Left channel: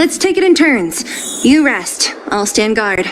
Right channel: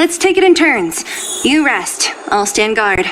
Let's take it in turns. You rest. I'll stand guard.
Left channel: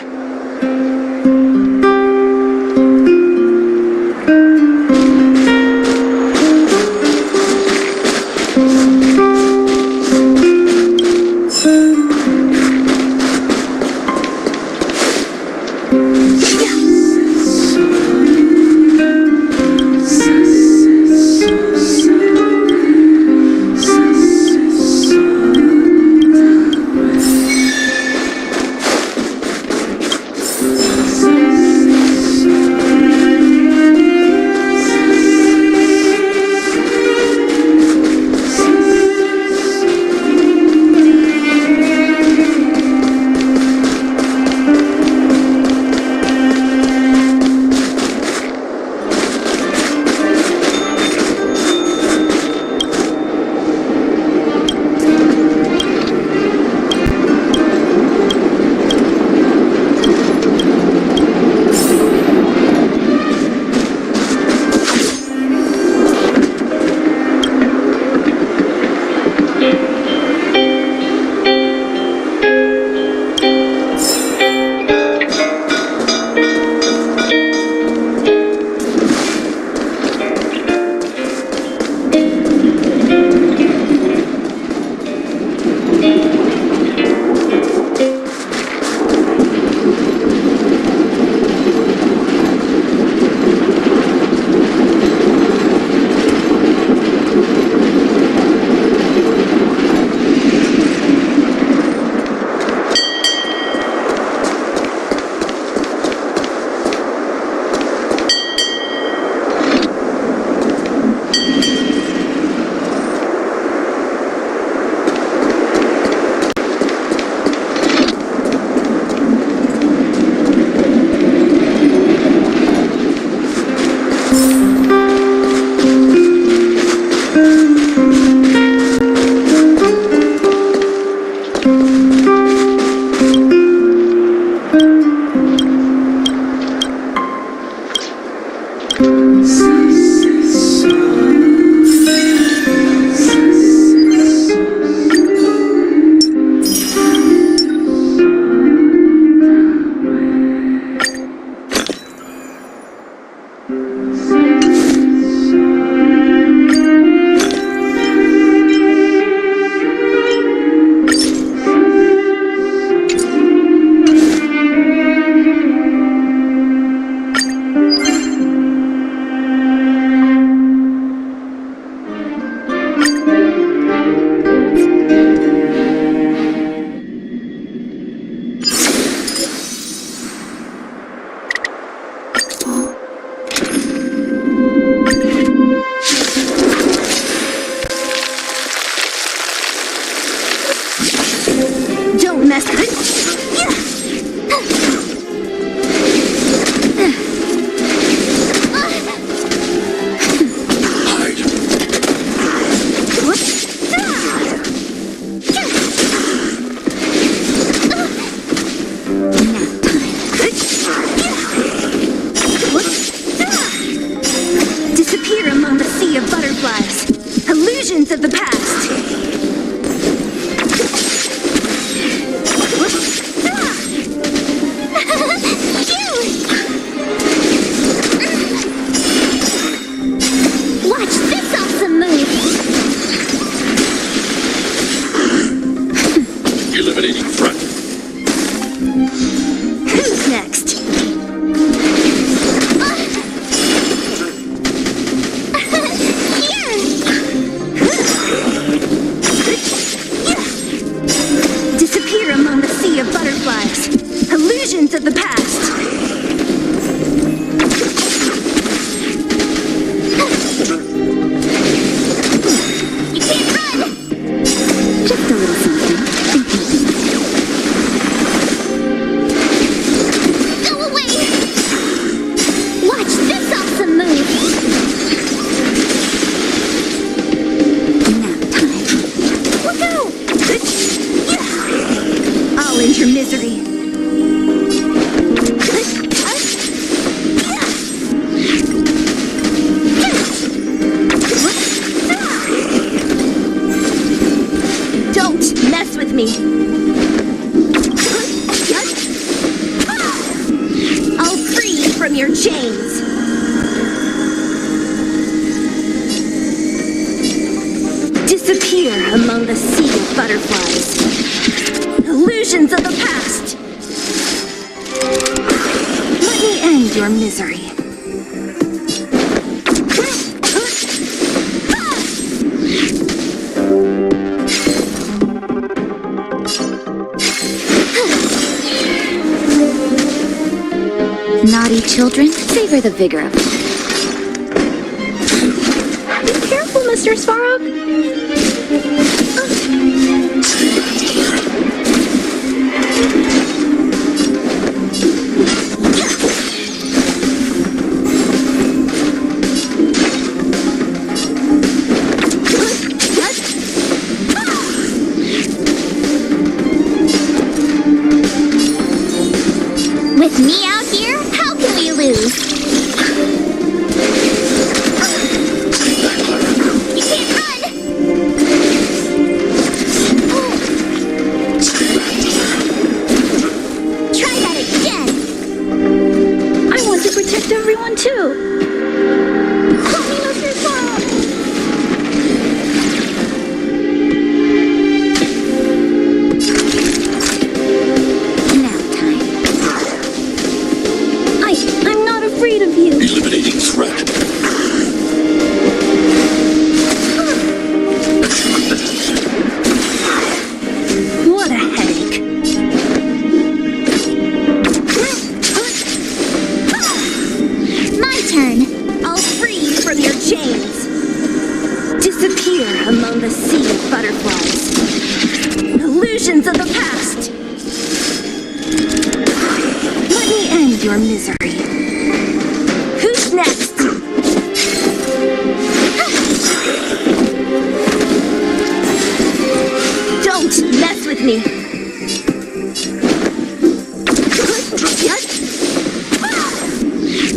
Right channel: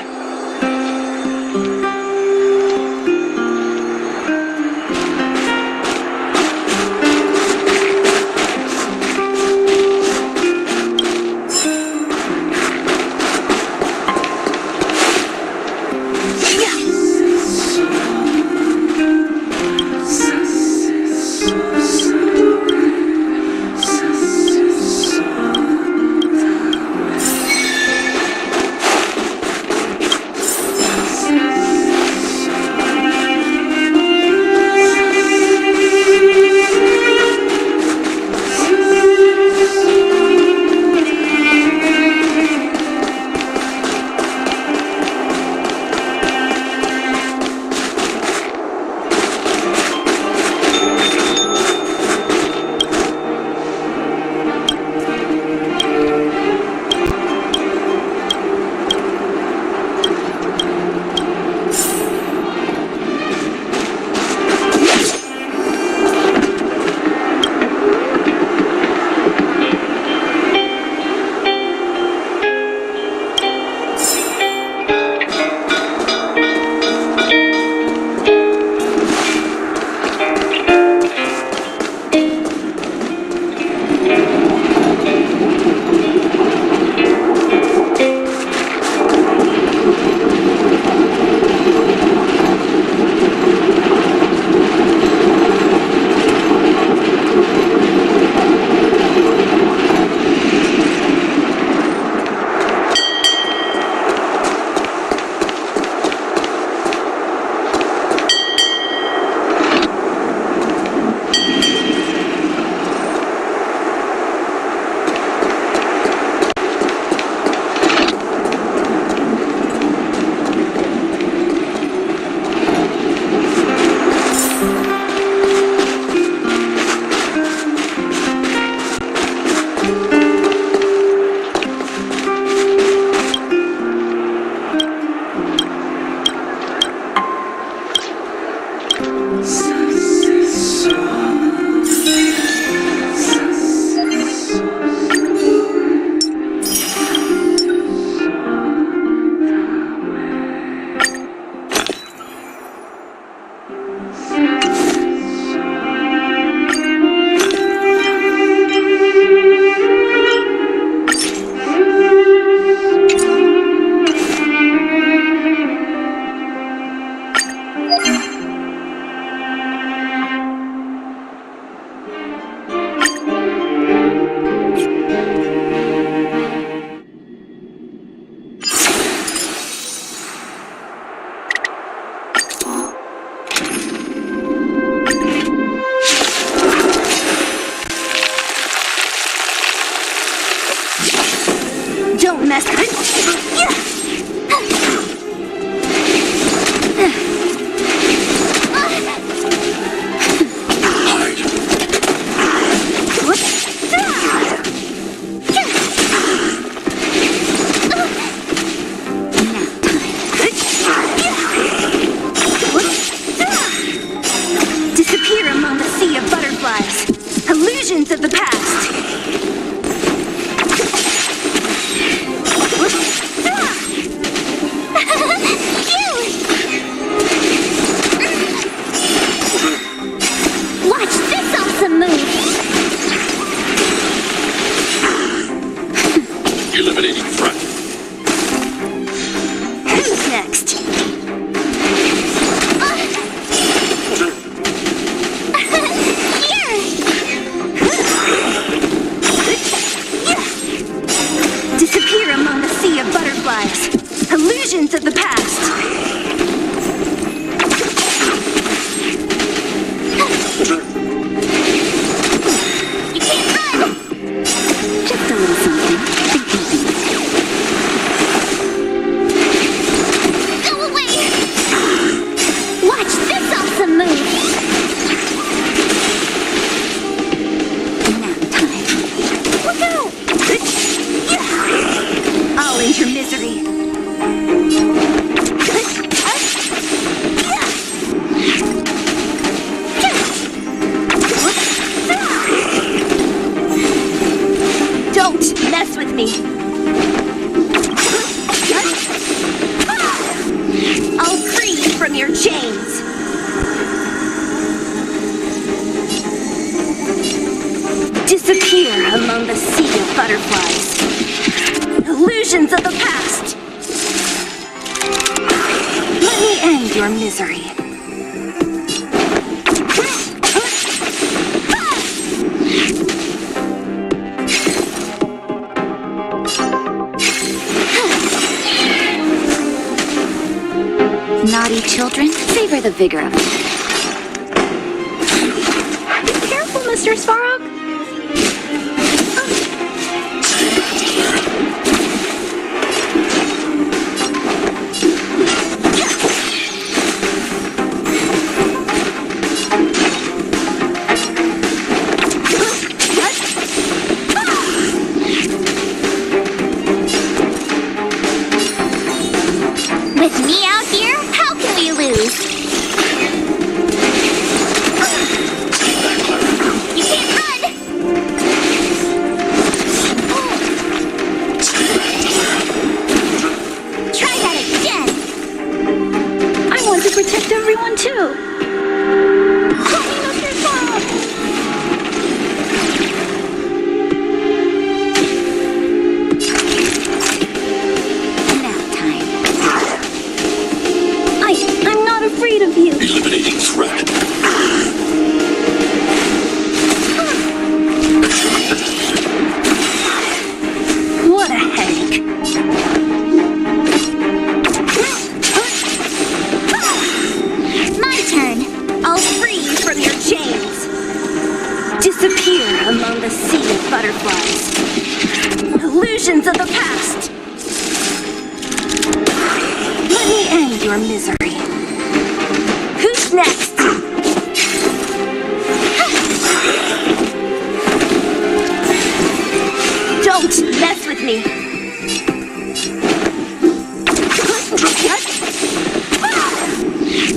Don't mess with it. Disappear among the sea of butterflies. Illusions of the past. Watch this awesome move. Eliminating front. Who's next? Disappear among the sea of butterflies. Illusions of the past. You can't run! Just a little something. Go away! Watch this awesome move! Nap time. Look out! I'll end your misery. Don't mess with me. your chains! Disappear among the sea of butterflies. Illusions of the past! Let me end your misery. Naughty children, savor the vigor of it. Be careful, Mr. Svarog. With me out here, how can we lose? You can't run! Try that again! I want to protect everyone too. Help me, Mr. Svarog. Nap time. I'm not afraid of you. Eliminating threat. What a headache. My turn. I'll free you from your chains. Disappear among the sea of butterflies. Illusions of the past. Let me end your misery. Who's next? Don't mess with me.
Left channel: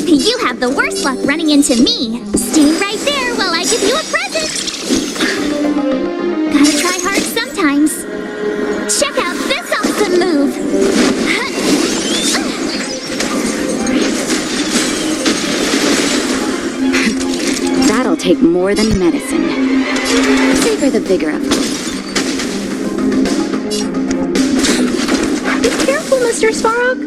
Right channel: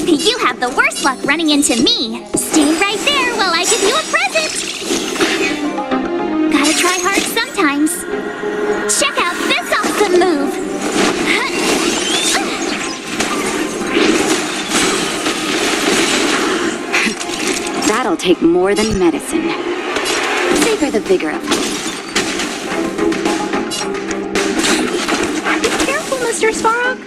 You have the worst luck running into me. Stay right there while I give you a present. Gotta try hard sometimes. Check out this awesome move. That'll take more than medicine. Savor the vigor of it. Be careful, Mr. Svarog.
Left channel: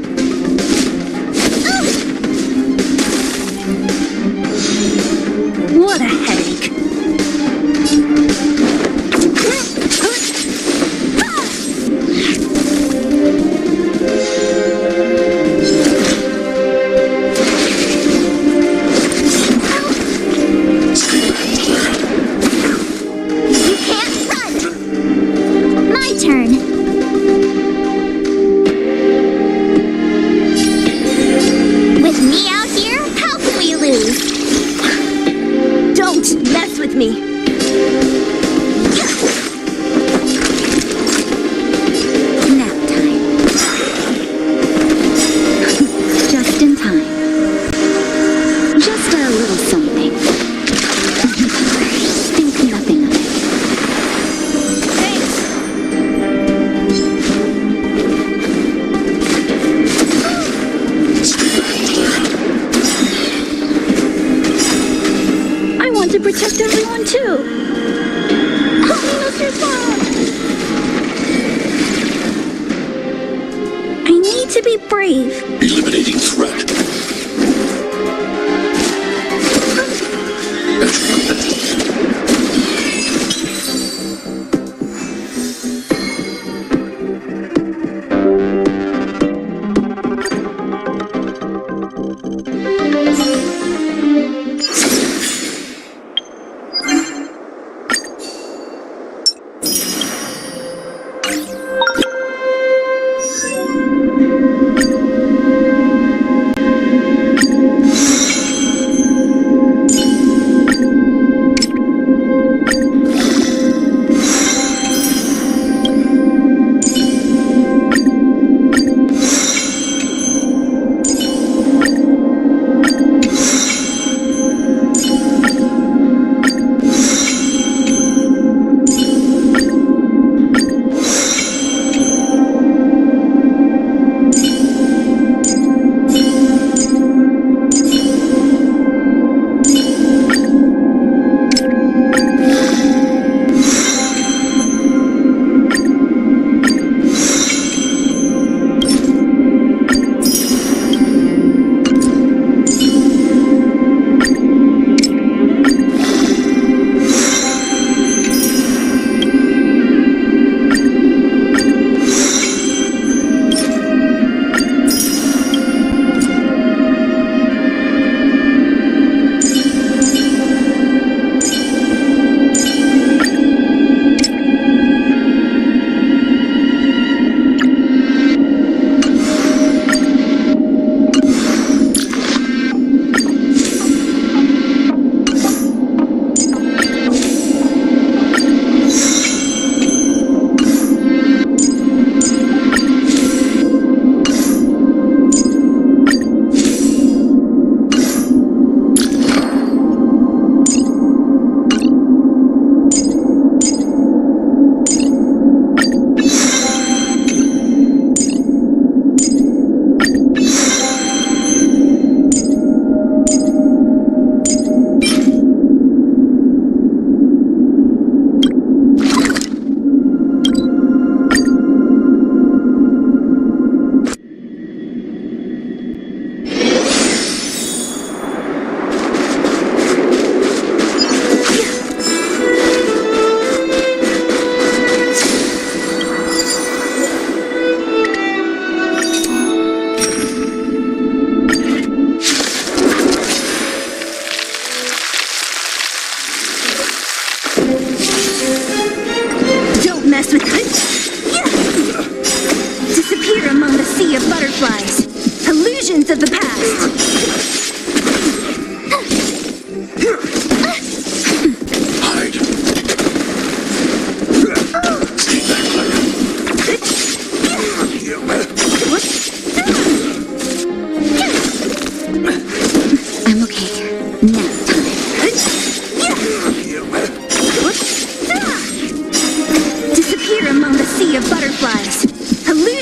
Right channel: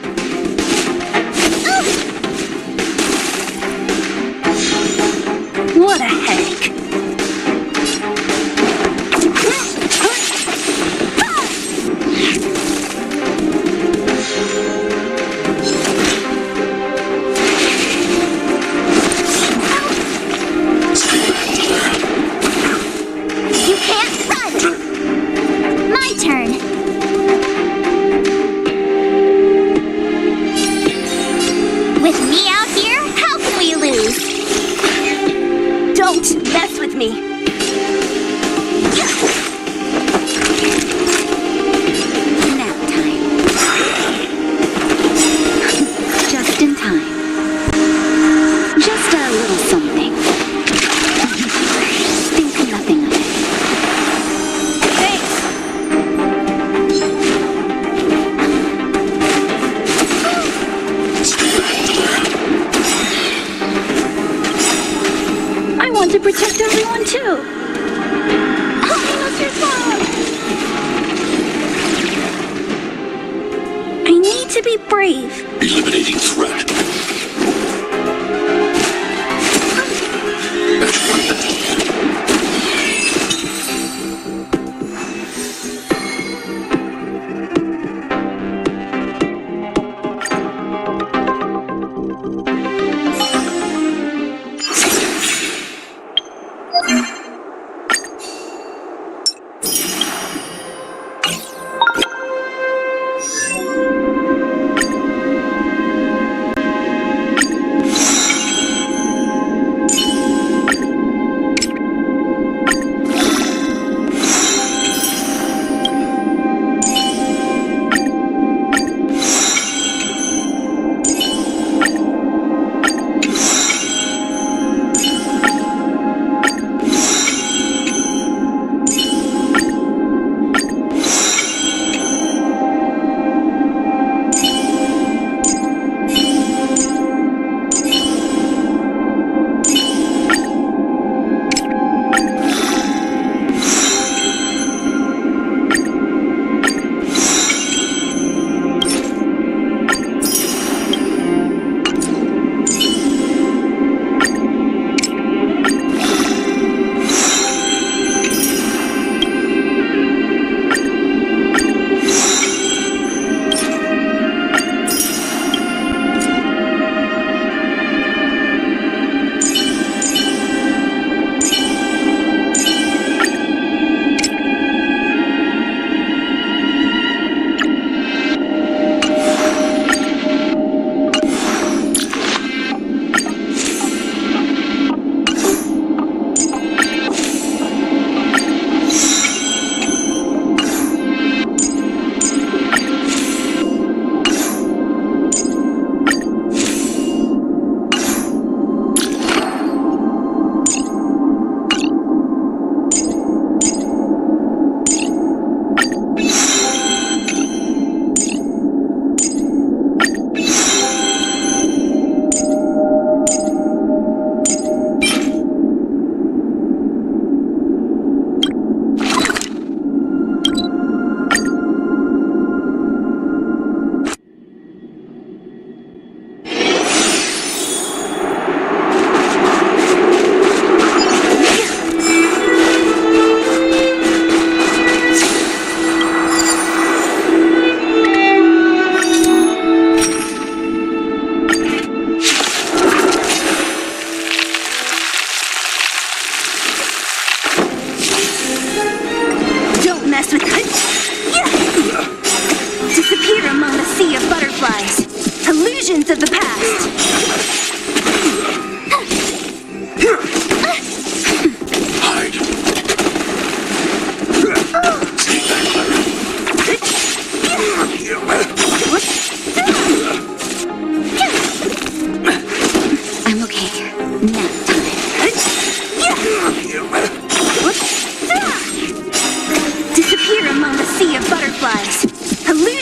What a headache. You can't run! My turn. With me out here, how can we lose? Don't mess with me. Nap time. Just in time. Just a little something. Think nothing of it. Thanks. I want to protect everyone too. Help me, Mr. Svarog. I need to be brave. Eliminating threat.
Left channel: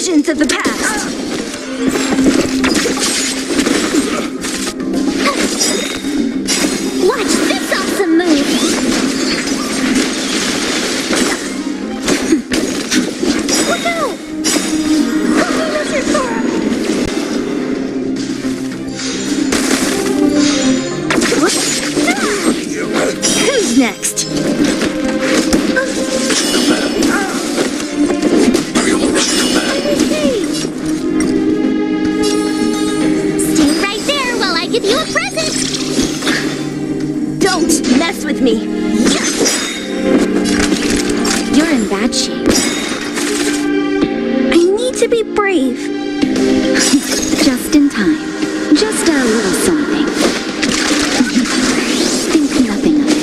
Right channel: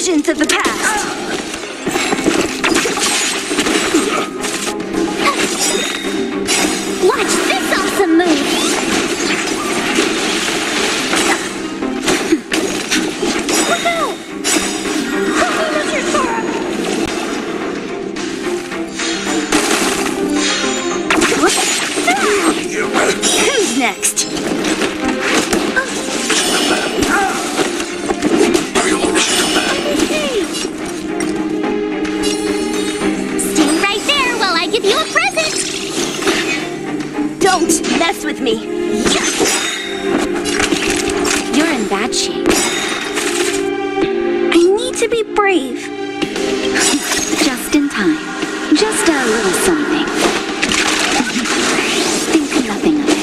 Illusions of the past. Watch this awesome move! Look out! Help me, Mr. Sora! Who's next? Stay right there while I give you a present! Don't mess with me. You're in bad shape. I need to be brave. Just in time. Just a little something. Think nothing of it.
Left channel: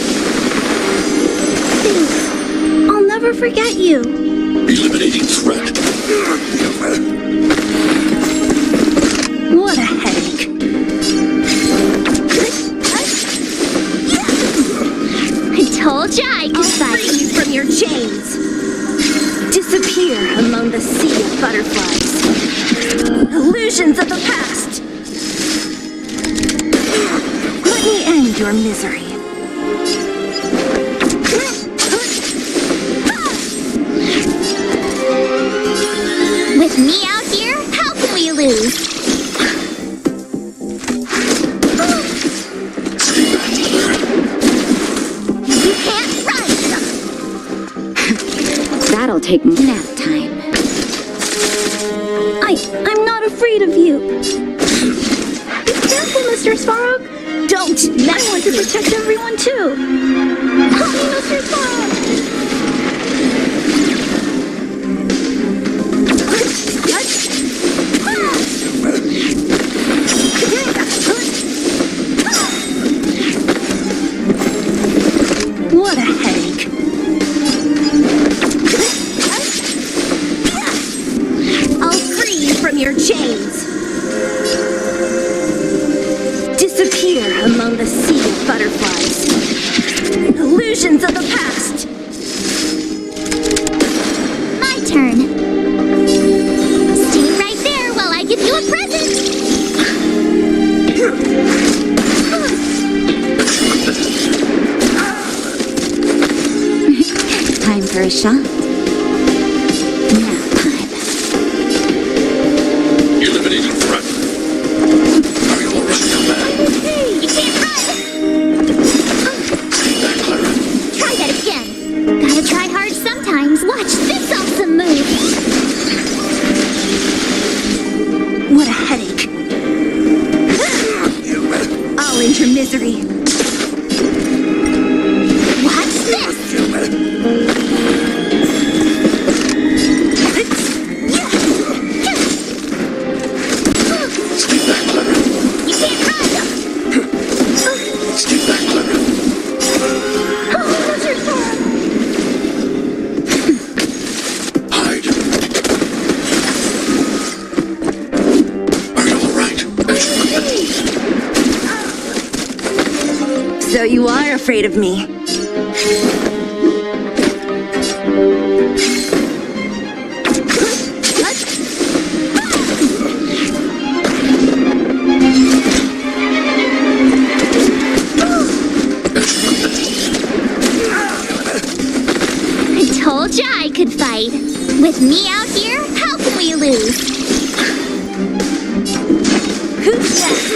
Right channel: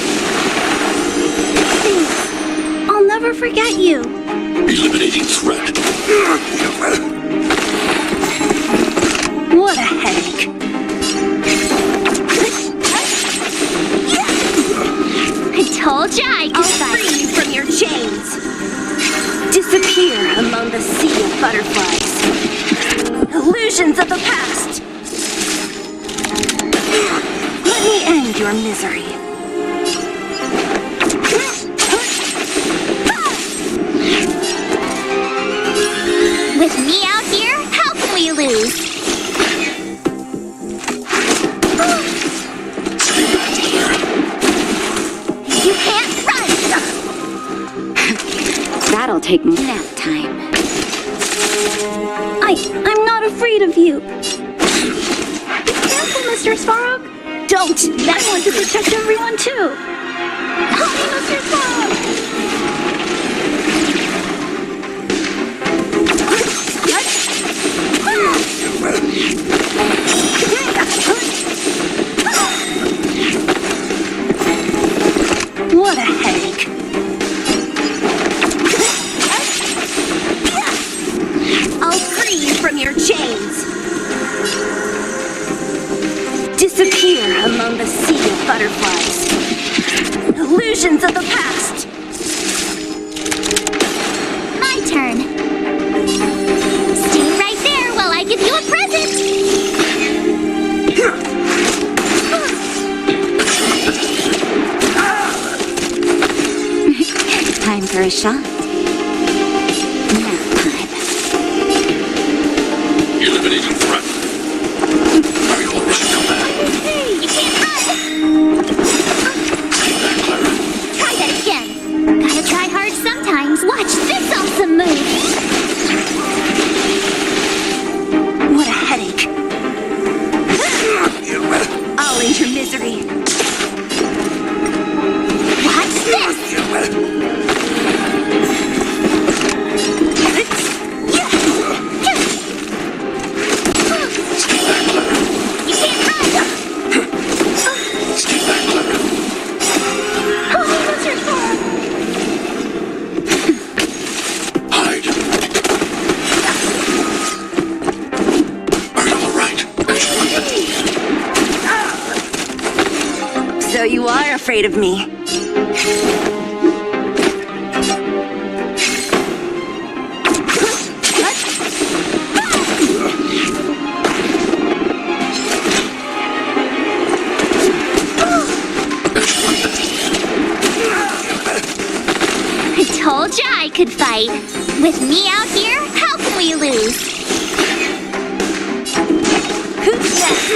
Thanks. I'll never forget you. Eliminating threat. What a headache. I told ya I could I'll fight. free you from your chains. Disappear among the sea of butterflies. Illusions of the past. Let me end your misery. With me out here, how can we lose? You can't run! That'll take nap time. I'm not afraid of you. Be careful, Mr. Svarog. Don't! I want to protect everyone too. Help me, Mr. Svarog. What a headache. I'll free you from your chains. Disappear among the sea of butterflies. Illusions of the past. My turn. Stay right there while I give you a present. Time for a shot. Nap time. Eliminating threat. Are you already command? Hey, you can't run! Stay back, Clara. Try that again. Gotta try hard sometimes. Watch this awesome move. What a headache. I'll end your misery. Watch this. Stay back, Clara. You can't run! Stay back, Clara. Help me, Mr. Sora! Hide. Are you all right? So you are afraid of me. I told ya I could fight. With me out here, how can we lose? Who's next?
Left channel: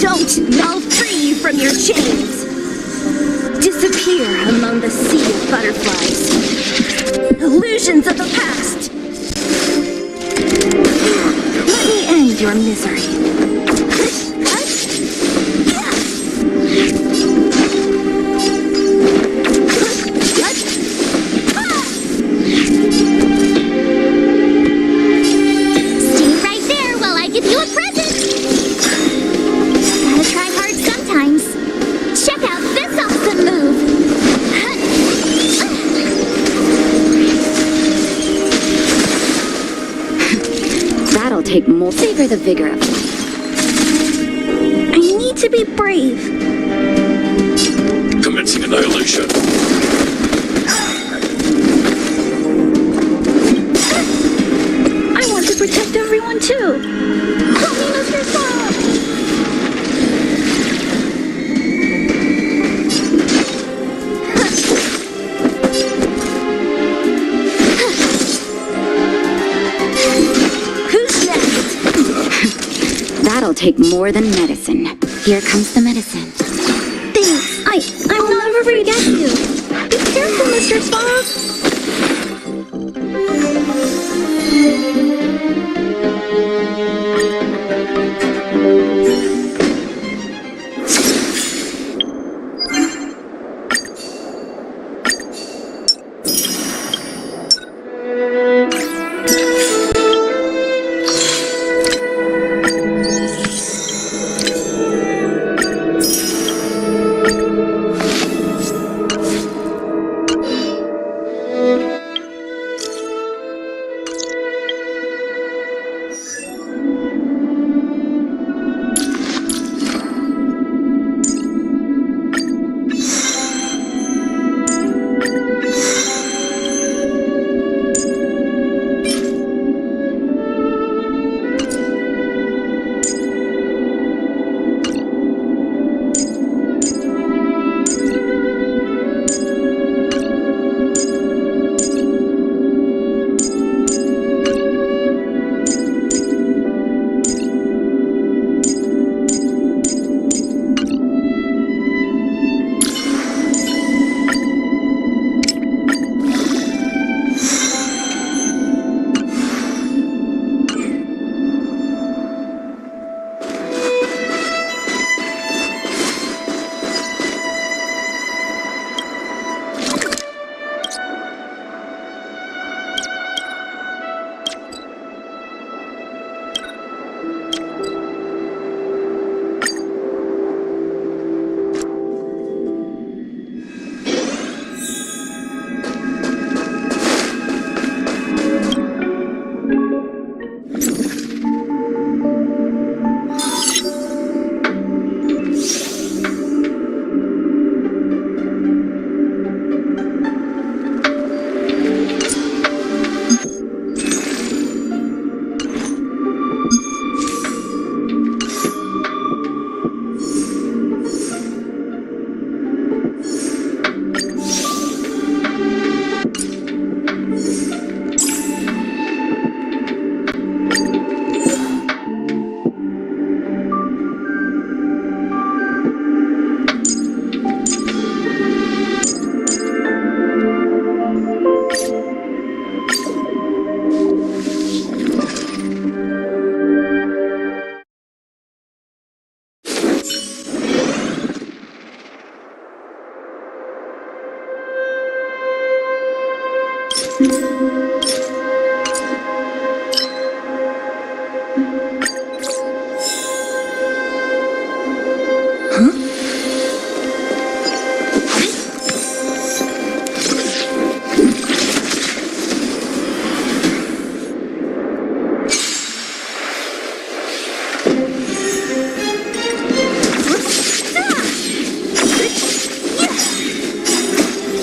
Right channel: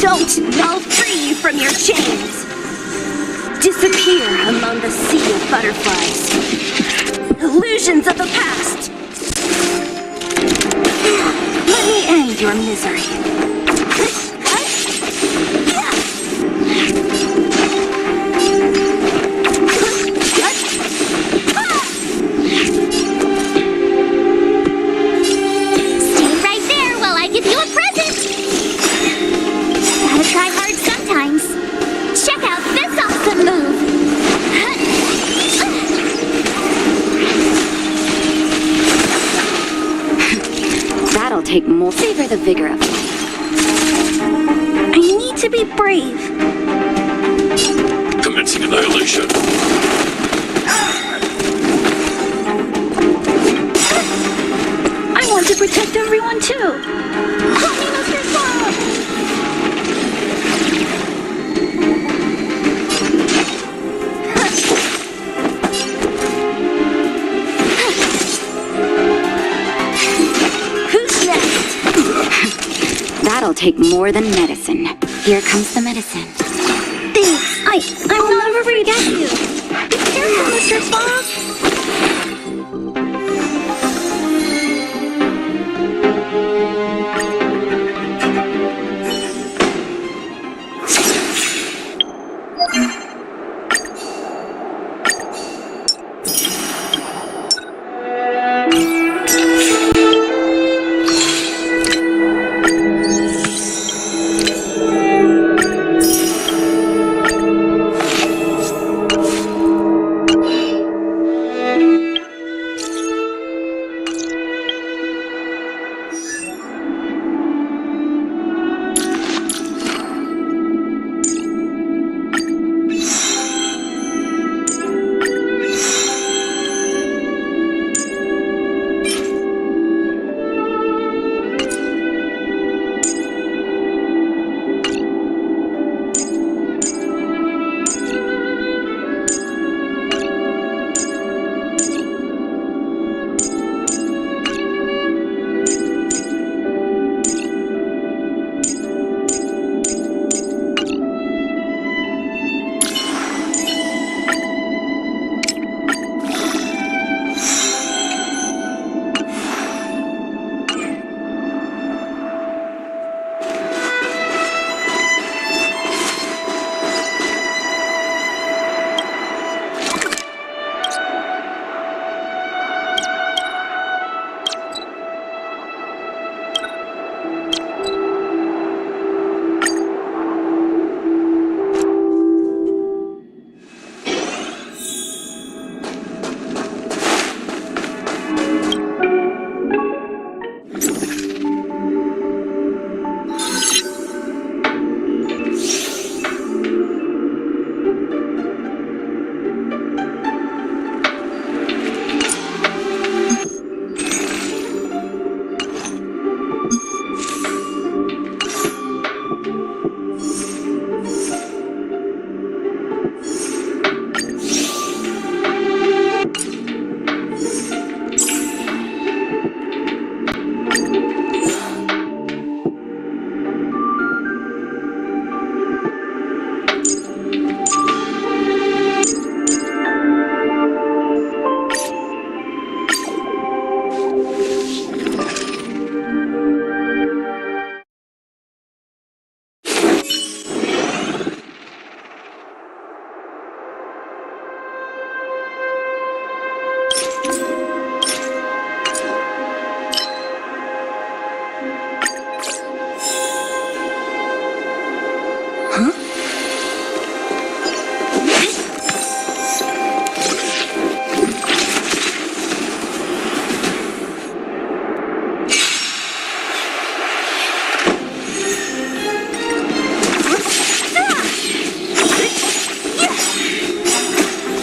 Don't! I'll free you from your chains. Disappear among the sea of butterflies. Illusions of the past. Let me end your misery. Stay right there while I give you a present. Gotta try hard sometimes. Check out this awesome move. That'll take more. Savor the vigor of life. I need to be brave. Commencing annihilation. protect everyone too. Help me, Mr. Frog! Who's next? That'll take more than medicine. Here comes the medicine. Thanks. I'm not afraid to get you. Be careful, Mr. Frog.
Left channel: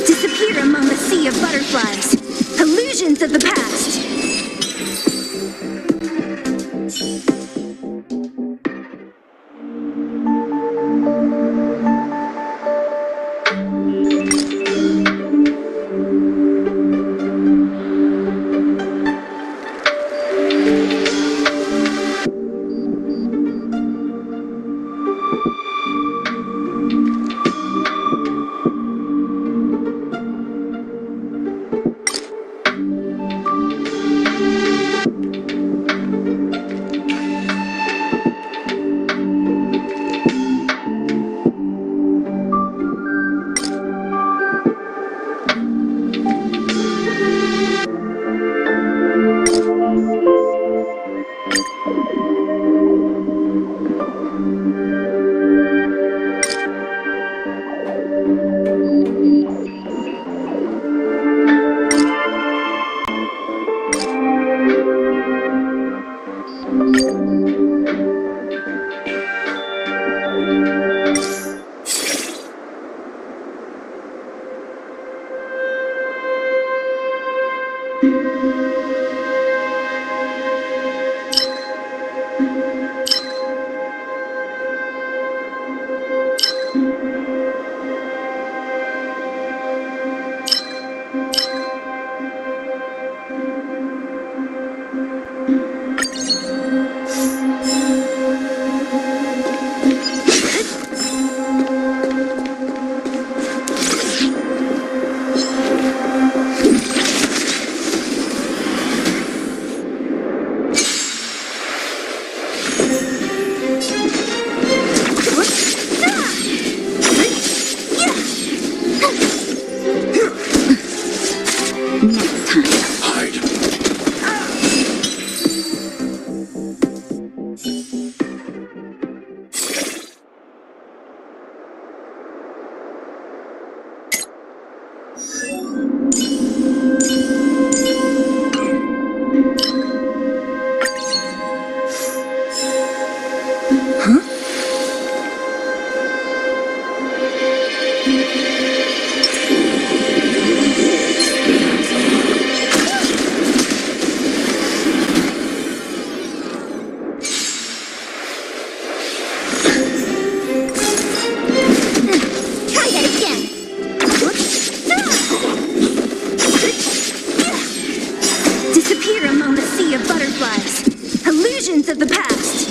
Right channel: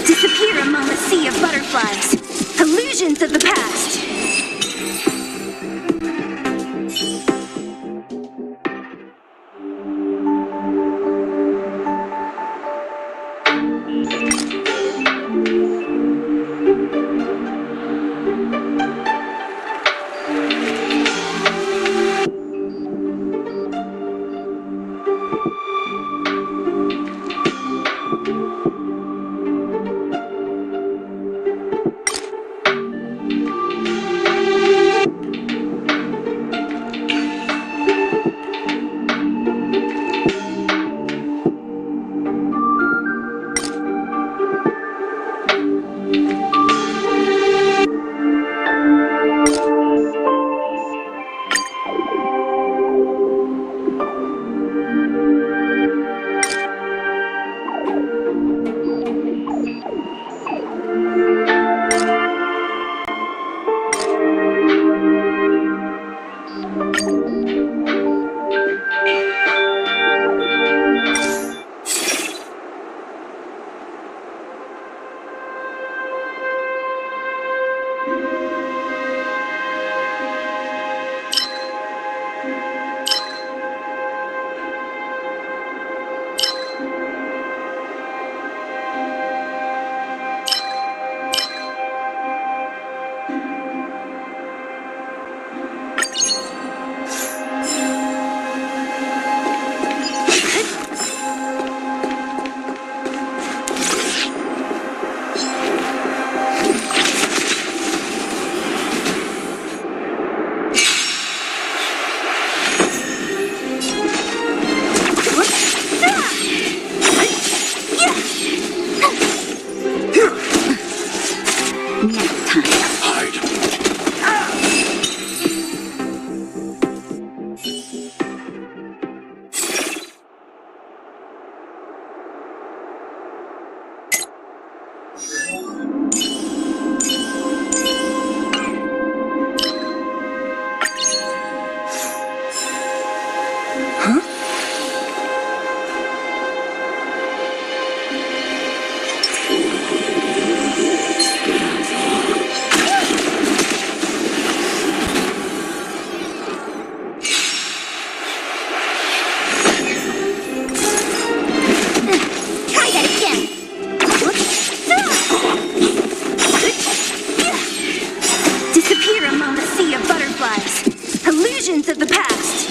Disappear among the sea of butterflies. Illusions of the past. Illusions of the past.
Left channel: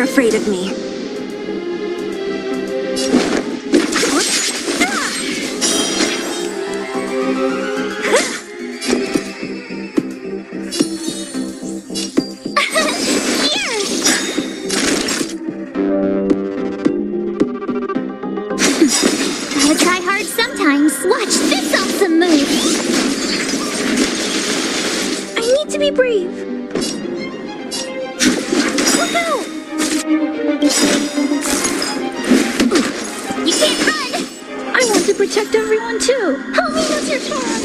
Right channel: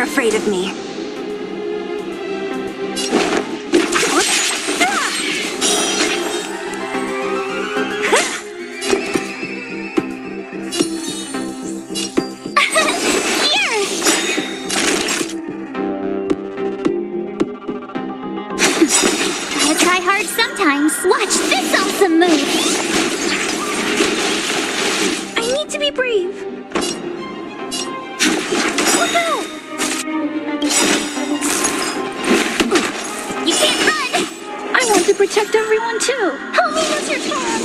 Afraid of me. Gotta try hard sometimes. Watch this awesome move. I need to be brave. Look out! You can't run! I want to protect everyone too. Help me, that's your turn!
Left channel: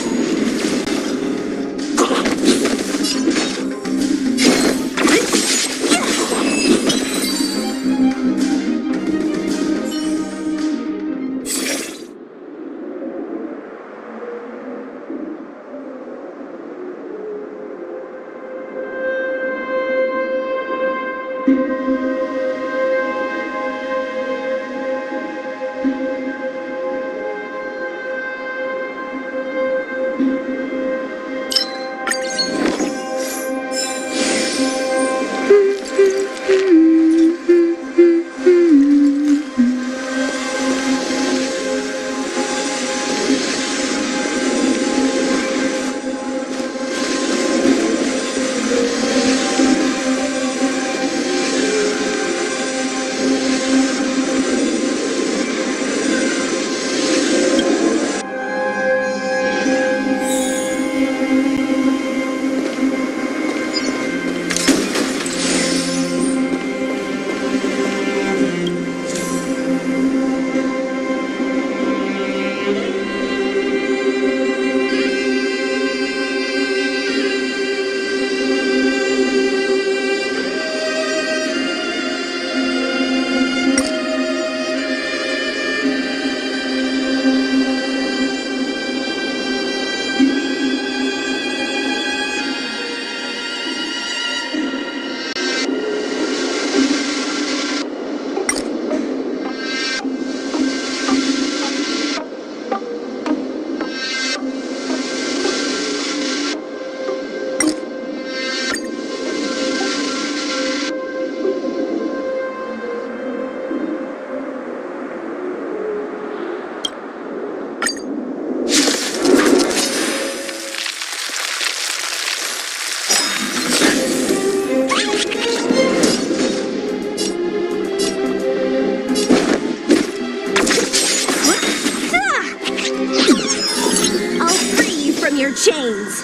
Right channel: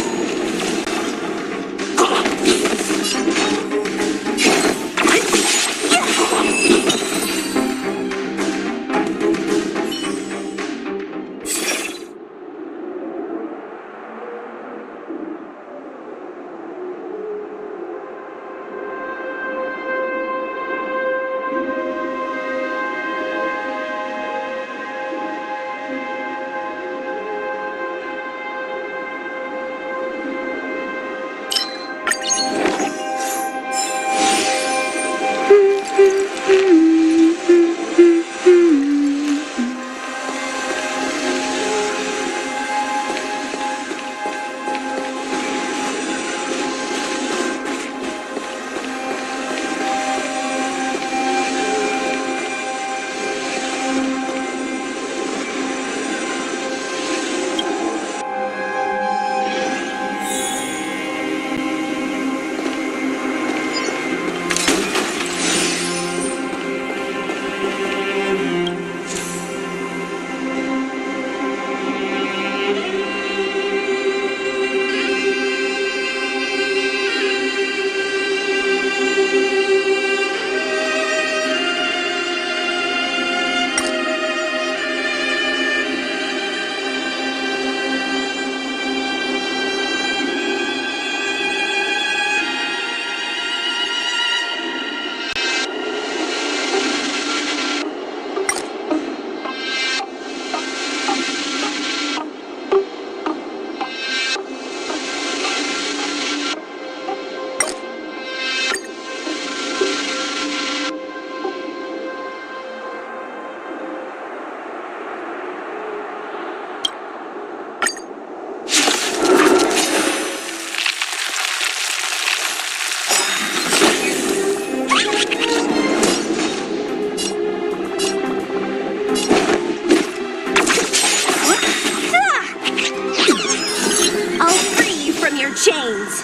Chains.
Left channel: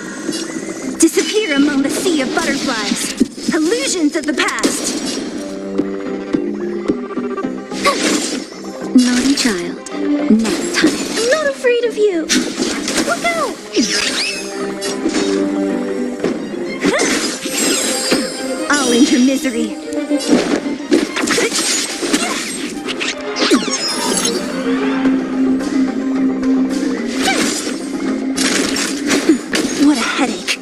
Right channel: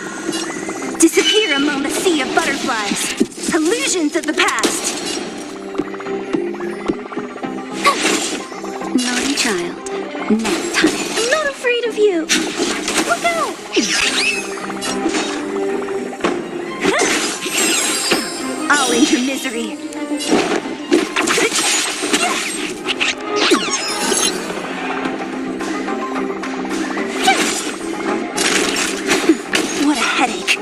Disappear among the sea of butterflies. Illusions of the past. Naughty child. Nap time. I'm not afraid of you. Look out! I'll end your misery. What a headache.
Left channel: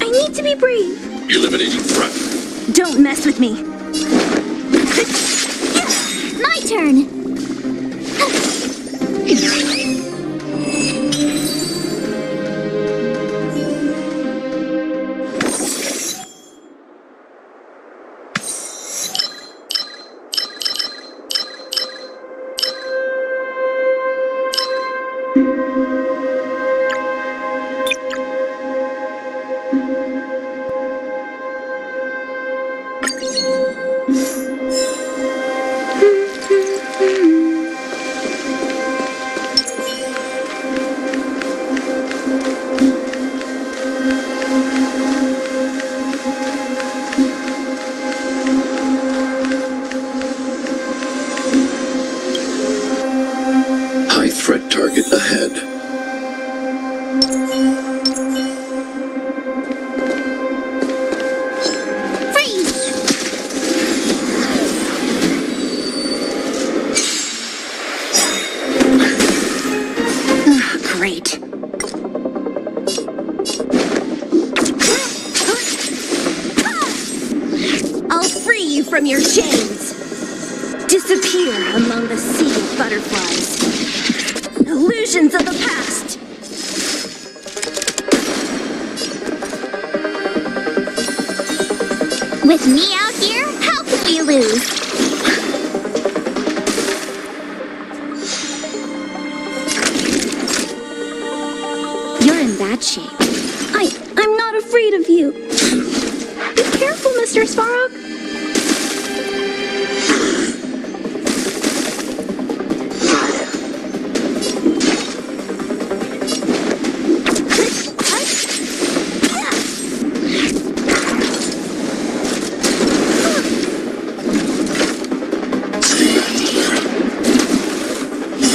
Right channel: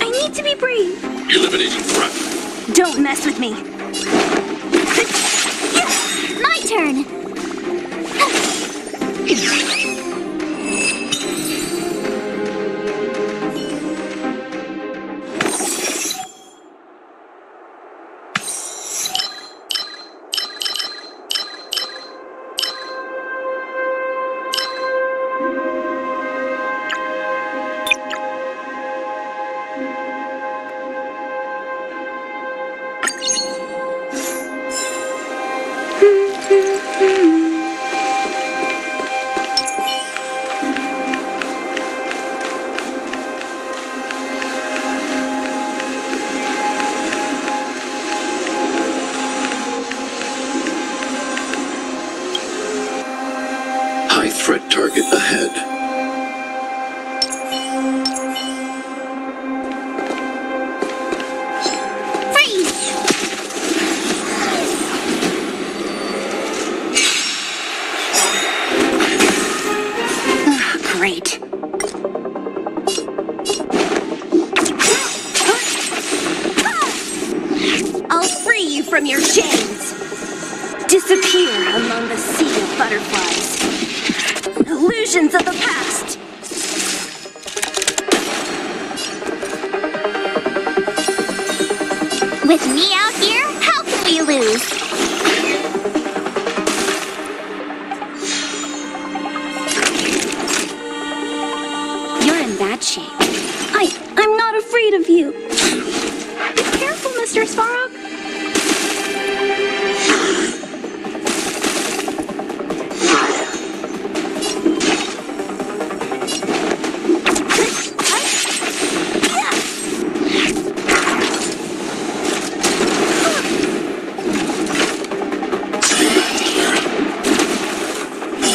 I need to be brave. Eliminating threat. Don't mess with me. My turn! high threat target ahead. Freeze! Great. I'll free you from your chains. Disappear among the sea of butterflies. Illusions of the past. With me out here, how can we lose? You're in bad shape. I'm not afraid of you. Be careful, Mr. Svarog.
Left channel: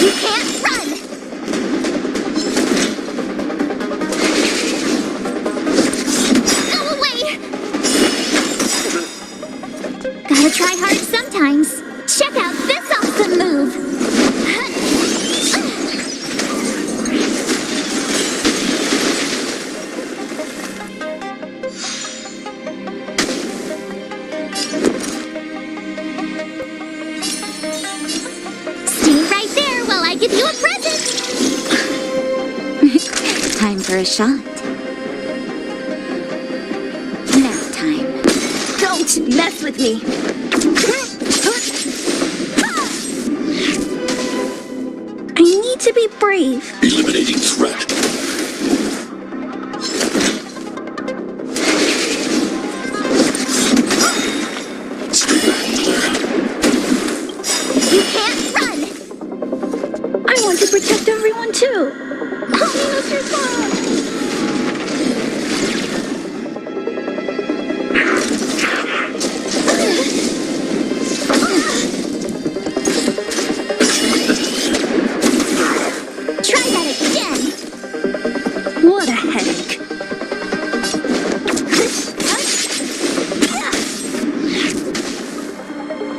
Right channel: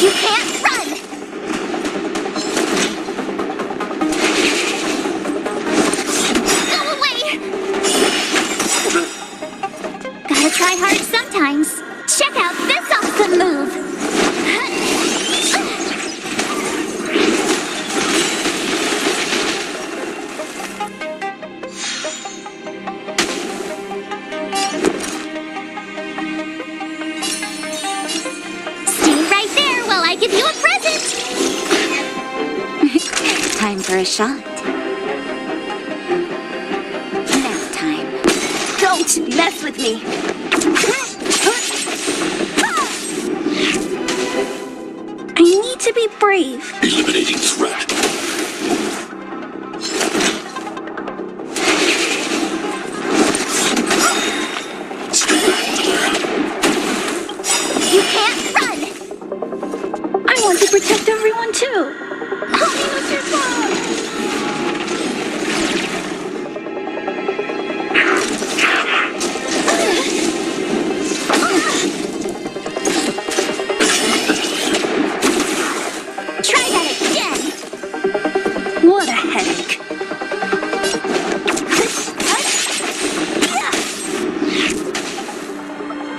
You can't run! Go away! Gotta try hard sometimes. Check out this awesome move! Stay right there while I give you a present! Time for a shot. Nap time. Don't mess with me. I need to be brave. Eliminating threat. Stay back, Clara. You can't run! I want to protect everyone too. Help me, Mr. Svarog. Try that again! What a headache.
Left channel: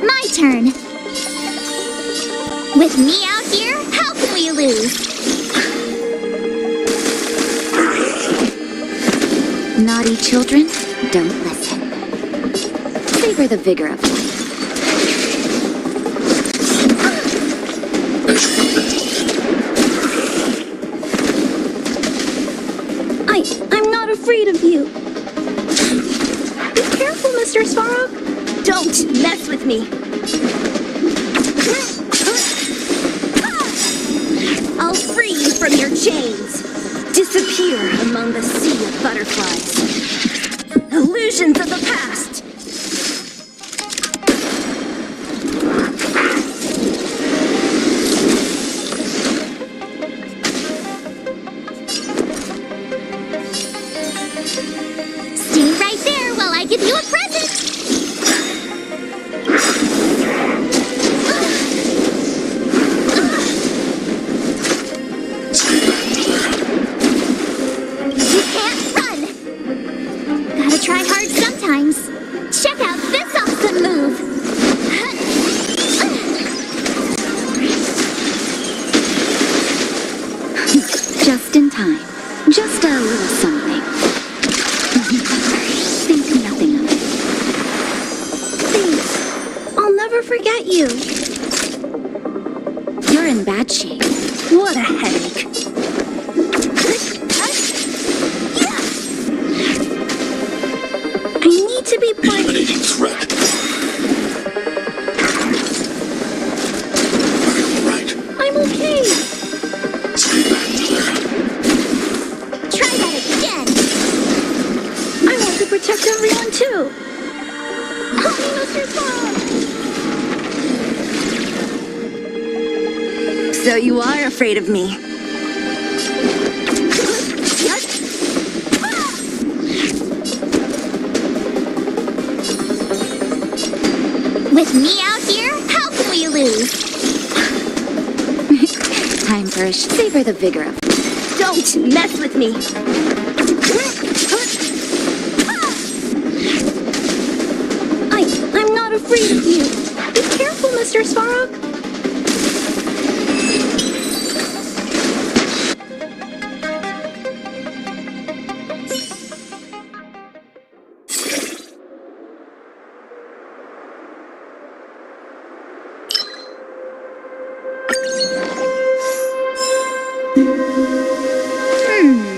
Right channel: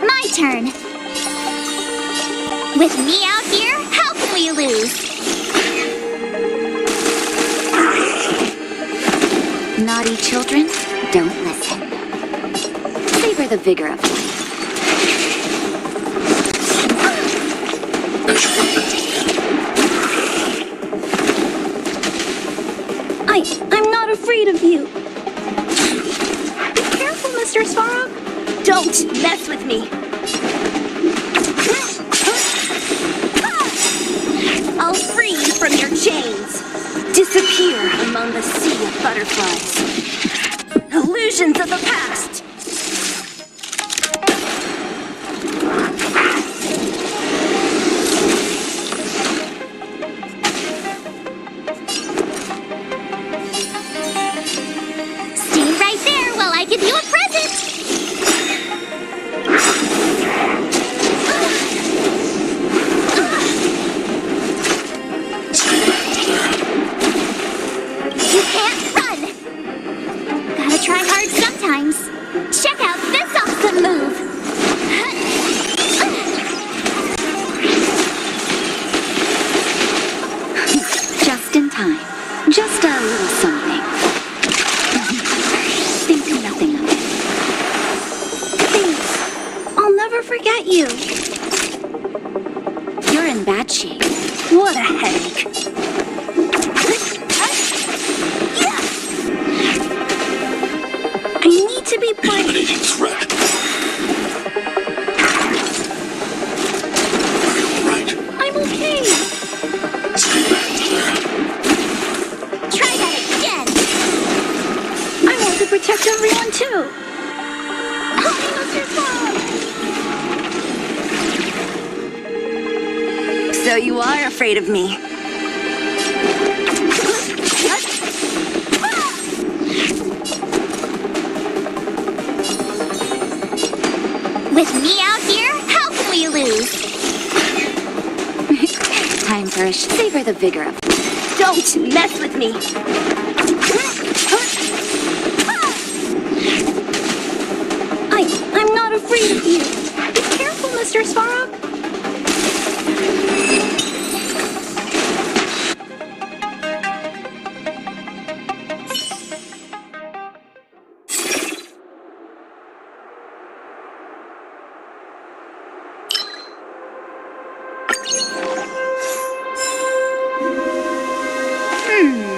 My turn. With me out here, how can we lose? Naughty children, don't listen. Savor the vigor of life. I'm not afraid of you. Be careful, Mr. Svarog. Don't mess with me. I'll free you from your chains. Disappear among the sea of butterflies. Illusions of the past. Stay right there while I give you a present! You can't run! Gotta try hard sometimes. Check out this awesome move! Just in time. Just a little something. Think nothing of it. Thanks. I'll never forget you. You're in bad shape. What a headache. I need to be brave. Eliminating threat. Are you alright? I'm okay. Stay back, Clara. Try that again! I want to protect everyone too. Help me, Mr. Svarog. So you are afraid of me. With me out here, how can we lose? time for a savor the vigor of. Don't mess with me! I'm not afraid of you. Be careful, Mr. Svarog. Let me...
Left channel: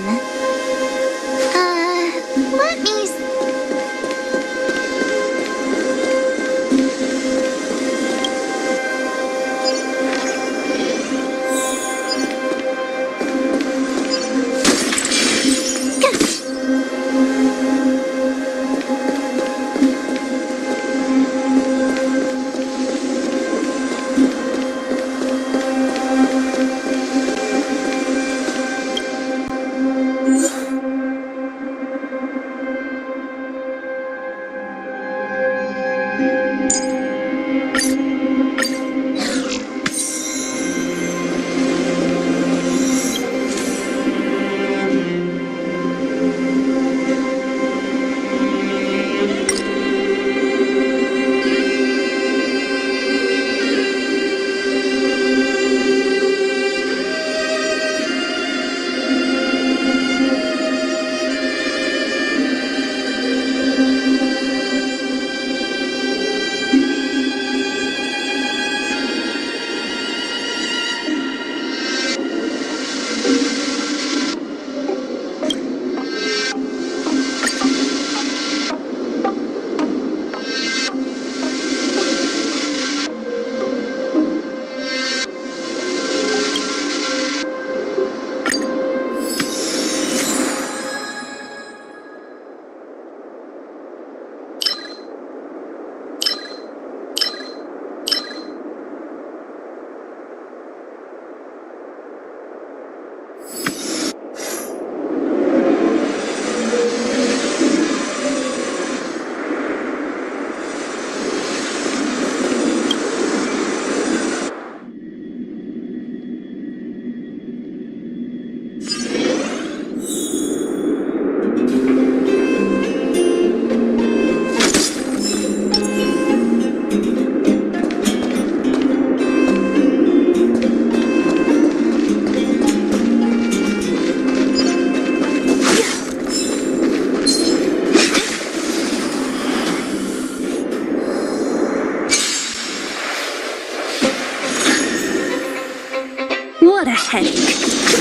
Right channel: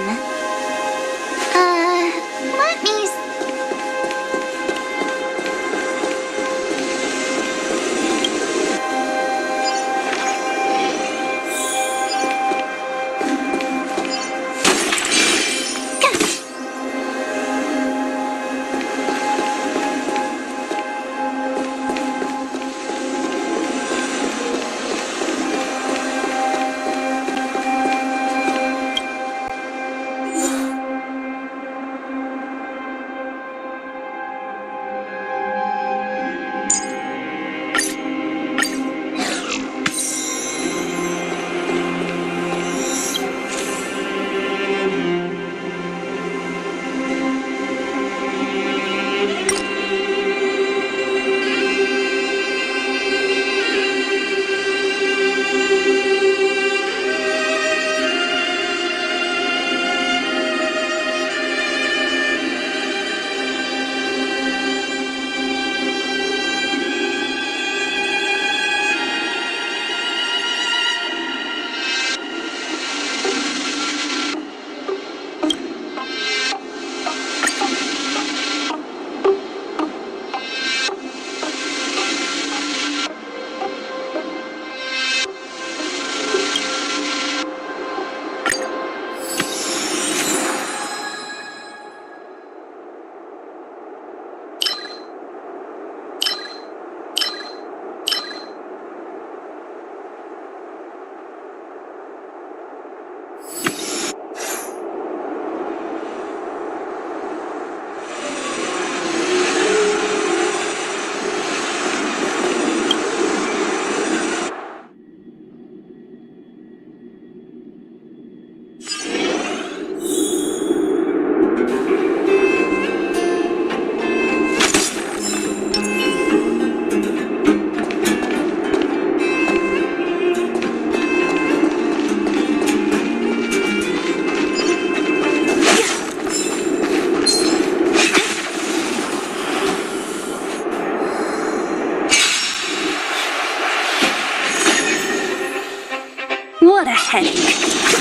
What a headache.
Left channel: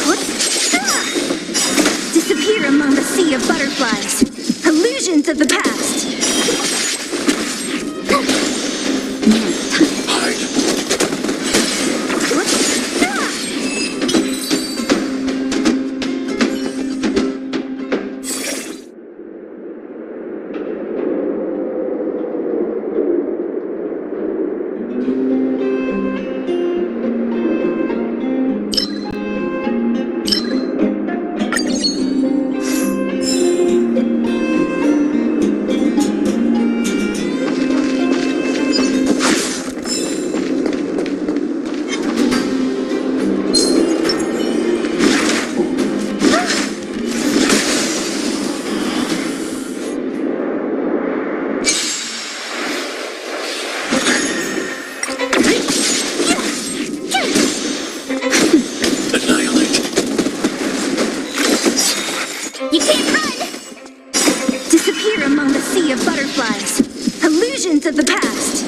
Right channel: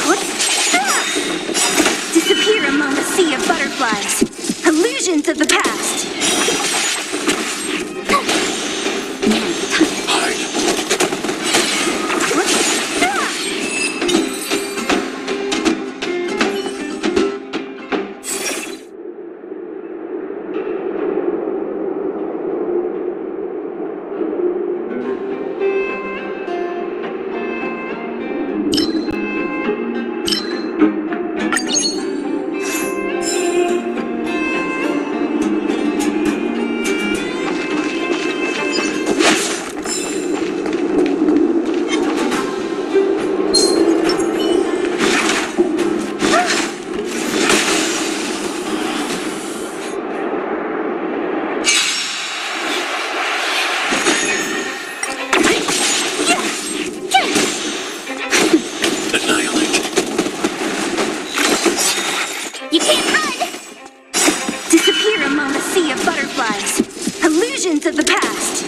What? Ah! Disappear among the sea of butterflies. Illusions of the past. Hide. What? Ah! You can't run! Disappear among the sea of butterflies. Illusions of the past.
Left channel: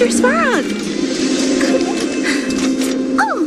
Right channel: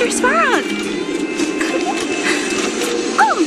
Mr. Svarog! Oh!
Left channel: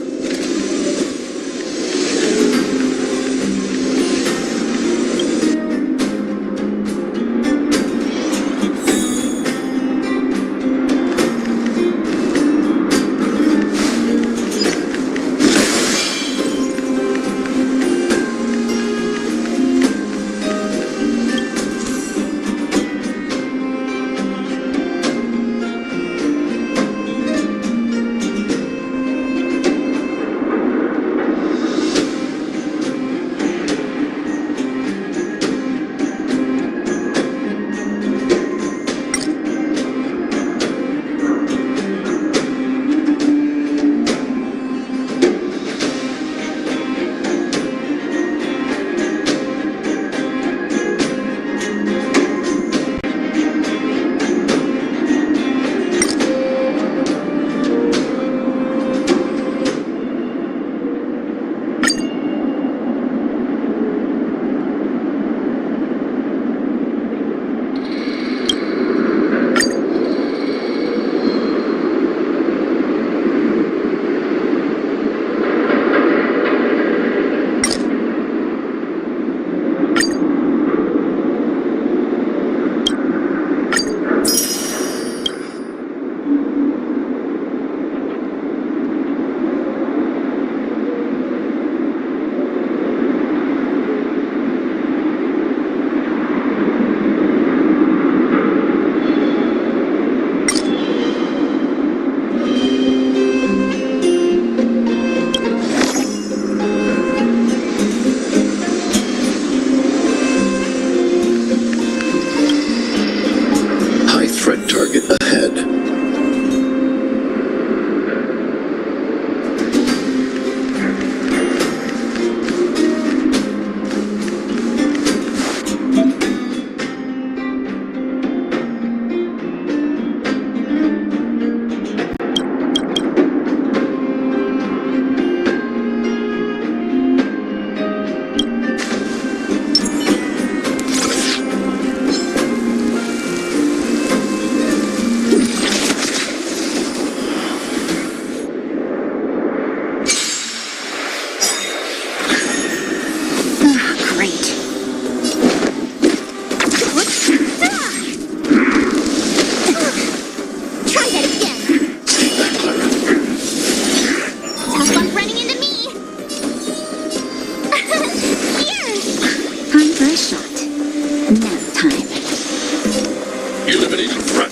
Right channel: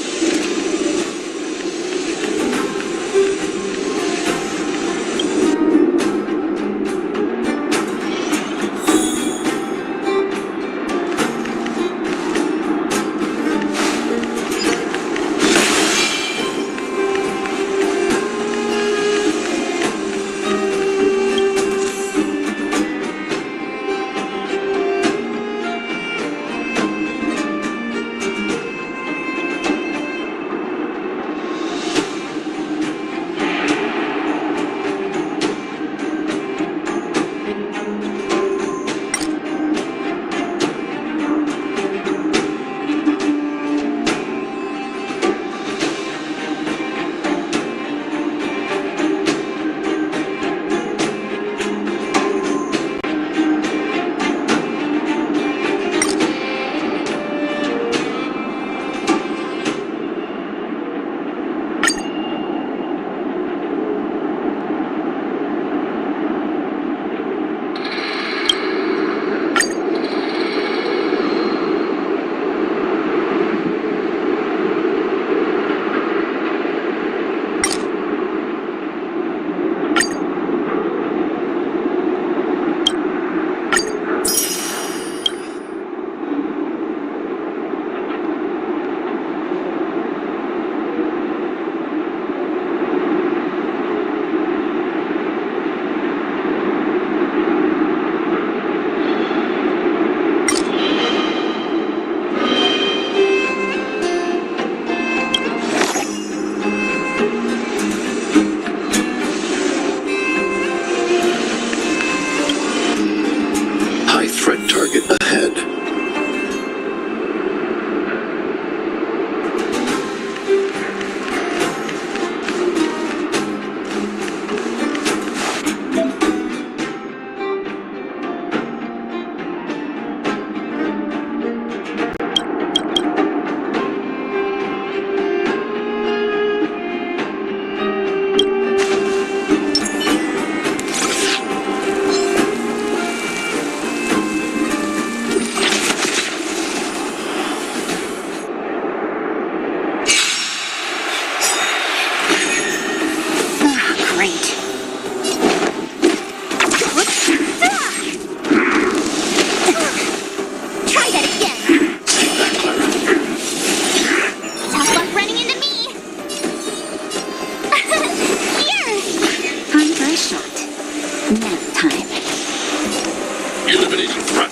Eliminating threat.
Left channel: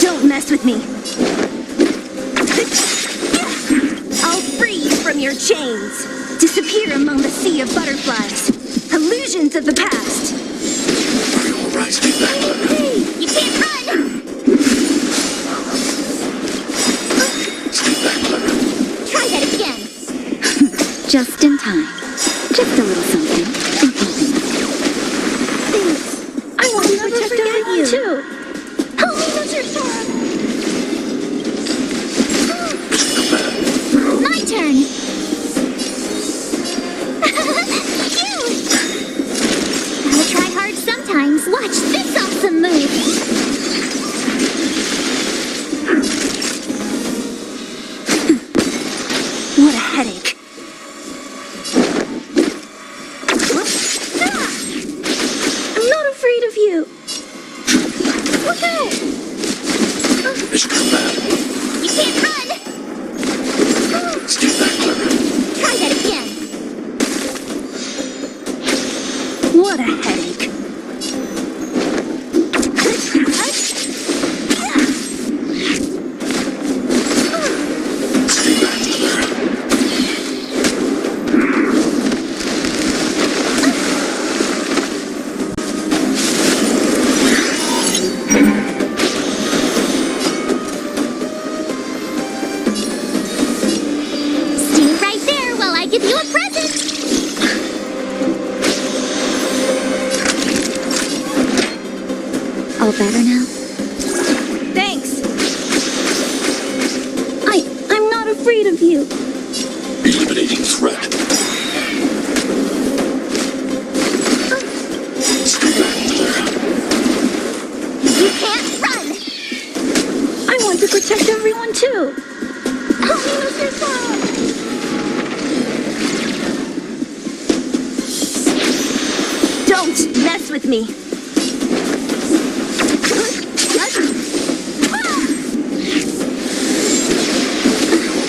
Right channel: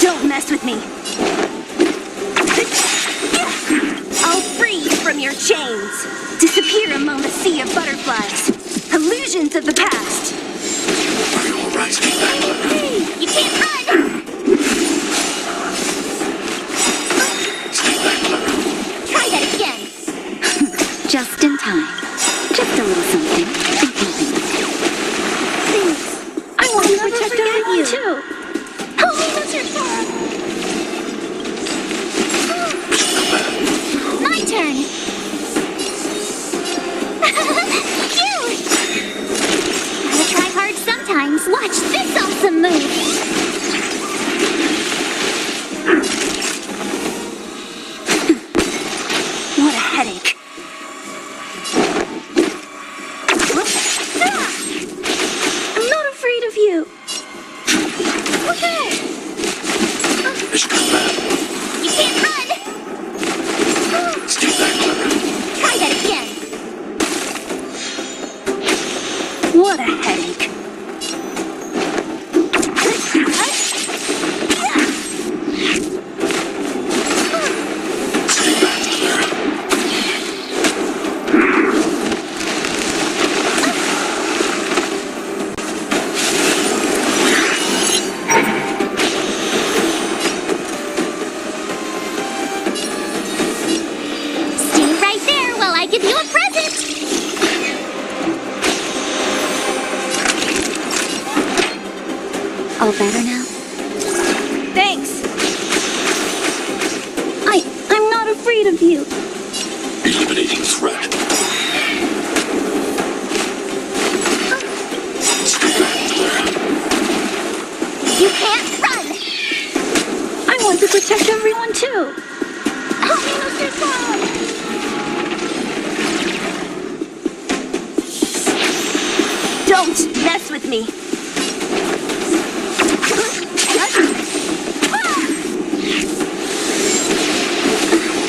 Don't mess with me. I'll free you from your chains. Disappear among the sea of butterflies. Illusions of the past. Are you alright? Stay back, Clara. Hey, you can't run! Stay back, Clara. Try that again. Just in time. Just a little something. In keeping with you. Thanks. I want to protect everyone too. Help me, Mr. Svarog. My turn. Cute. Gotta try hard sometimes. Watch this awesome move. What a headache. I'm not afraid of you. Look out! It's too bad. You can't run. Stay back, Clara. Try that again. What a headache. Stay back, Clara. Stay right there while I give you a present. All better now? Thanks. I'm not afraid of you. Eliminating threat. Stay back, Clara. You can't run. too. Help me, Mr. Frog! Don't mess with me.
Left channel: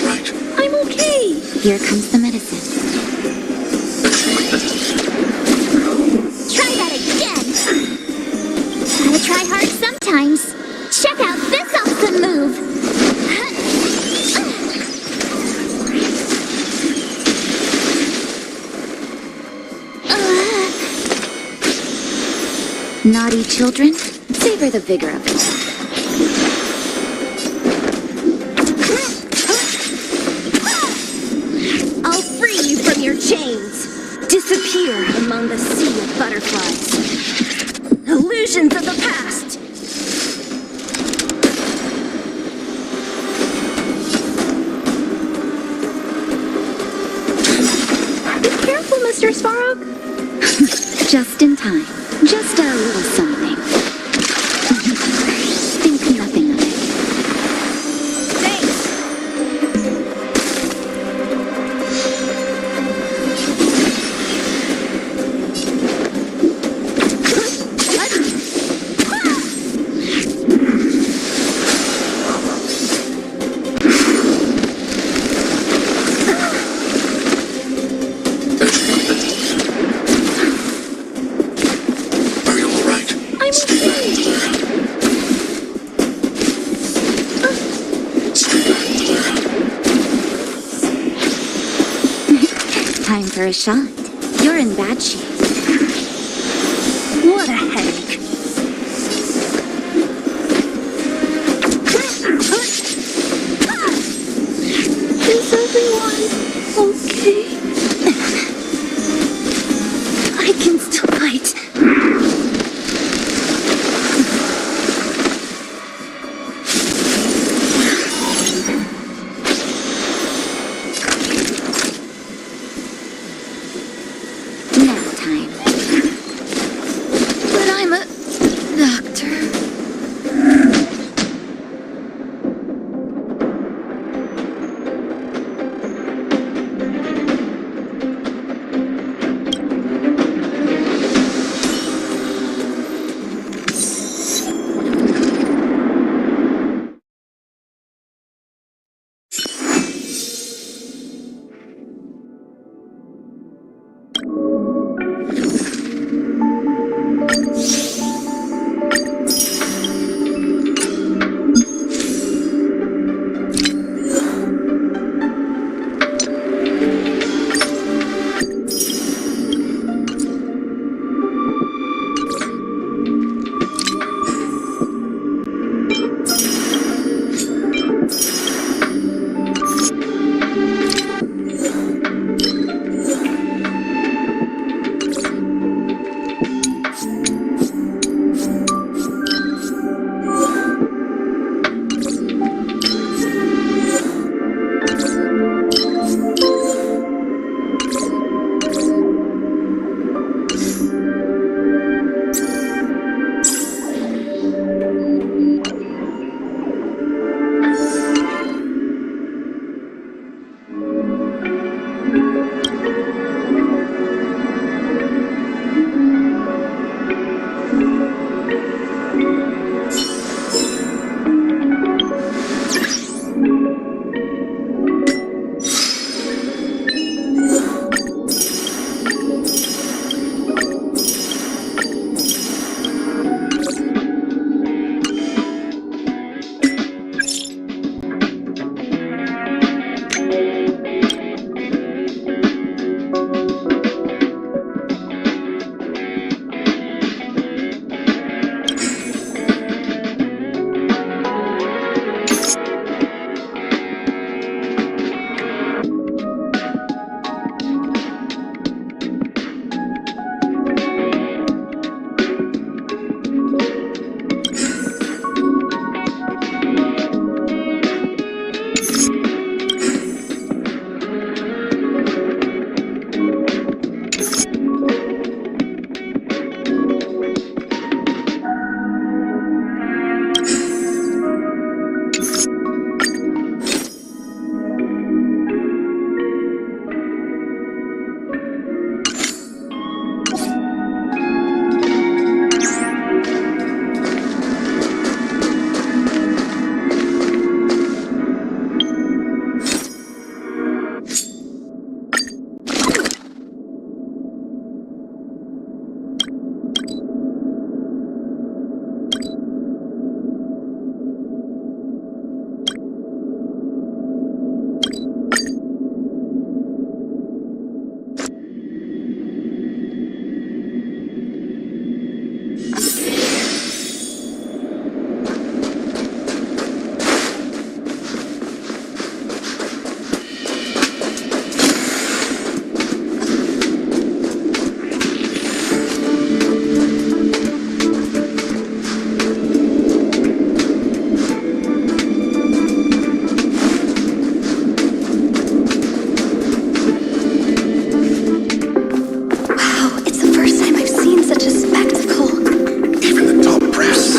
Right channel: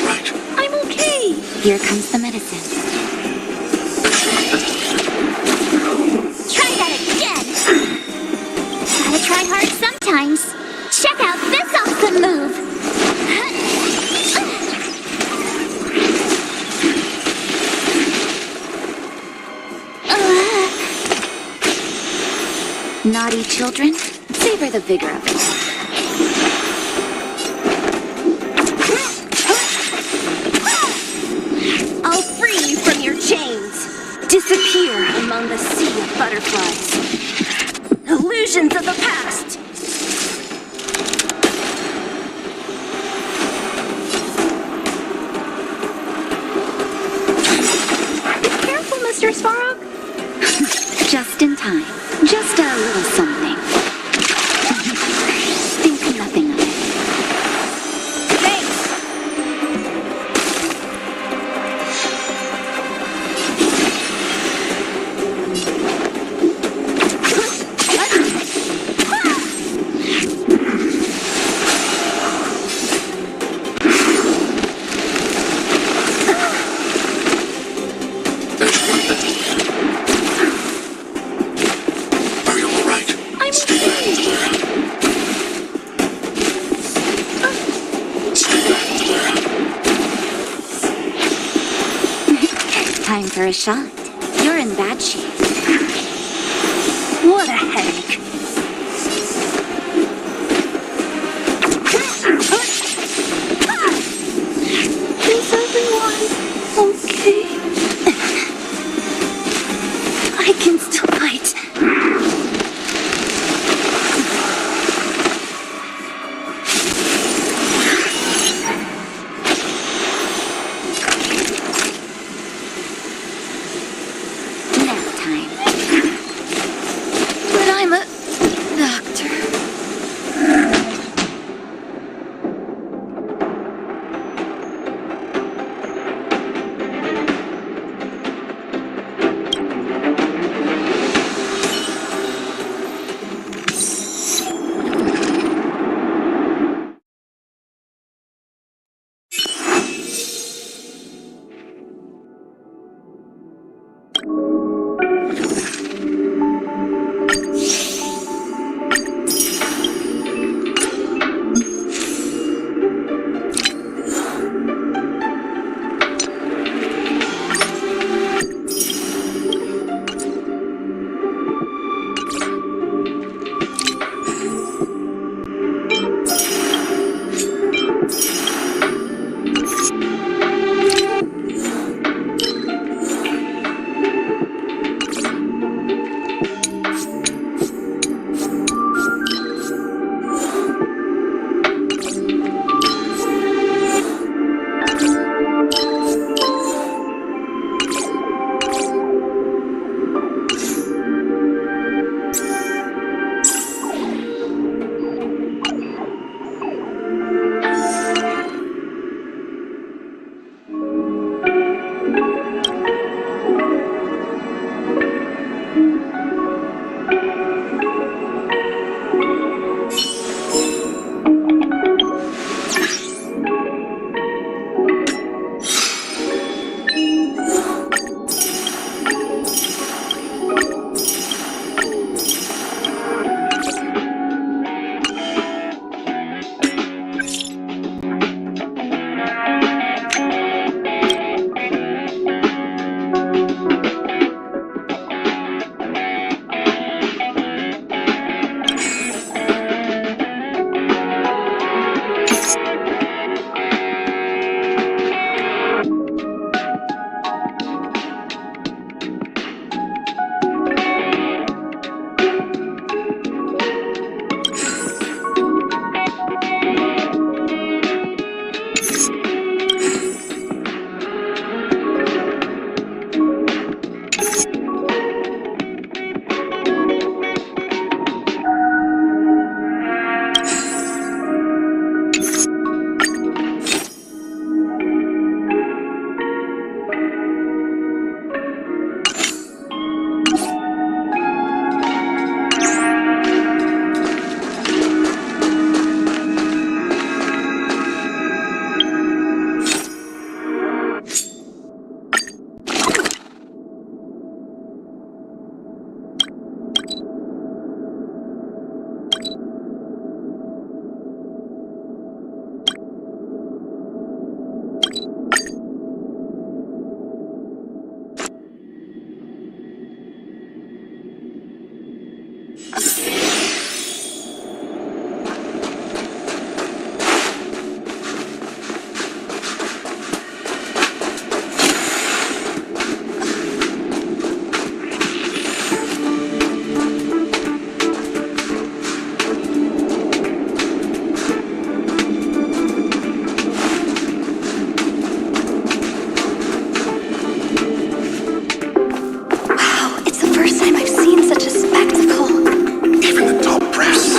Right. I'm okay. Here comes the medicine. Try that again. Gotta try hard sometimes. Check out this awesome move. Naughty children, savor the vigor of life. I'll free you from your chains. Disappear among the sea of butterflies. Illusions of the past. Be careful, Mr. Svarog. Just in time. Just a little something. Think nothing of it. Thanks. Are you all right? I'm okay. Stay back, Clara. Time for a shot. You're in bad shape. What a headache. Is everyone okay? I can still fight. Nap time. But I'm a doctor.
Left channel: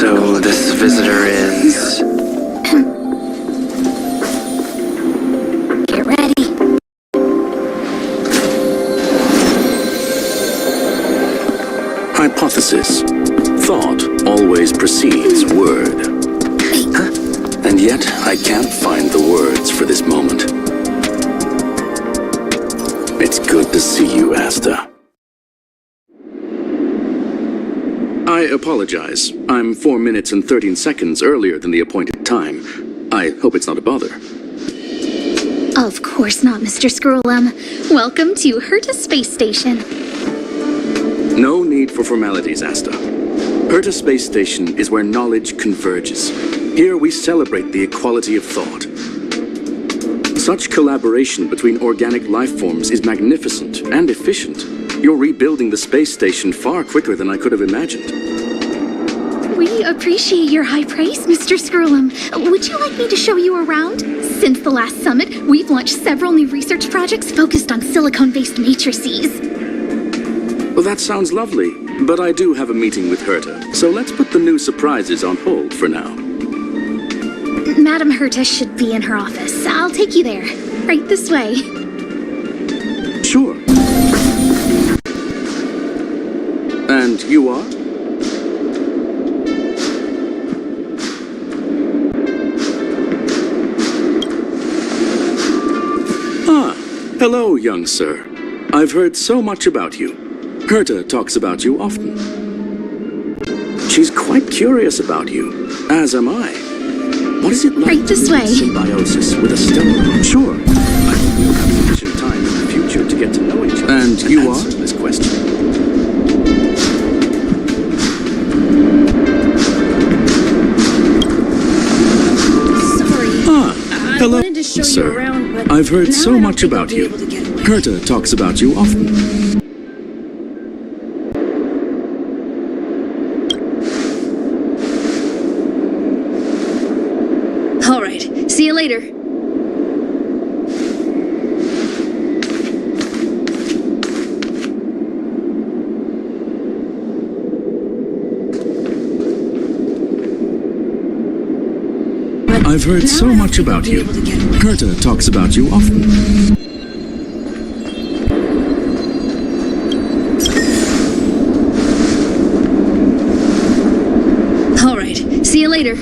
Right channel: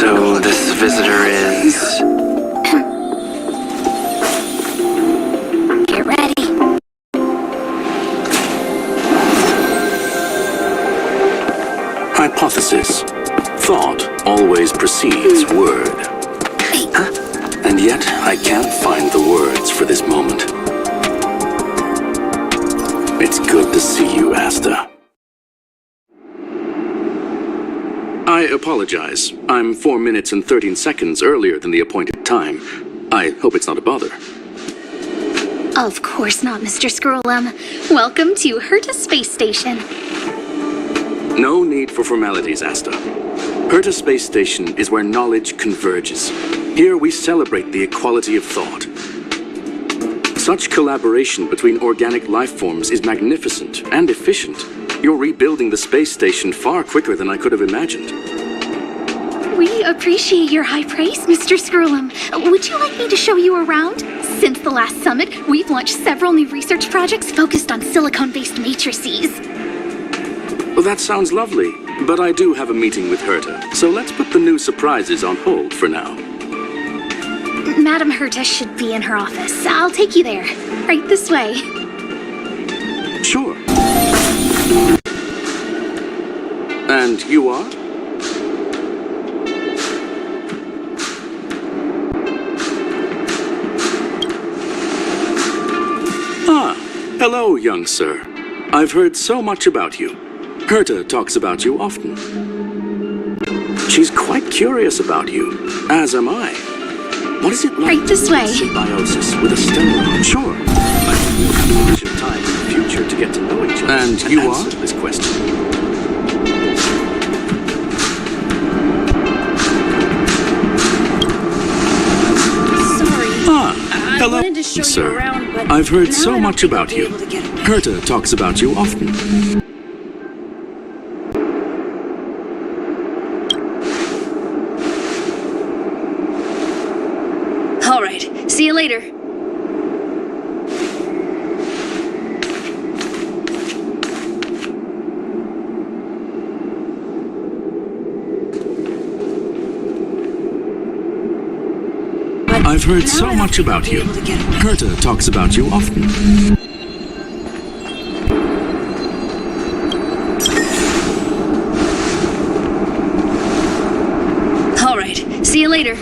So this visitor is... Get ready. Hypothesis. Thought always precedes word. Huh? And yet, I can't find the words for this moment. It's good to see you, Asta. I apologize. I'm 4 minutes and 13 seconds earlier than the appointed time. I hope it's not a bother. Of course not, Mr. Scrollum. Welcome to Herta Space Station. No need for formalities, Asta. Herta Space Station is where knowledge converges. Here we celebrate the equality of thought. Such collaboration between organic life forms is magnificent and efficient. You're rebuilding the space station far quicker than I could have imagined. We appreciate your high praise, Mr. Scrollum. Would you like me to show you around? Since the last summit, we've launched several new research projects focused on silicone-based matrices. Well, that sounds lovely, but I do have a meeting with Herta, so let's put the new surprises on hold for now. Madam Herta should be in her office. I'll take you there. Right this way. Sure. And you are? Ah, hello, young sir. I've heard so much about you. Herta talks about you often. She's quite curious about you, as am I. What is it like Right this to live way. in symbiosis with a stellar? Sure. I think we'll have sufficient time in the future to get to know each other. And you answer this question. Sorry. Ah, hello, wanted to show you sir. around, but I've heard now so I don't much think I'll about be you. able to get away. Herta talks about you often. All right. See you later. But I've heard now so I don't much think I'll about be you. able to get away. Herta talks about you often. All right. See you later.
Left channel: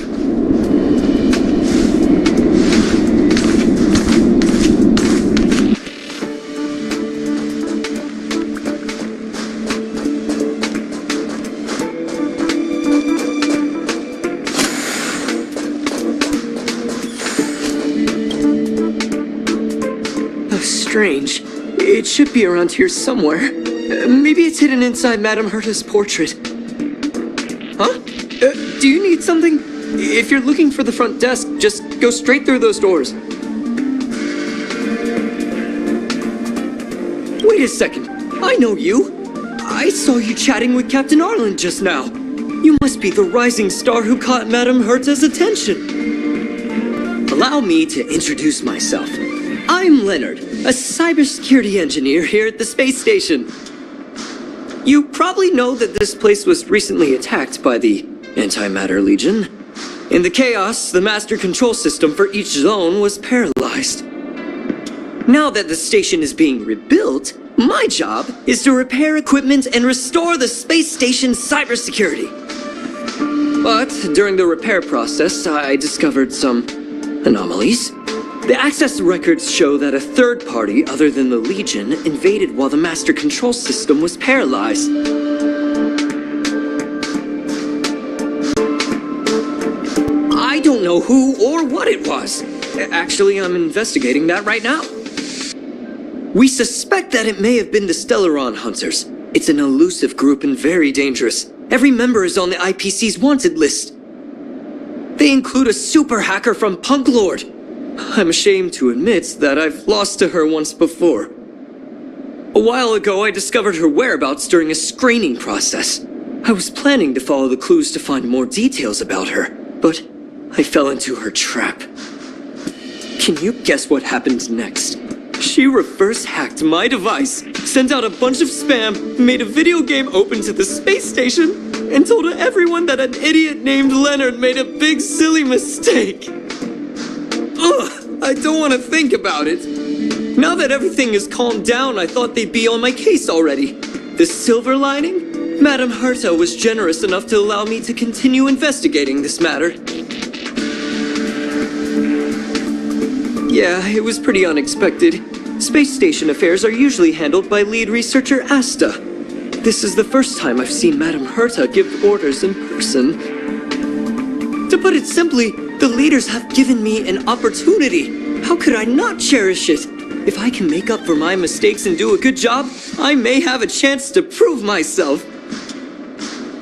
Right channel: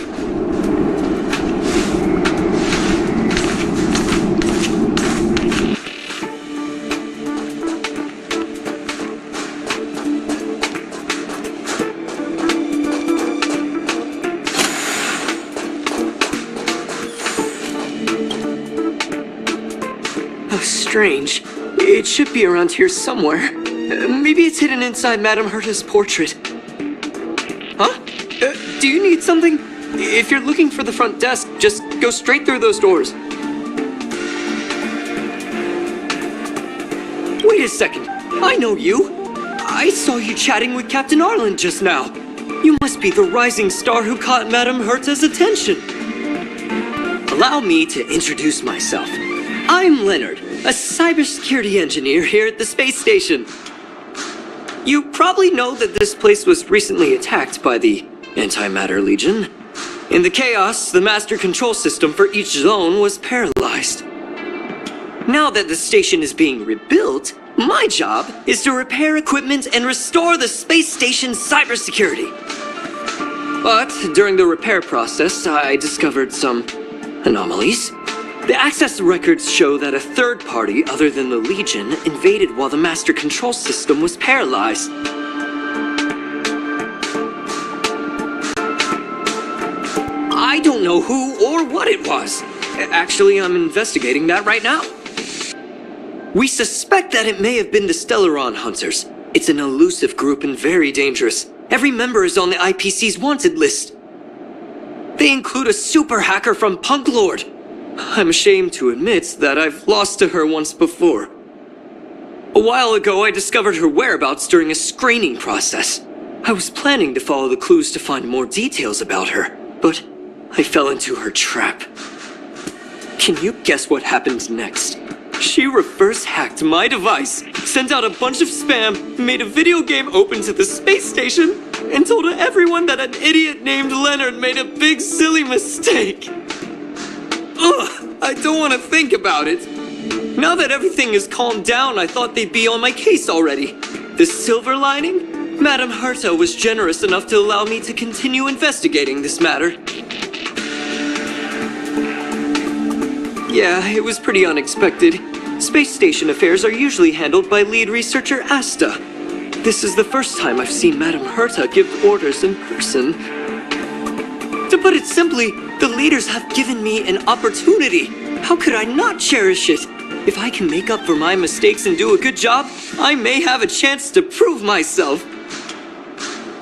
Strange. It should be around here somewhere. Maybe it's hidden inside Madame Herta's portrait. Huh? Do you need something? If you're looking for the front desk, just go straight through those doors. Wait a second. I know you. I saw you chatting with Captain Arlen just now. You must be the rising star who caught Madame Herta's attention. Allow me to introduce myself. I'm Leonard, a cybersecurity engineer here at the space station. You probably know that this place was recently attacked by the Antimatter Legion. In the chaos, the master control system for each zone was paralyzed. Now that the station is being rebuilt, my job is to repair equipment and restore the space station's cybersecurity. But during the repair process, I discovered some anomalies. The access records show that a third party other than the Legion invaded while the master control system was paralyzed. I don't know who or what it was. Actually, I'm investigating that right now. We suspect that it may have been the Stellaron Hunters. It's an elusive group and very dangerous. Every member is on the IPC's wanted list. They include a super hacker from Punk Lord. I'm ashamed to admit that I've lost to her once before. A while ago, I discovered her whereabouts during a screening process. I was planning to follow the clues to find more details about her, but I fell into her trap. Can you guess what happened next? She reverse hacked my device, sent out a bunch of spam, made a video game open to the space station, and told everyone that an idiot named Leonard made a big silly mistake. Ugh, I don't want to think about it. Now that everything is calmed down, I thought they'd be on my case already. The silver lining? Madame Herta was generous enough to allow me to continue investigating this matter. Yeah, it was pretty unexpected. Space station affairs are usually handled by lead researcher Asta. This is the first time I've seen Madame Herta give orders in person. To put it simply, the leaders have given me an opportunity. How could I not cherish it? If I can make up for my mistakes and do a good job, I may have a chance to prove myself.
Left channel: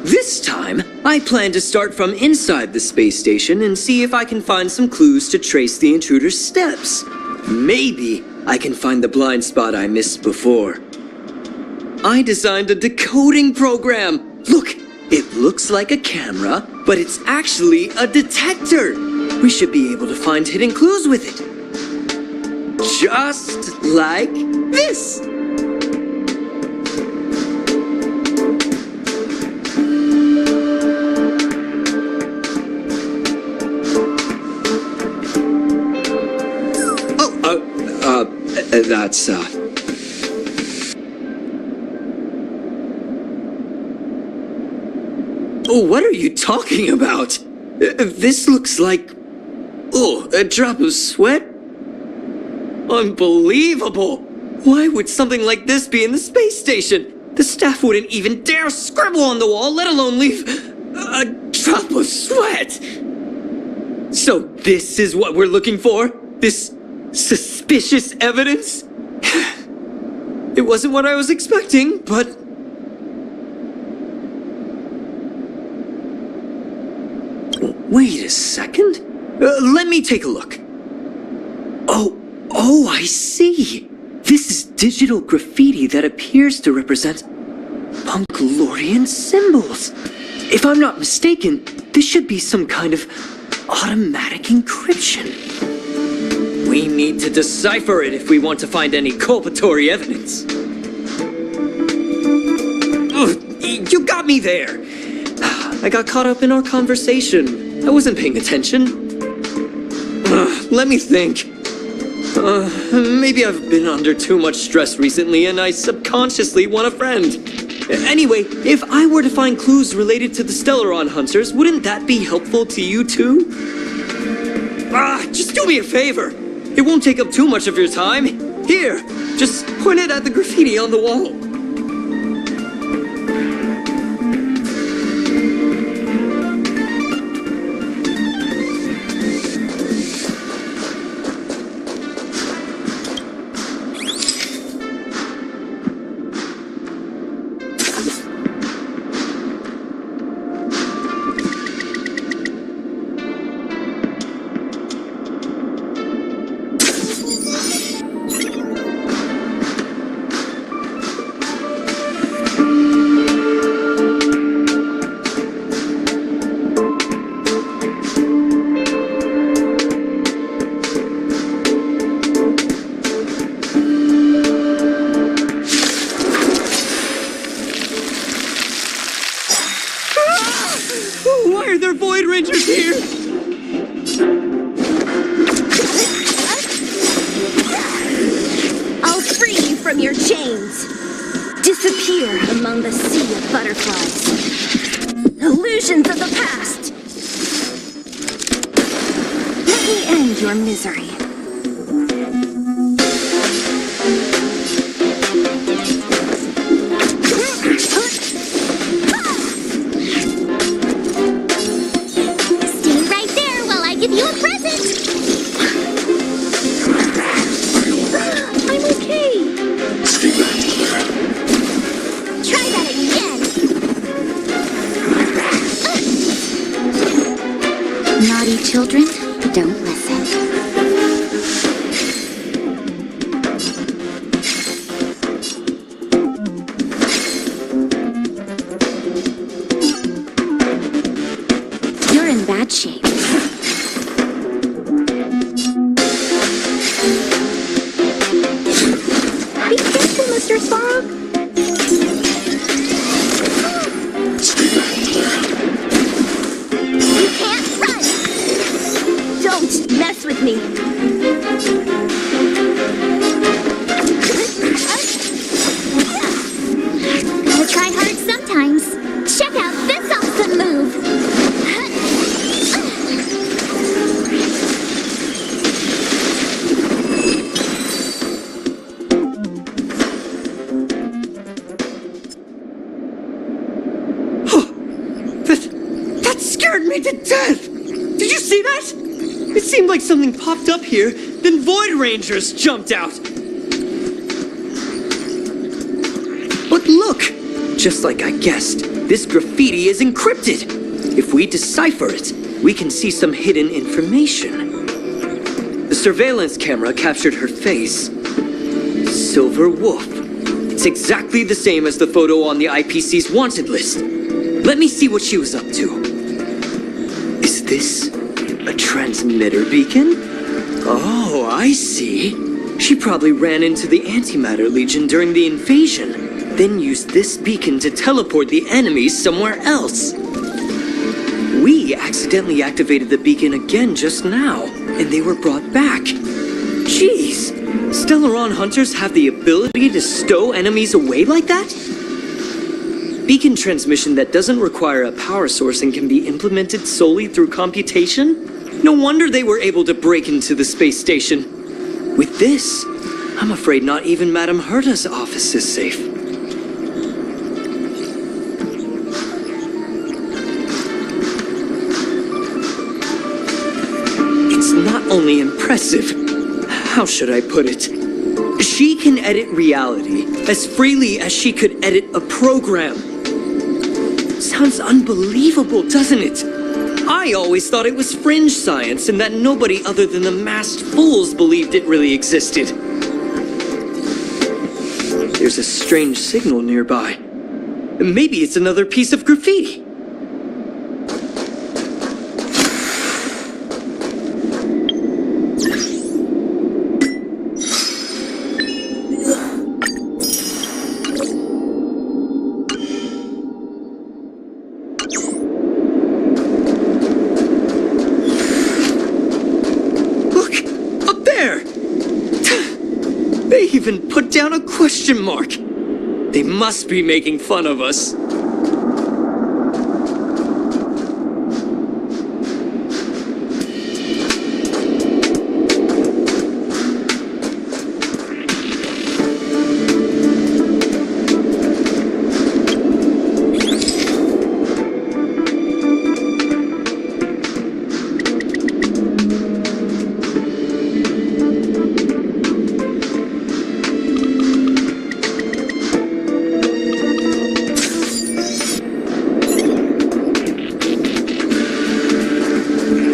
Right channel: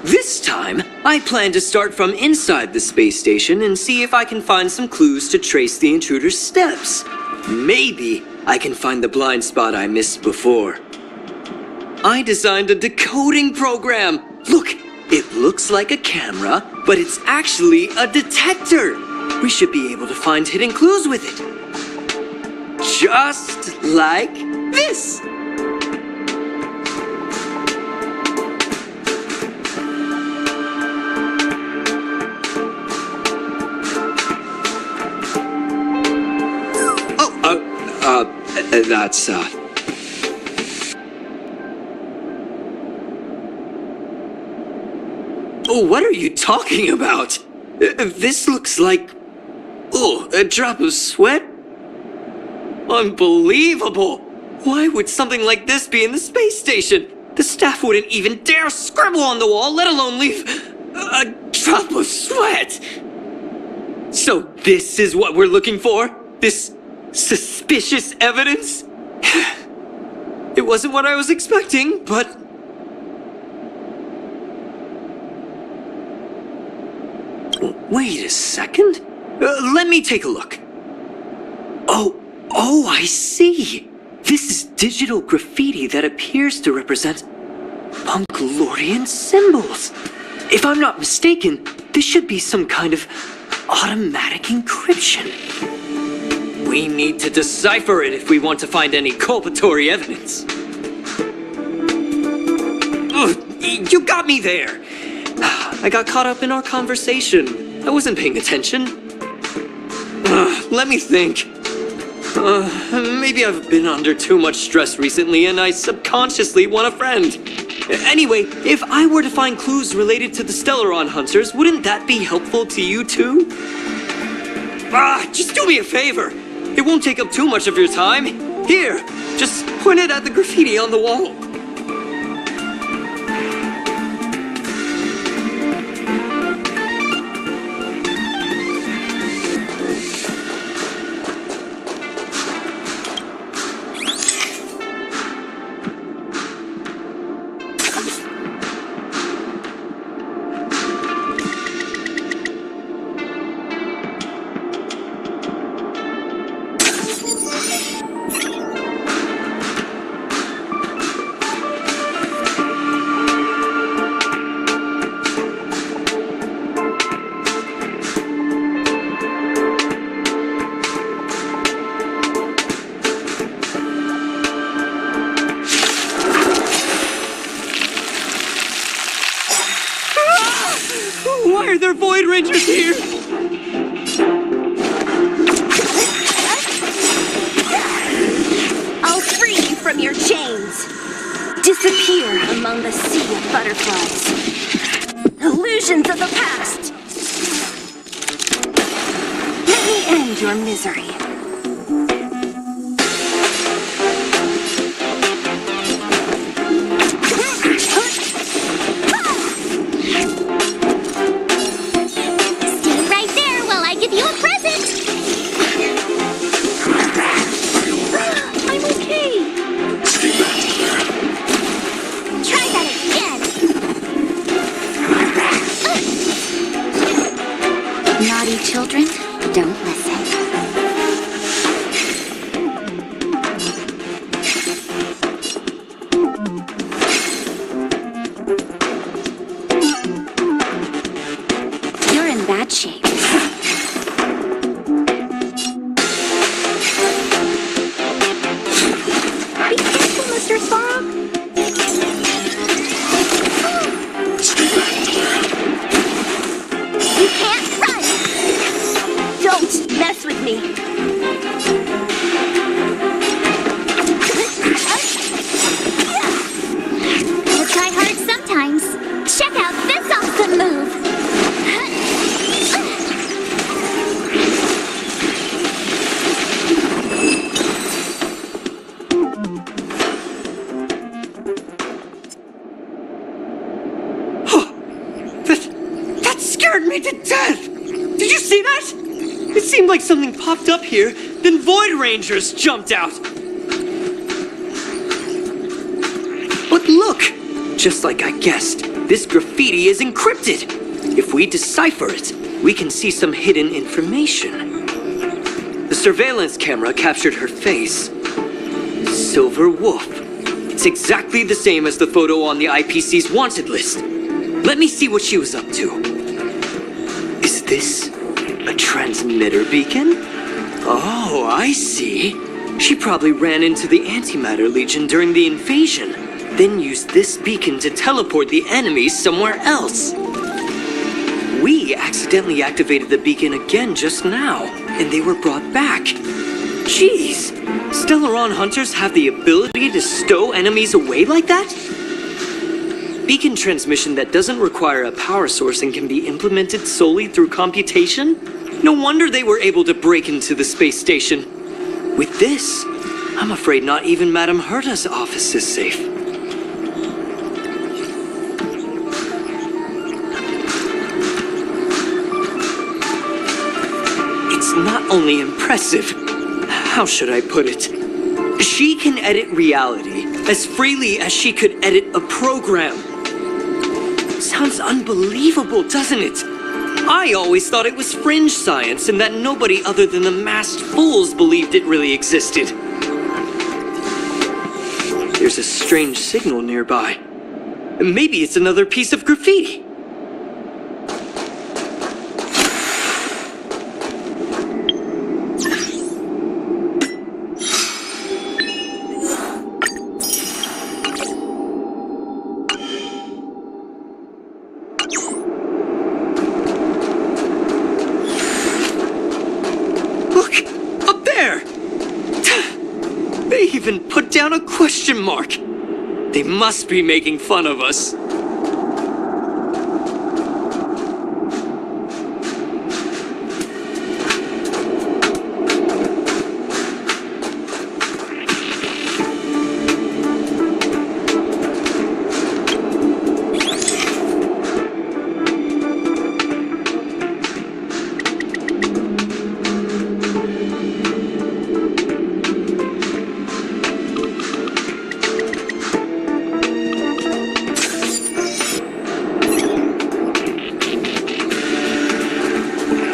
This time, I plan to start from inside the space station and see if I can find some clues to trace the intruder's steps. Maybe I can find the blind spot I missed before. I designed a decoding program. Look, it looks like a camera, but it's actually a detector. We should be able to find hidden clues with it. Just like this. That's, Oh, what are you talking about? This looks like... Oh, a drop of sweat? Unbelievable! Why would something like this be in the space station? The staff wouldn't even dare scribble on the wall, let alone leave a drop of sweat! So this is what we're looking for? This suspicious evidence? It wasn't what I was expecting, but... Wait a second. Let me take a look. Oh, I see. This is digital graffiti that appears to represent Punkalorian symbols. If I'm not mistaken, this should be some kind of automatic encryption. We need to decipher it if we want to find any culpatory evidence. Ugh, you got me there. I got caught up in our conversation. I wasn't paying attention. Let me think. Maybe I've been under too much stress recently and I subconsciously want a friend. Anyway, if I were to find clues related to the Stellaron Hunters, wouldn't that be helpful to you too? Just do me a favor. It won't take up too much of your time. Here, just point it at the graffiti on the wall. Why are there Void Rangers here? I'll free you from your chains. Disappear among the sea of butterflies. Illusions of the past. Let me end your misery. Give you a present! I'm okay! Stay back, Clara. Try that again! Naughty children, don't listen. You're in bad shape. Mr. Sparrow? Stay back, Clara. with me. Gotta try hard sometimes. Check out this awesome move. That scared me to death! Did you see that? It seemed like something popped up here, then Void Rangers jumped out. But look! Just like I guessed, this graffiti is encrypted. If we decipher it, we can see some hidden information. The surveillance camera captured her face. Silver Wolf. It's exactly the same as the photo on the IPC's wanted list. Let me see what she was up to. Is this a transmitter beacon? Oh, I see. She probably ran into the Antimatter Legion during the invasion, then used this beacon to teleport the enemies somewhere else. We accidentally activated the beacon again just now, and they were brought back. Jeez, Stellaron hunters have the ability to stow enemies away like that? Beacon transmission that doesn't require a power source and can be implemented solely through computation? No wonder they were able to break into the space station. With this, I'm afraid not even Madame Herta's office is safe. It's not only impressive, how should I put it? She can edit reality as freely as she could edit a program. Sounds unbelievable, doesn't it? I always thought it was fringe science and that nobody other than the masked fools believed it really existed. There's a strange signal nearby. Maybe it's another piece of graffiti. Even put down a question mark. They must be making fun of us.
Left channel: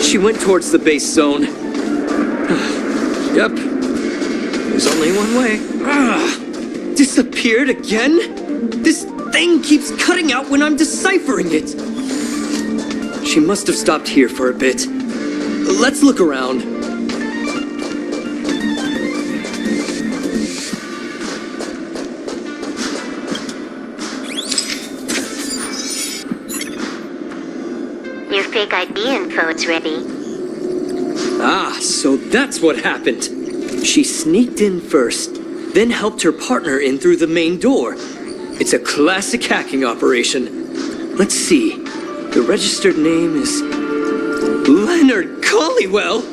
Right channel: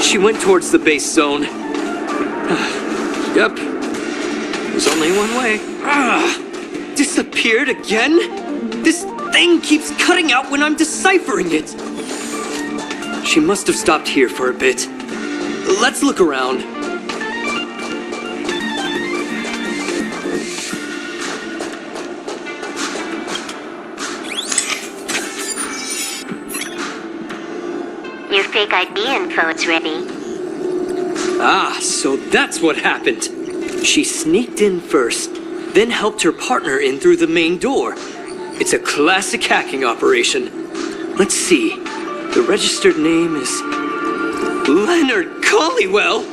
She went towards the base zone. Yep. There's only one way. Disappeared again? This thing keeps cutting out when I'm deciphering it. She must have stopped here for a bit. Let's look around. Your fake ID info is ready. Ah, so that's what happened. She sneaked in first, then helped her partner in through the main door. It's a classic hacking operation. Let's see. The registered name is Leonard Collywell.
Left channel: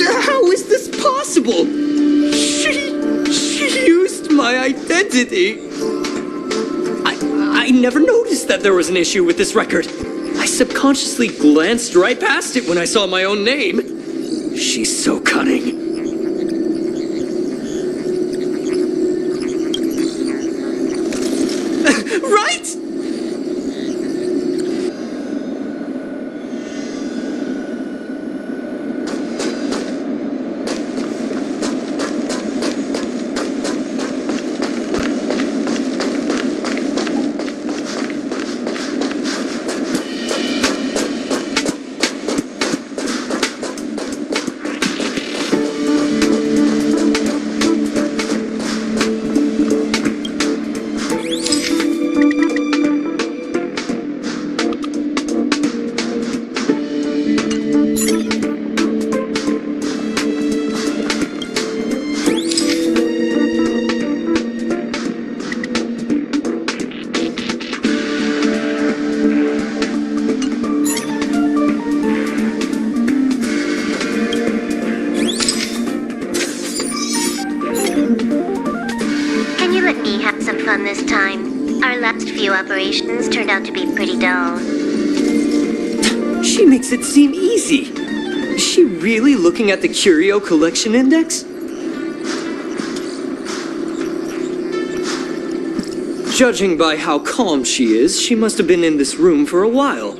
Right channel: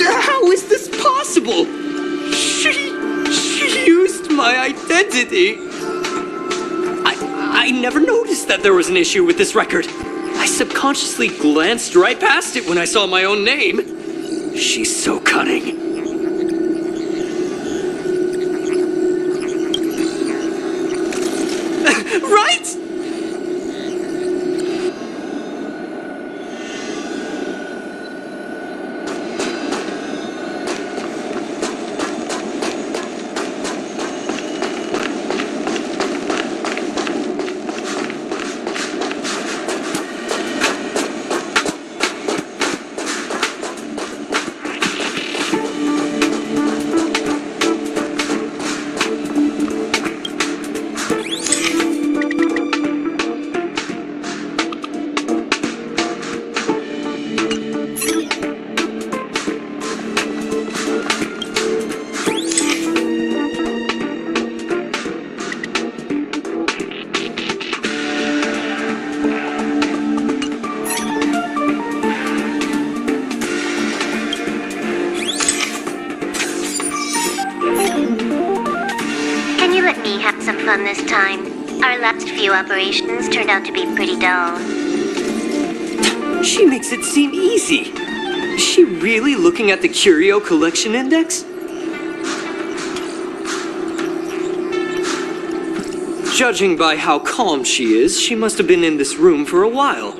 How is this possible? She used my identity. I never noticed that there was an issue with this record. I subconsciously glanced right past it when I saw my own name. She's so cunning. Right? let me have some fun this time. Our last few operations turned out to be pretty dull. She makes it seem easy. Is she really looking at the Curio Collection Index? Judging by how calm she is, she must have been in this room for a while.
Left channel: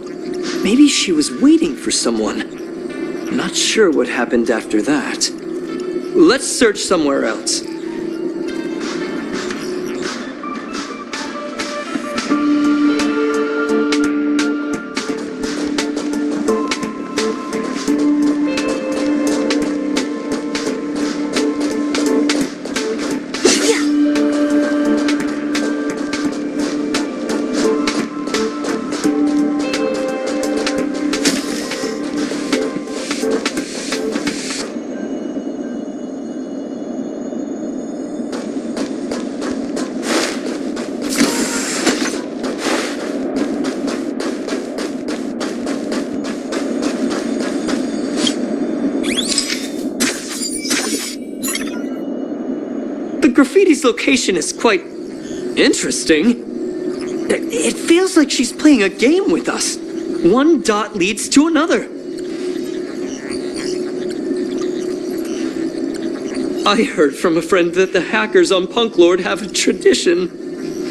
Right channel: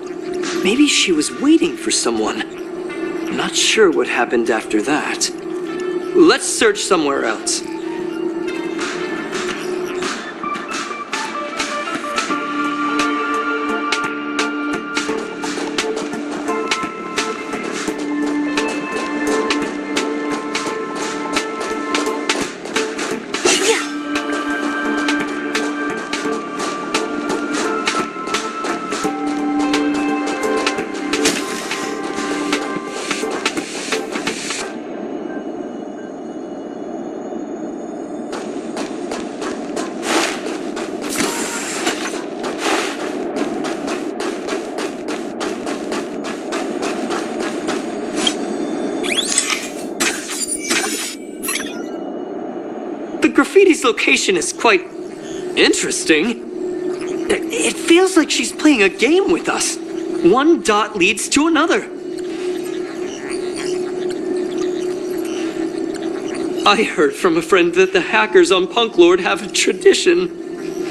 Maybe she was waiting for someone. I'm not sure what happened after that. Let's search somewhere else. The graffiti's location is quite interesting. It feels like she's playing a game with us. One dot leads to another. I heard from a friend that the hackers on Punk Lord have a tradition.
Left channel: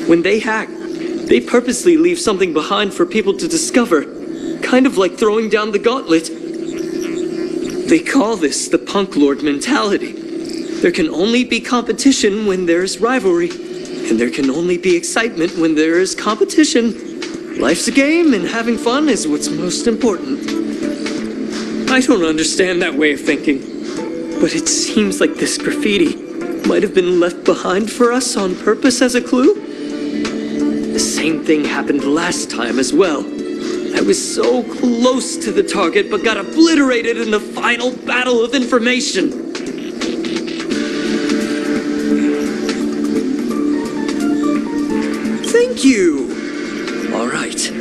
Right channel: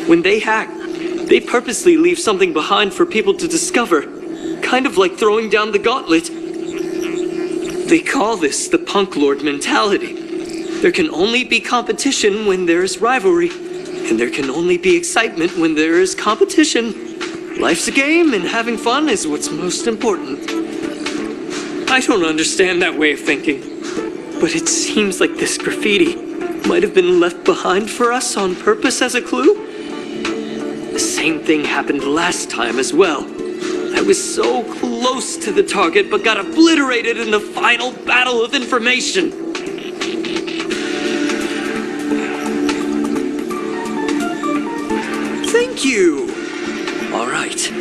When they hack, they purposely leave something behind for people to discover. Kind of like throwing down the gauntlet. They call this the Punk Lord mentality. There can only be competition when there's rivalry, and there can only be excitement when there is competition. Life's a game, and having fun is what's most important. I don't understand that way of thinking, but it seems like this graffiti might have been left behind for us on purpose as a clue. The same thing happened last time as well. I was so close to the target, but got obliterated in the final battle of information. Thank you. All right.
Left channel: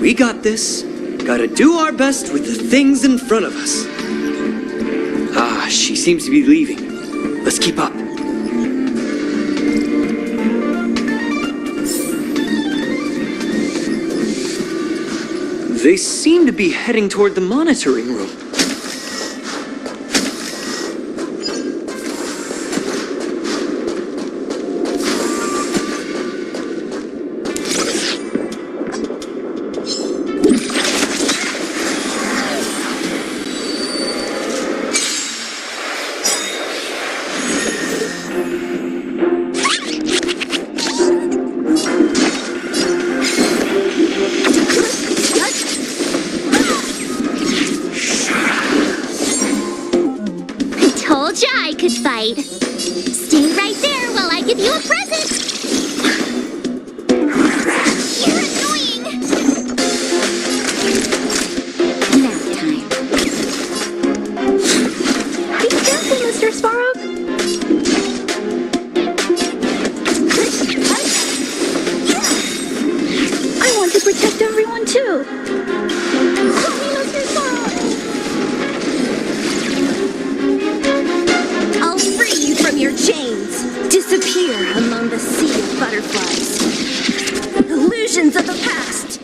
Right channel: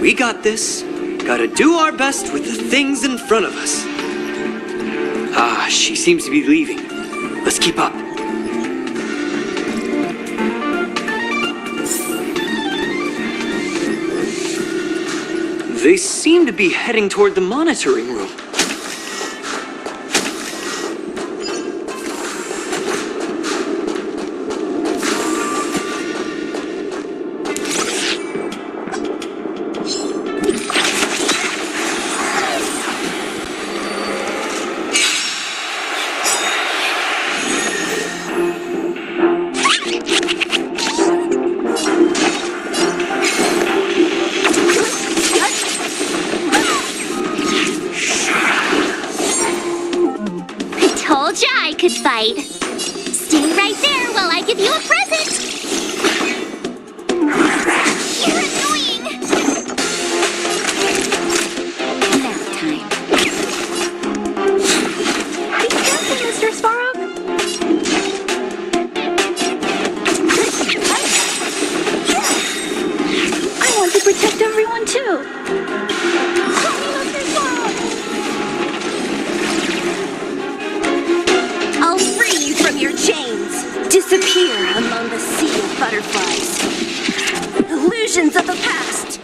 We got this. Gotta do our best with the things in front of us. Ah, she seems to be leaving. Let's keep up. They seem to be heading toward the monitoring room. Fight. Stay right there while I give you a present. You're annoying. Nap time. Be careful, Mr. Svarog. I want to protect everyone too. Help me, Mr. Svarog. I'll free you from your chains. Disappear among the sea of butterflies. Illusions of the past.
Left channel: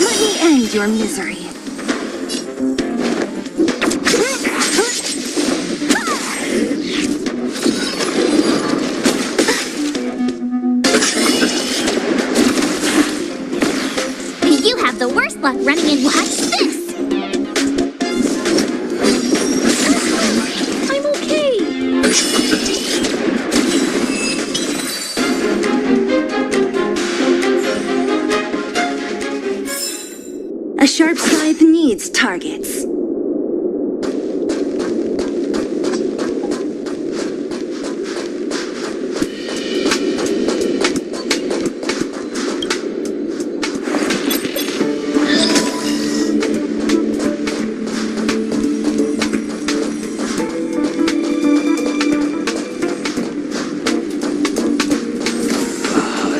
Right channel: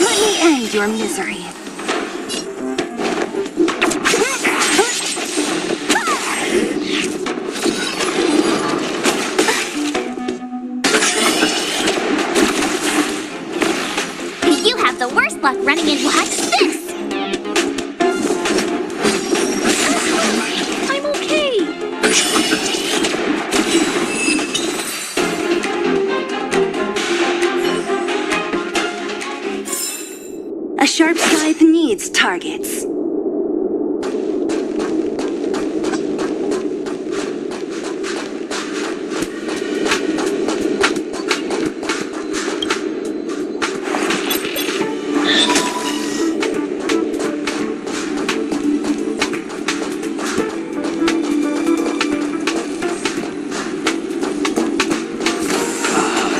Let me end your misery. You have the worst luck running in. Watch this. A sharp scythe needs targets.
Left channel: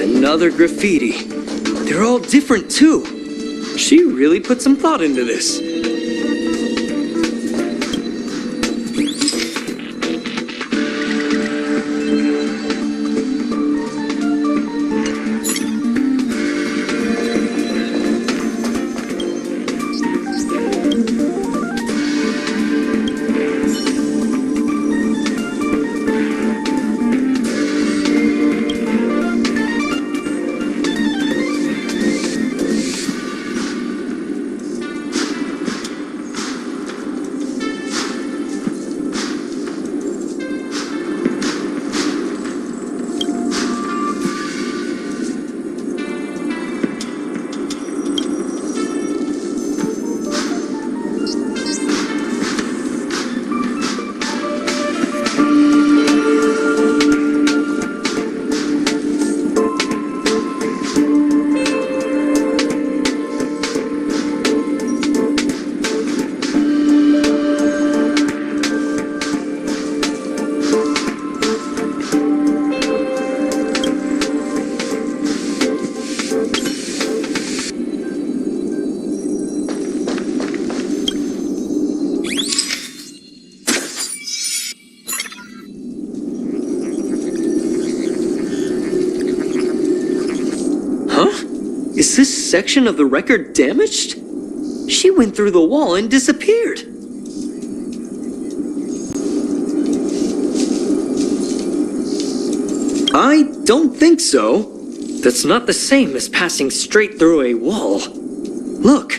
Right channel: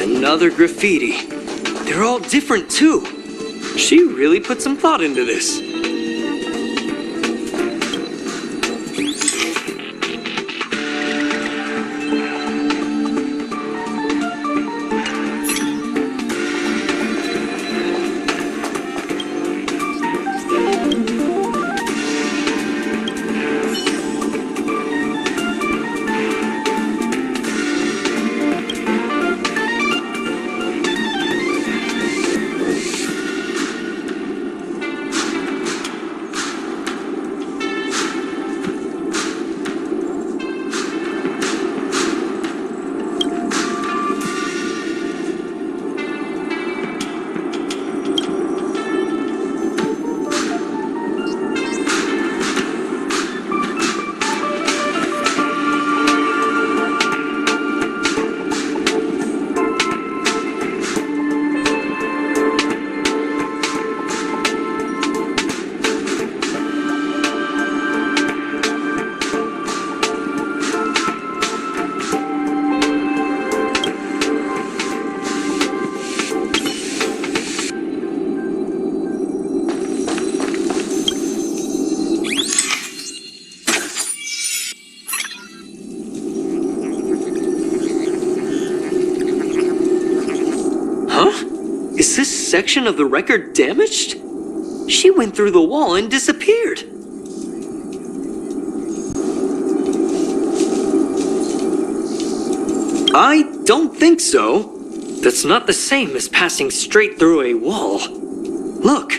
Another graffiti. They're all different too. She really put some thought into this. Is this section of the record damaged? She went through the wall and disappeared. I don't think so. That's not the same as passing straight through a wall. Look.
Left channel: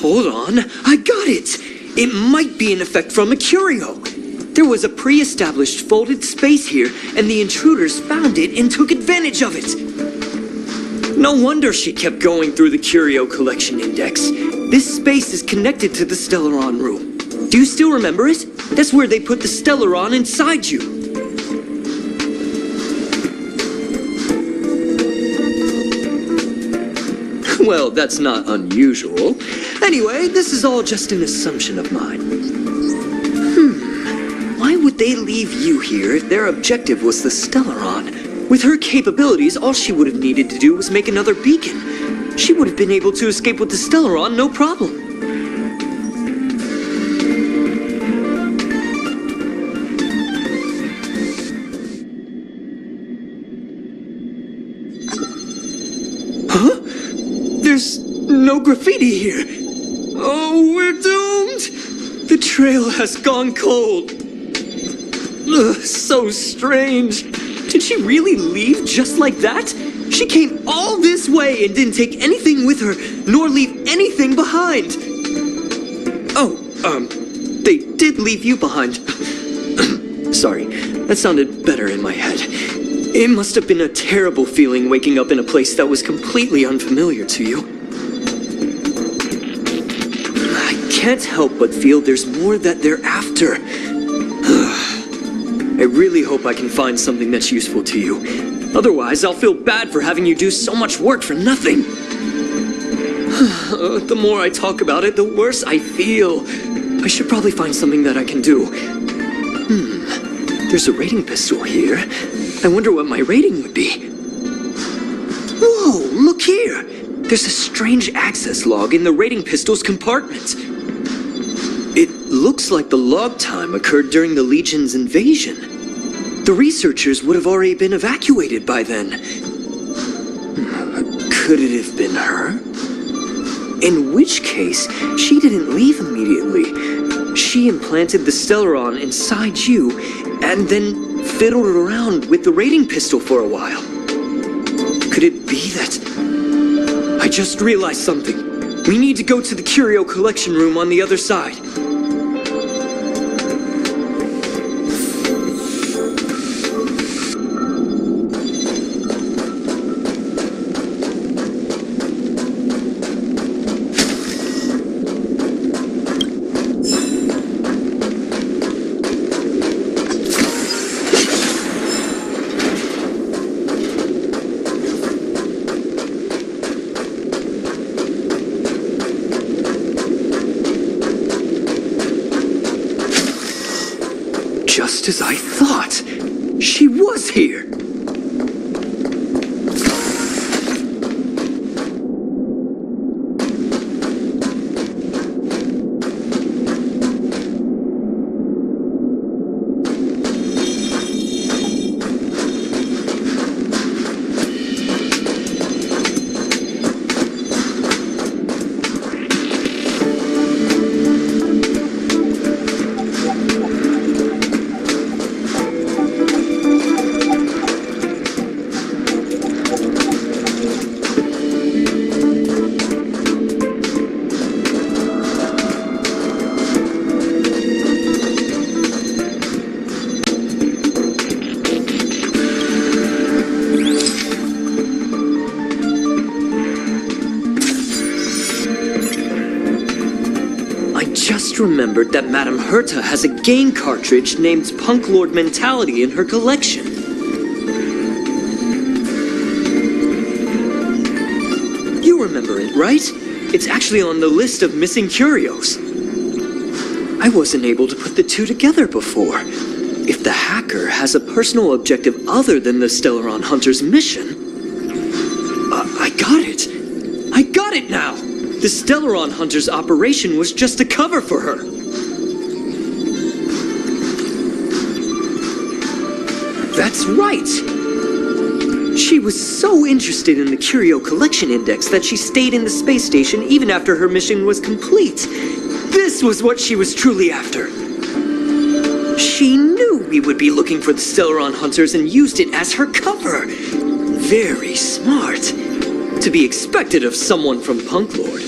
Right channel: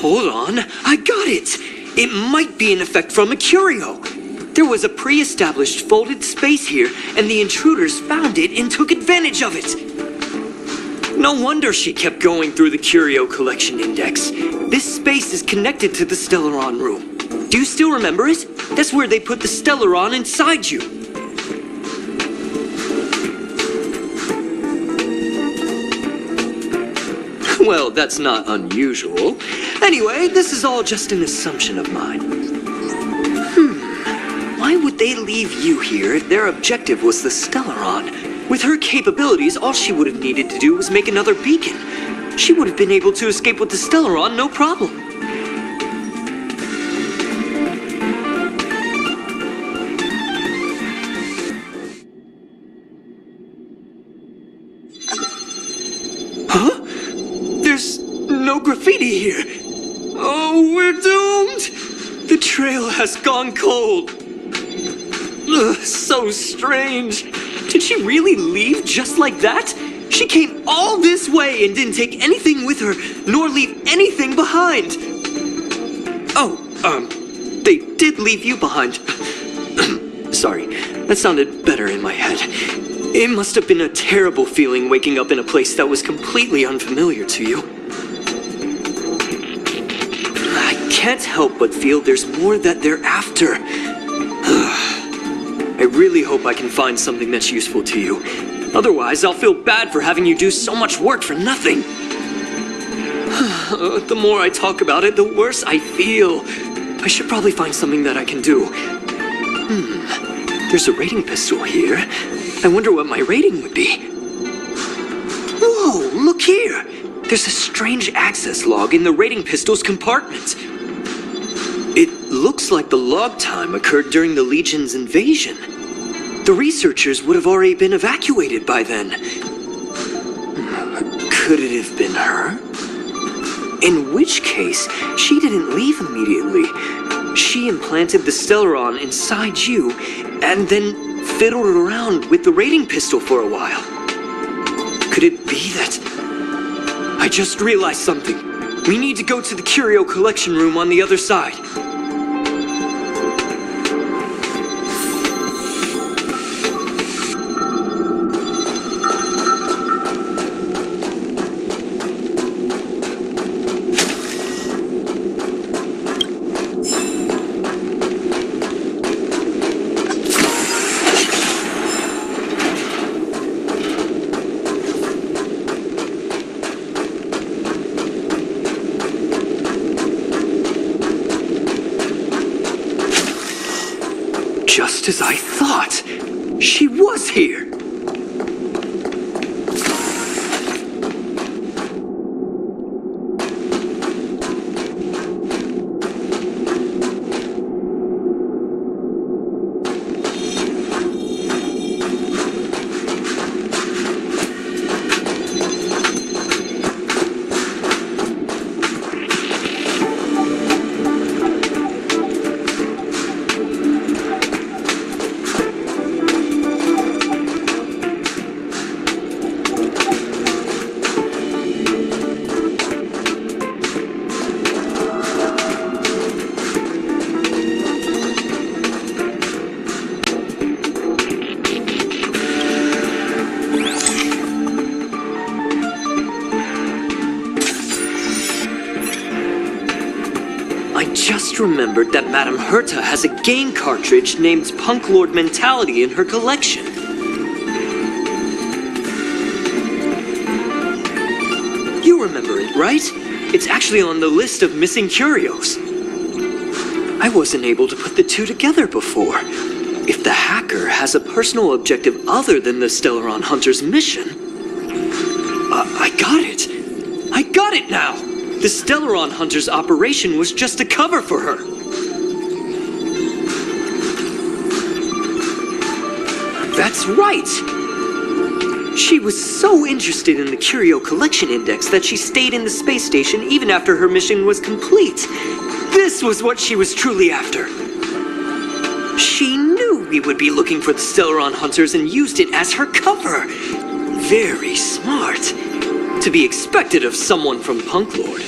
Hold on, I got it! It might be an effect from a curio. There was a pre-established folded space here, and the intruders found it and took advantage of it. No wonder she kept going through the curio collection index. This space is connected to the Stellaron room. Do you still remember it? That's where they put the Stellaron inside you. Well, that's not unusual. Anyway, this is all just an assumption of mine. Why would they leave you here if their objective was the Stellaron? With her capabilities, all she would have needed to do was make another beacon. She would have been able to escape with the Stellaron, no problem. Huh? There's no graffiti here. Oh, we're doomed! The trail has gone cold. Ugh, so strange. Did she really leave just like that? She came all this way and didn't take anything with her, nor leave anything behind. Oh, they did leave you behind. Sorry, that sounded better in my head. It must have been a terrible feeling waking up in a place that was completely unfamiliar to you. I can't help but feel there's more that they're after. I really hope I can find something that's useful to you. Otherwise, I'll feel bad for having you do so much work for nothing. The more I talk about it, the worse I feel. I should probably find something that I can do. There's a rating pistol here. I wonder what my rating would be. Whoa, look here! There's a strange access log in the rating pistol's compartment. It looks like the log time occurred during the Legion's invasion. The researchers would have already been evacuated by then. Could it have been her? In which case, she didn't leave immediately. She implanted the Stellaron inside you, and then fiddled around with the rating pistol for a while. Could it be that... I just realized something. We need to go to the curio collection room on the other side. Just as I thought. She was here. Remembered that Madame Herta has a game cartridge named Punk Lord Mentality in her collection. You remember it, right? It's actually on the list of missing curios. I wasn't able to put the two together before. If the hacker has a personal objective other than the Stellaron Hunter's mission... I got it! I got it now! The Stellaron Hunter's operation was just a cover for her. That's right. She was so interested in the Curio Collection Index that she stayed in the space station even after her mission was complete. This was what she was truly after. She knew we would be looking for the Stellaron Hunters and used it as her cover. Very smart. To be expected of someone from Punklord.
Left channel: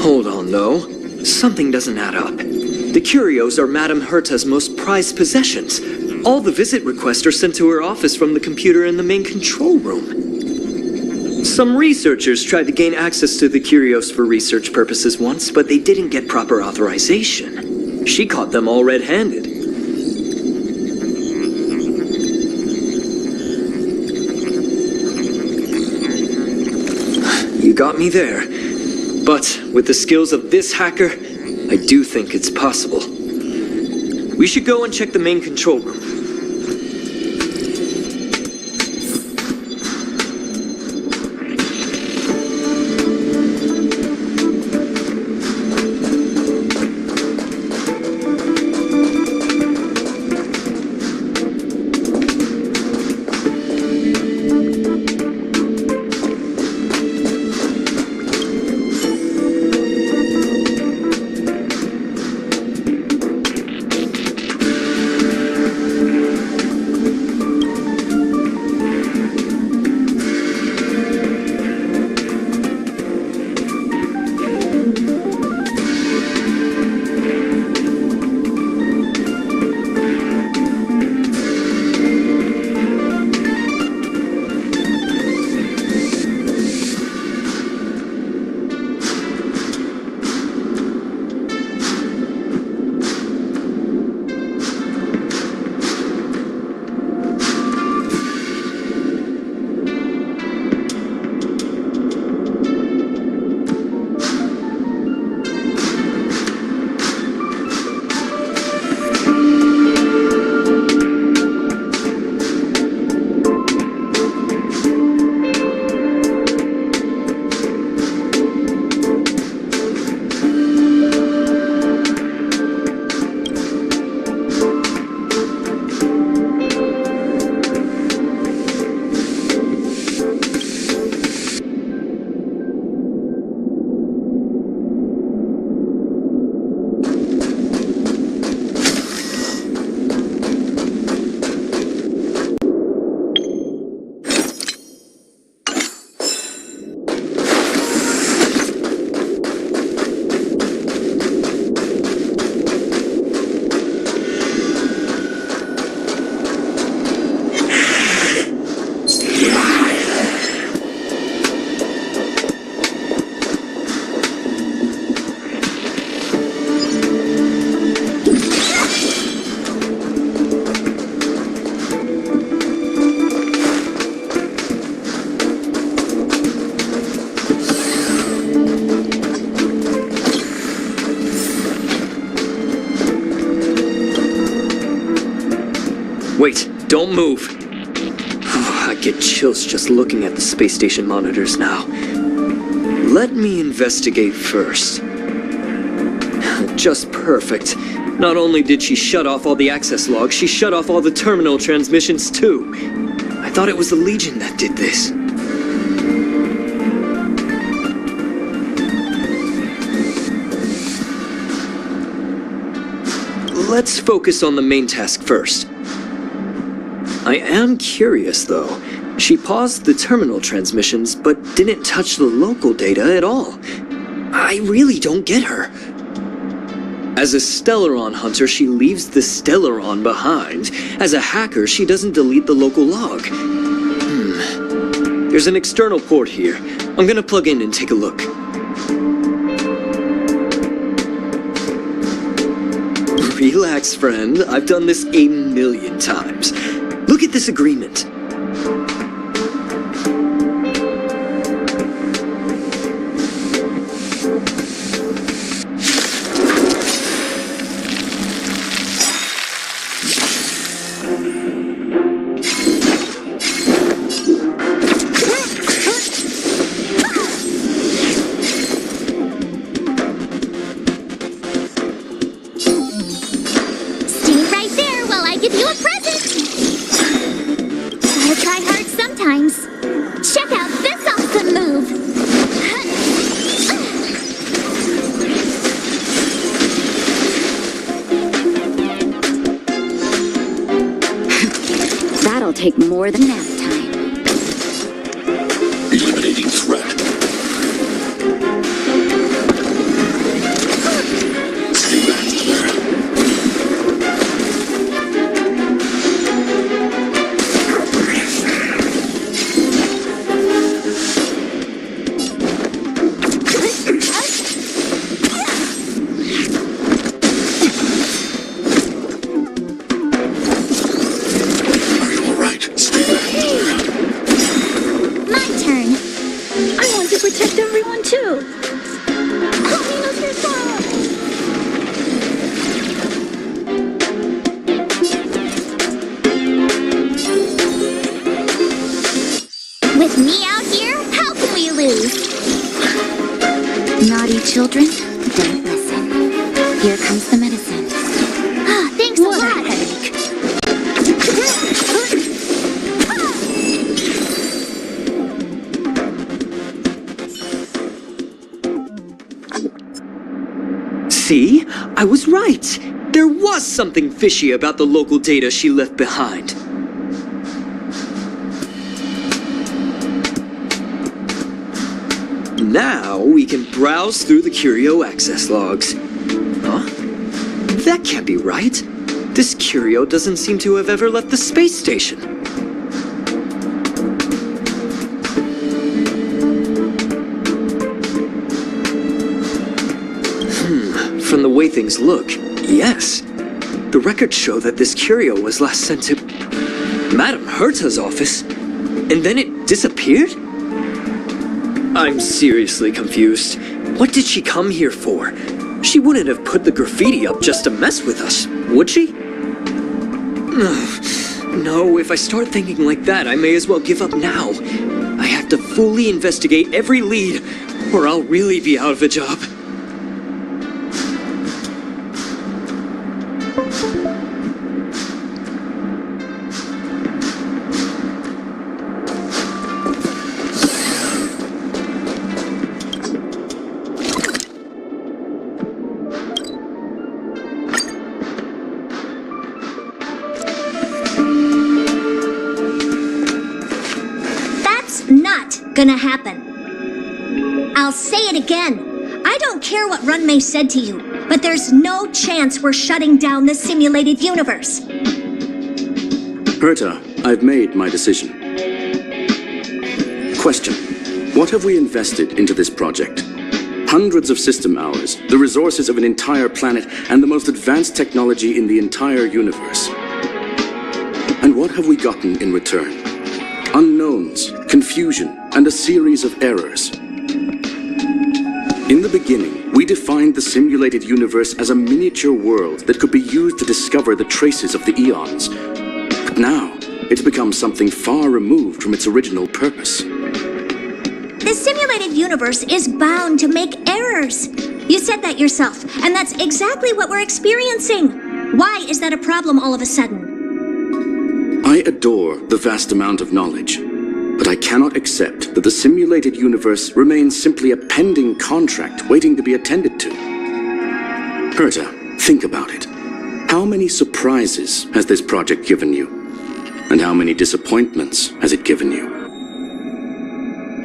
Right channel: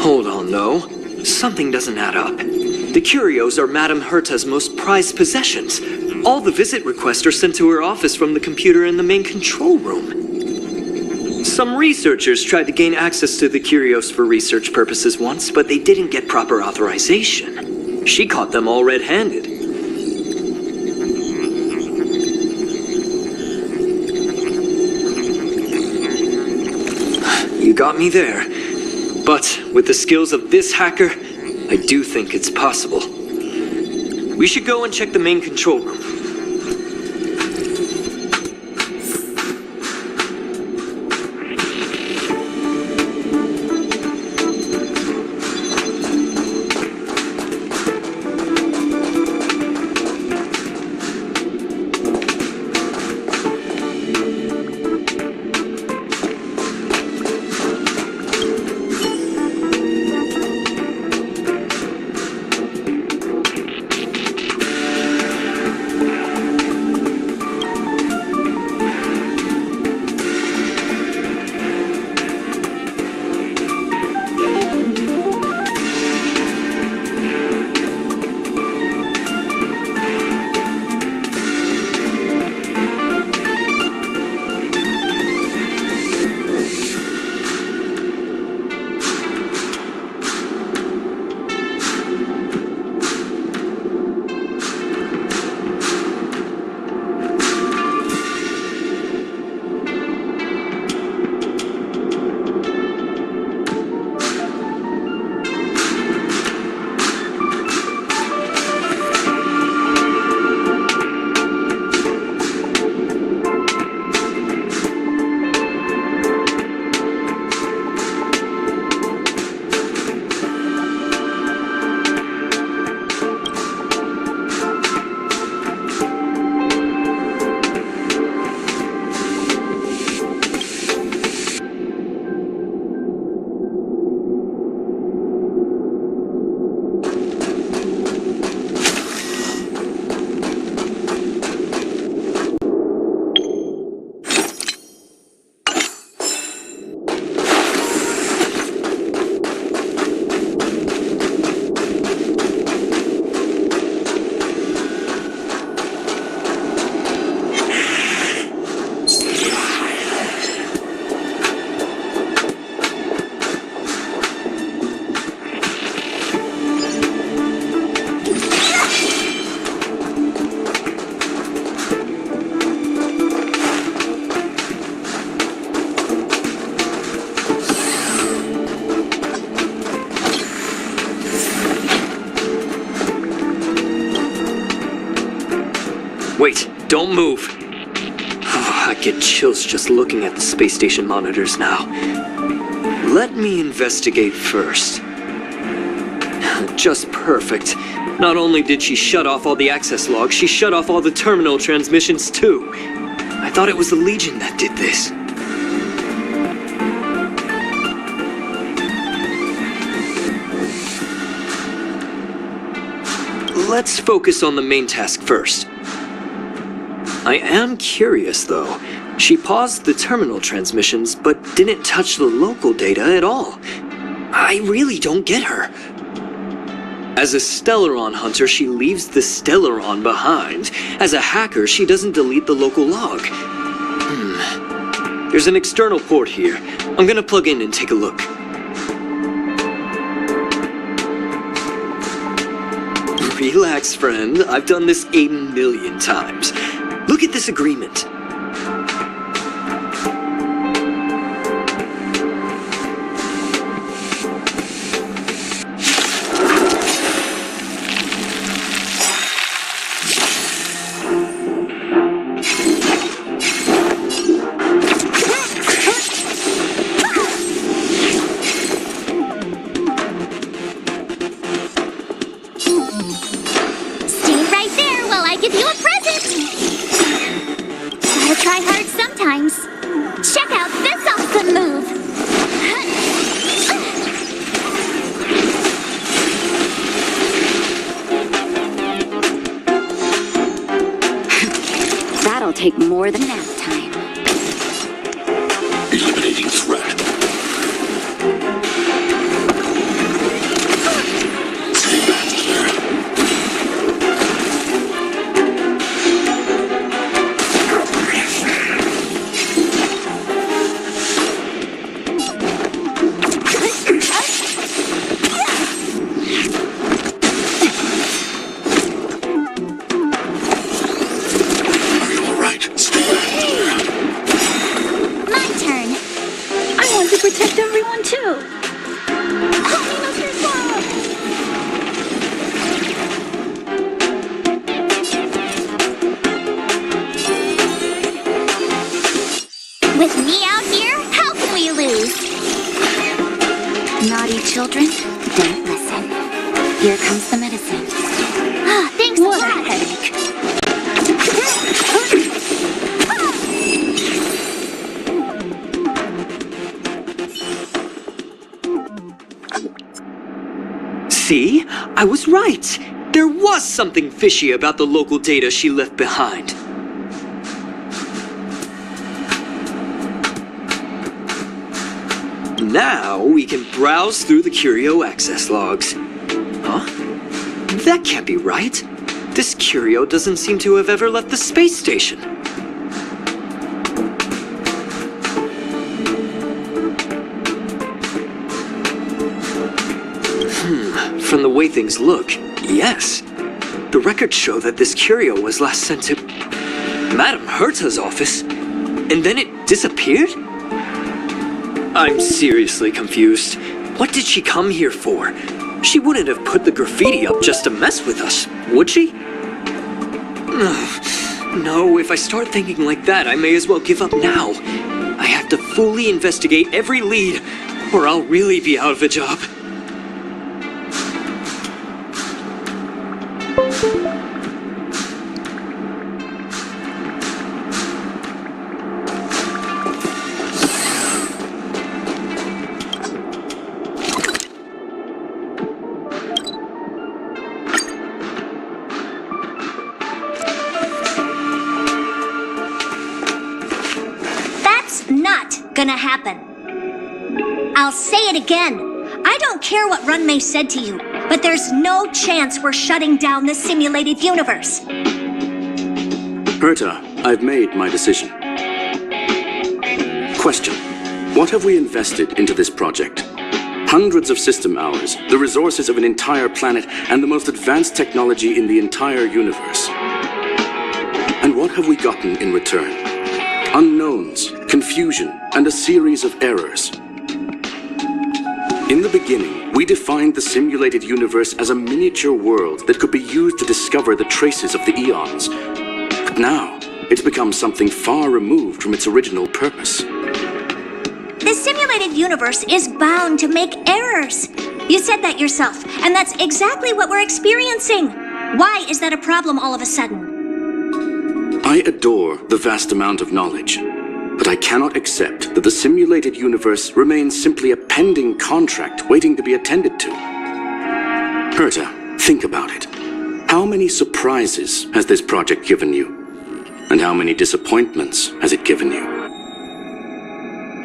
Hold on, though. Something doesn't add up. The Curios are Madame Herta's most prized possessions. All the visit requests are sent to her office from the computer in the main control room. Some researchers tried to gain access to the Curios for research purposes once, but they didn't get proper authorization. She caught them all red-handed. You got me there. But with the skills of this hacker, I do think it's possible. We should go and check the main control room. Wait, don't move. Oh, I get chills just looking at the space station monitors now. Let me investigate first. Just perfect. Not only did she shut off all the access logs, she shut off all the terminal transmissions too. I thought it was the Legion that did this. Let's focus on the main task first. I am curious, though. She paused the terminal transmissions, but didn't touch the local data at all. I really don't get her. As a Stellaron hunter, she leaves the Stellaron behind. As a hacker, she doesn't delete the local log. There's an external port here. I'm gonna plug in and take a look. Relax, friend. I've done this 1,000,000 times. Look at this agreement. Stay right there while I give you a present. Gotta try hard sometimes. Check out this awesome move. That'll take more than nap time. Eliminating threat. Stay back there. Are you alright? Stay back there. My turn. I want to protect everyone too. Homie, Mr. Squirrel. With me out here, how can we lose? Naughty children, don't listen. Here comes the medicine. Thanks a What a lot. headache. See? I was right. There was something fishy about the local data she left behind. Now we can browse through the Curio access logs. Huh? That can't be right. This Curio doesn't seem to have ever left the space station. From the way things look, yes. The records show that this Curio was last sent to Madame Herta's office, and then it disappeared? I'm seriously confused. What did she come here for? She wouldn't have put the graffiti up just to mess with us, would she? No, if I start thinking like that, I may as well give up now. I have to fully investigate every lead, or I'll really be out of a job. That's not gonna happen. I'll say it again. I don't care what Runmei said to you, but there's no chance we're shutting down this simulated universe. Herta, I've made my decision. Question. What have we invested into this project? Hundreds of system hours, the resources of an entire planet, and the most advanced technology in the entire universe. And what have we gotten in return? Unknowns, confusion, and a series of errors. In the beginning, we defined the simulated universe as a miniature world that could be used to discover the traces of the eons. But now, it's become something far removed from its original purpose. The simulated universe is bound to make errors. You said that yourself, and that's exactly what we're experiencing. Why is that a problem all of a sudden? I adore the vast amount of knowledge, but I cannot accept that the simulated universe remains simply a pending contract waiting to be attended to. Herta, think about it. How many surprises has this project given you? And how many disappointments has it given you?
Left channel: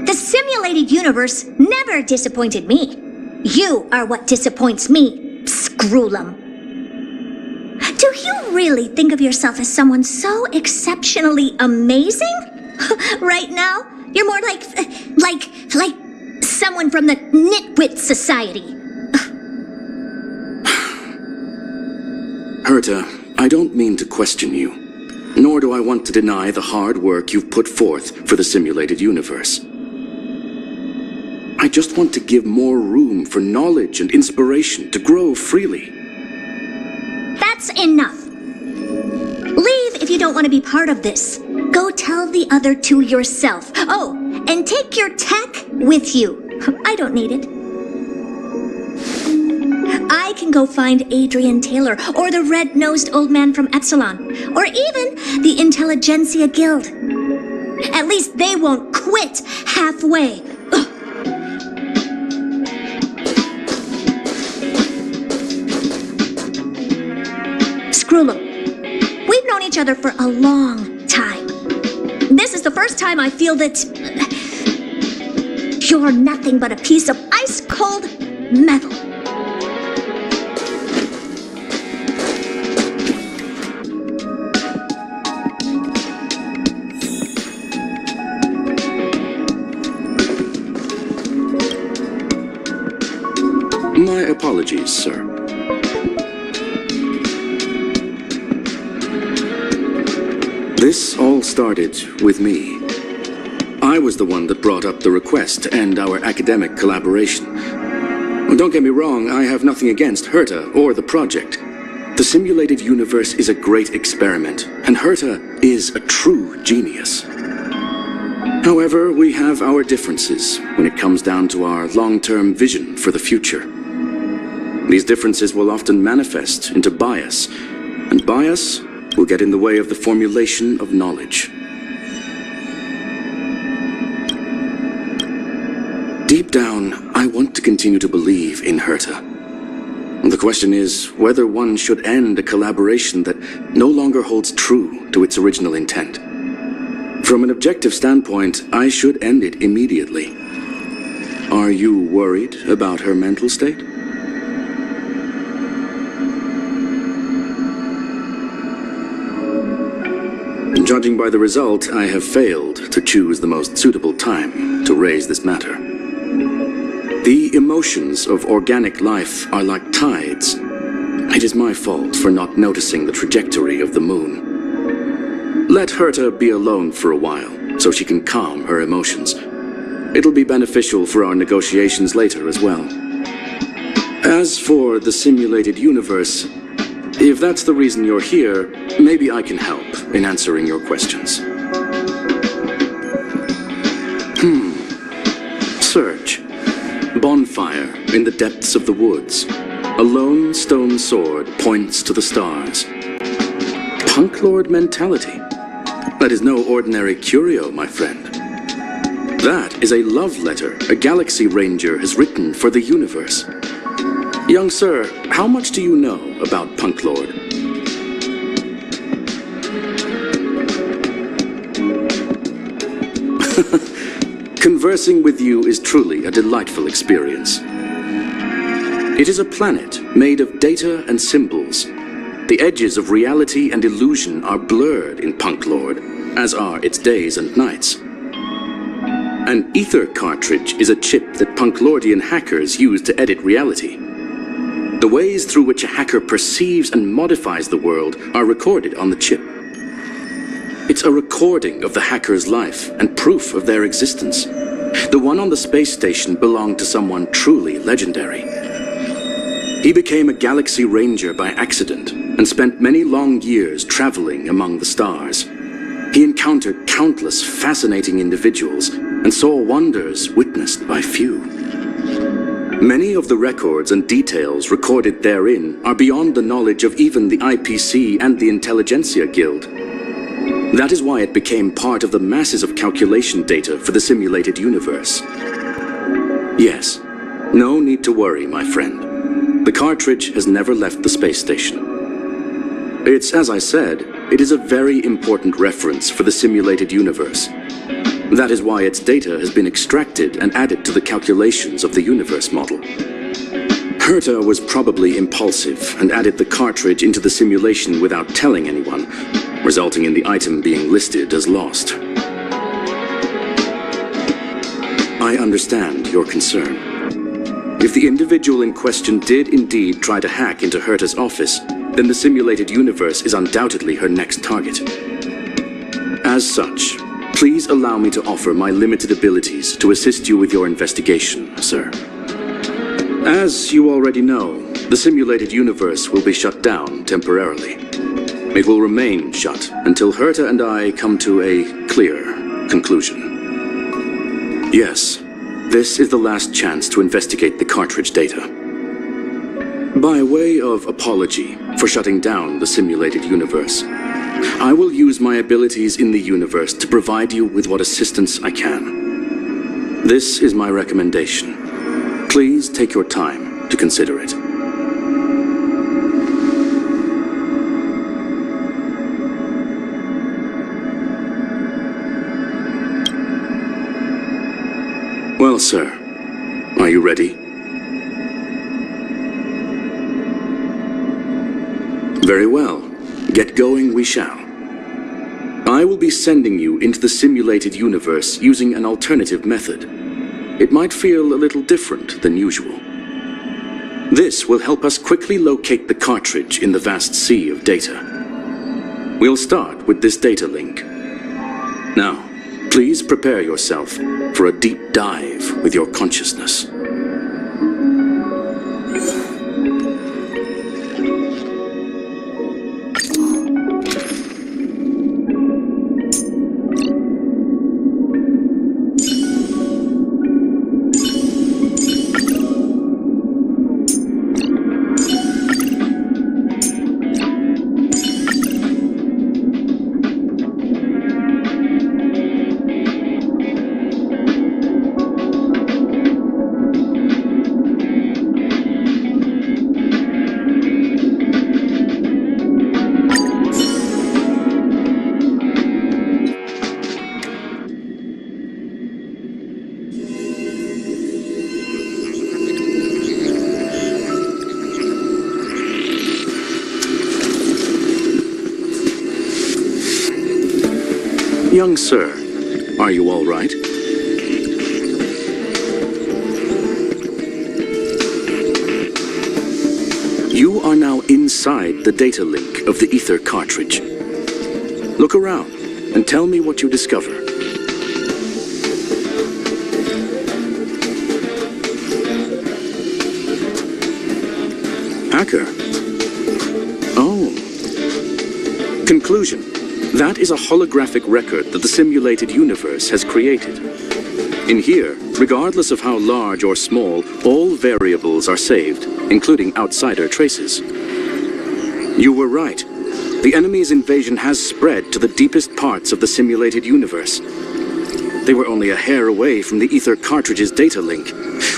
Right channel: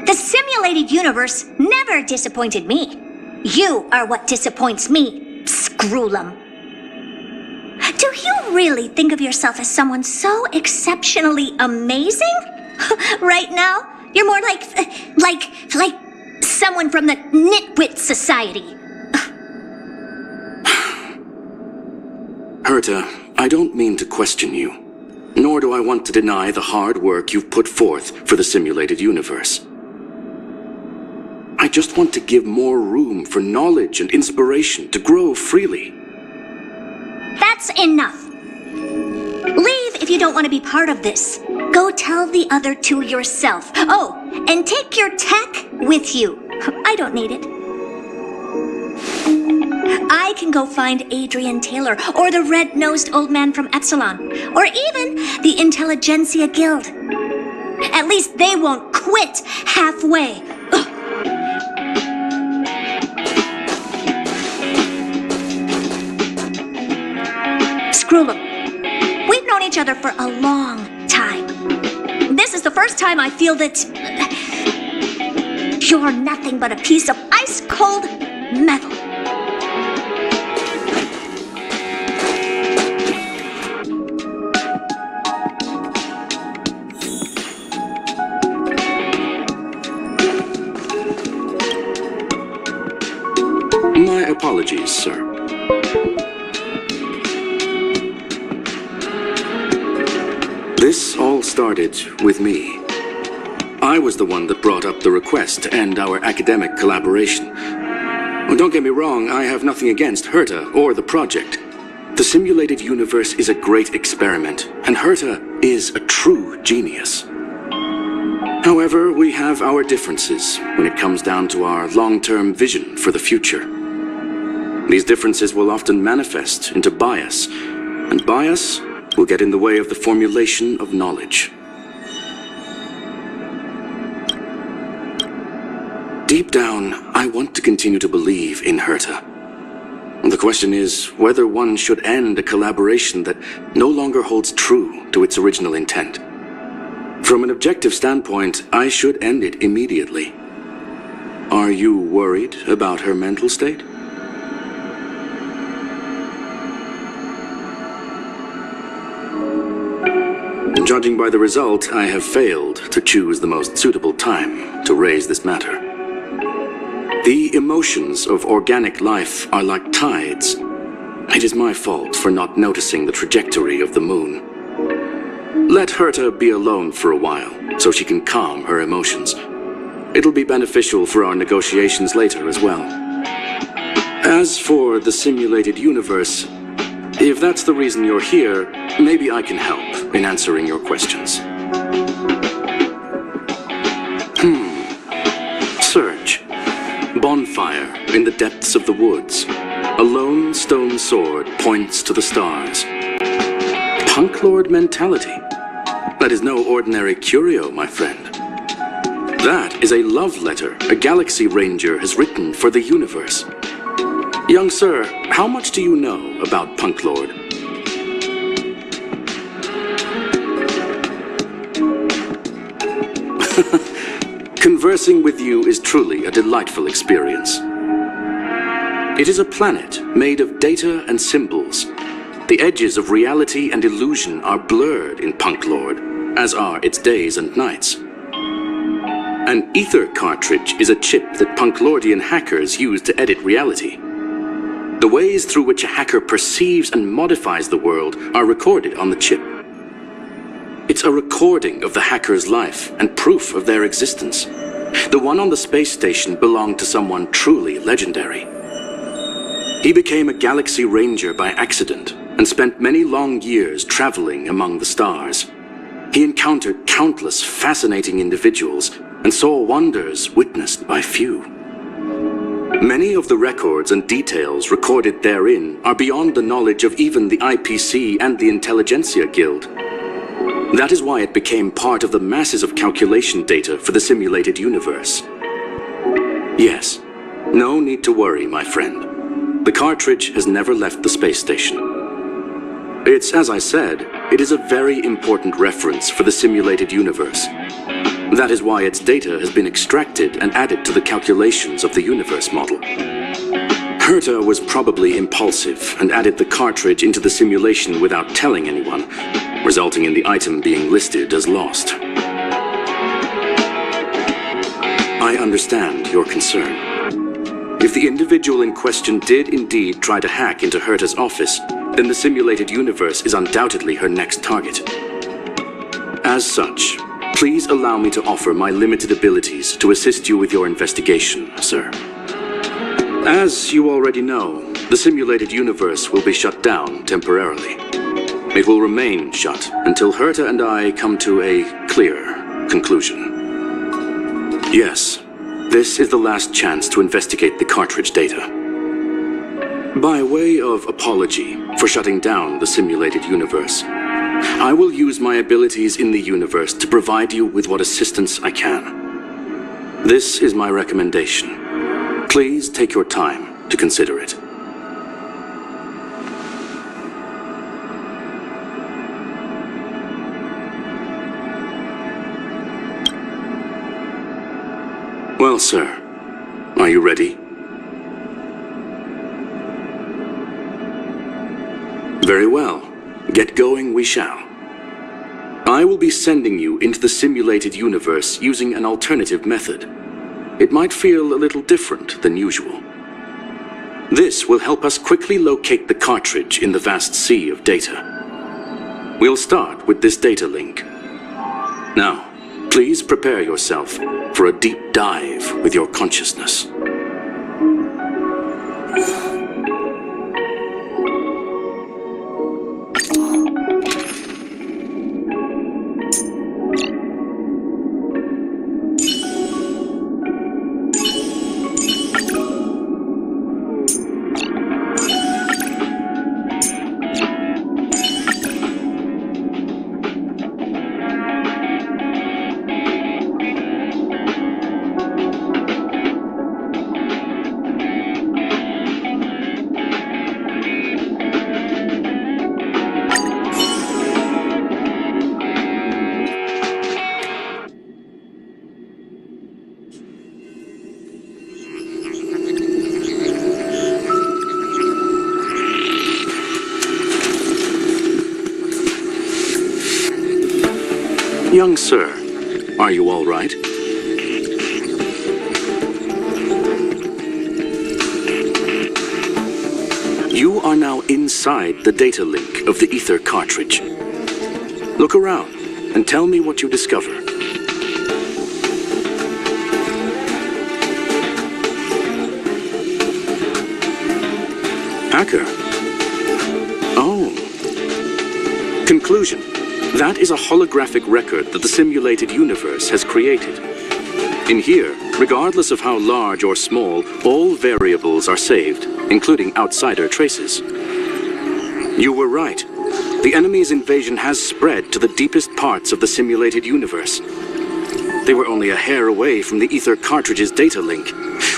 The simulated universe never disappointed me. You are what disappoints me, Screwlum. Do you really think of yourself as someone so exceptionally amazing? Right now, you're more like someone from the Nitwit Society. Herta, I don't mean to question you, nor do I want to deny the hard work you've put forth for the simulated universe. I just want to give more room for knowledge and inspiration to grow freely. That's enough. Leave if you don't want to be part of this. Go tell the other two yourself. Oh, and take your tech with you. I don't need it. I can go find Adrian Taylor or the red-nosed old man from Epsilon, or even the Intelligentsia Guild. At least they won't quit halfway. Ugh. Screwlum, we've known each other for a long time. This is the first time I feel that you're nothing but a piece of ice-cold metal. My apologies, sir. This all started with me. I was the one that brought up the request to end our academic collaboration. Don't get me wrong, I have nothing against Herta or the project. The simulated universe is a great experiment, and Herta is a true genius. However, we have our differences when it comes down to our long-term vision for the future. These differences will often manifest into bias, and bias will get in the way of the formulation of knowledge. Deep down, I want to continue to believe in Herta. The question is whether one should end a collaboration that no longer holds true to its original intent. From an objective standpoint, I should end it immediately. Are you worried about her mental state? Judging by the result, I have failed to choose the most suitable time to raise this matter. The emotions of organic life are like tides. It is my fault for not noticing the trajectory of the moon. Let Herta be alone for a while, so she can calm her emotions. It'll be beneficial for our negotiations later as well. As for the simulated universe, if that's the reason you're here, maybe I can help in answering your questions. Search. Bonfire in the depths of the woods. A lone stone sword points to the stars. Punk Lord mentality. That is no ordinary curio, my friend. That is a love letter a Galaxy Ranger has written for the universe. Young sir, how much do you know about Punk Lord? Conversing with you is truly a delightful experience. It is a planet made of data and symbols. The edges of reality and illusion are blurred in Punk Lord, as are its days and nights. An ether cartridge is a chip that Punk Lordian hackers use to edit reality. The ways through which a hacker perceives and modifies the world are recorded on the chip. It's a recording of the hacker's life and proof of their existence. The one on the space station belonged to someone truly legendary. He became a Galaxy Ranger by accident and spent many long years traveling among the stars. He encountered countless fascinating individuals and saw wonders witnessed by few. Many of the records and details recorded therein are beyond the knowledge of even the IPC and the Intelligentsia Guild. That is why it became part of the masses of calculation data for the simulated universe. Yes, no need to worry, my friend. The cartridge has never left the space station. It's, as I said, it is a very important reference for the simulated universe. That is why its data has been extracted and added to the calculations of the universe model. Herta was probably impulsive and added the cartridge into the simulation without telling anyone, resulting in the item being listed as lost. I understand your concern. If the individual in question did indeed try to hack into Herta's office, then the simulated universe is undoubtedly her next target. As such, please allow me to offer my limited abilities to assist you with your investigation, sir. As you already know, the simulated universe will be shut down temporarily. It will remain shut until Herta and I come to a clear conclusion. Yes, this is the last chance to investigate the cartridge data. By way of apology for shutting down the simulated universe, I will use my abilities in the universe to provide you with what assistance I can. This is my recommendation. Please take your time to consider it. Well, sir, are you ready? Very well. Get going we shall. I will be sending you into the simulated universe using an alternative method. It might feel a little different than usual. This will help us quickly locate the cartridge in the vast sea of data. We'll start with this data link. Now, please prepare yourself for a deep dive with your consciousness. Young sir, are you all right? You are now inside the data link of the ether cartridge. Look around and tell me what you discover. Hacker? Oh. Conclusion. That is a holographic record that the simulated universe has created. In here, regardless of how large or small, all variables are saved, including outsider traces. You were right. The enemy's invasion has spread to the deepest parts of the simulated universe. They were only a hair away from the ether cartridge's data link.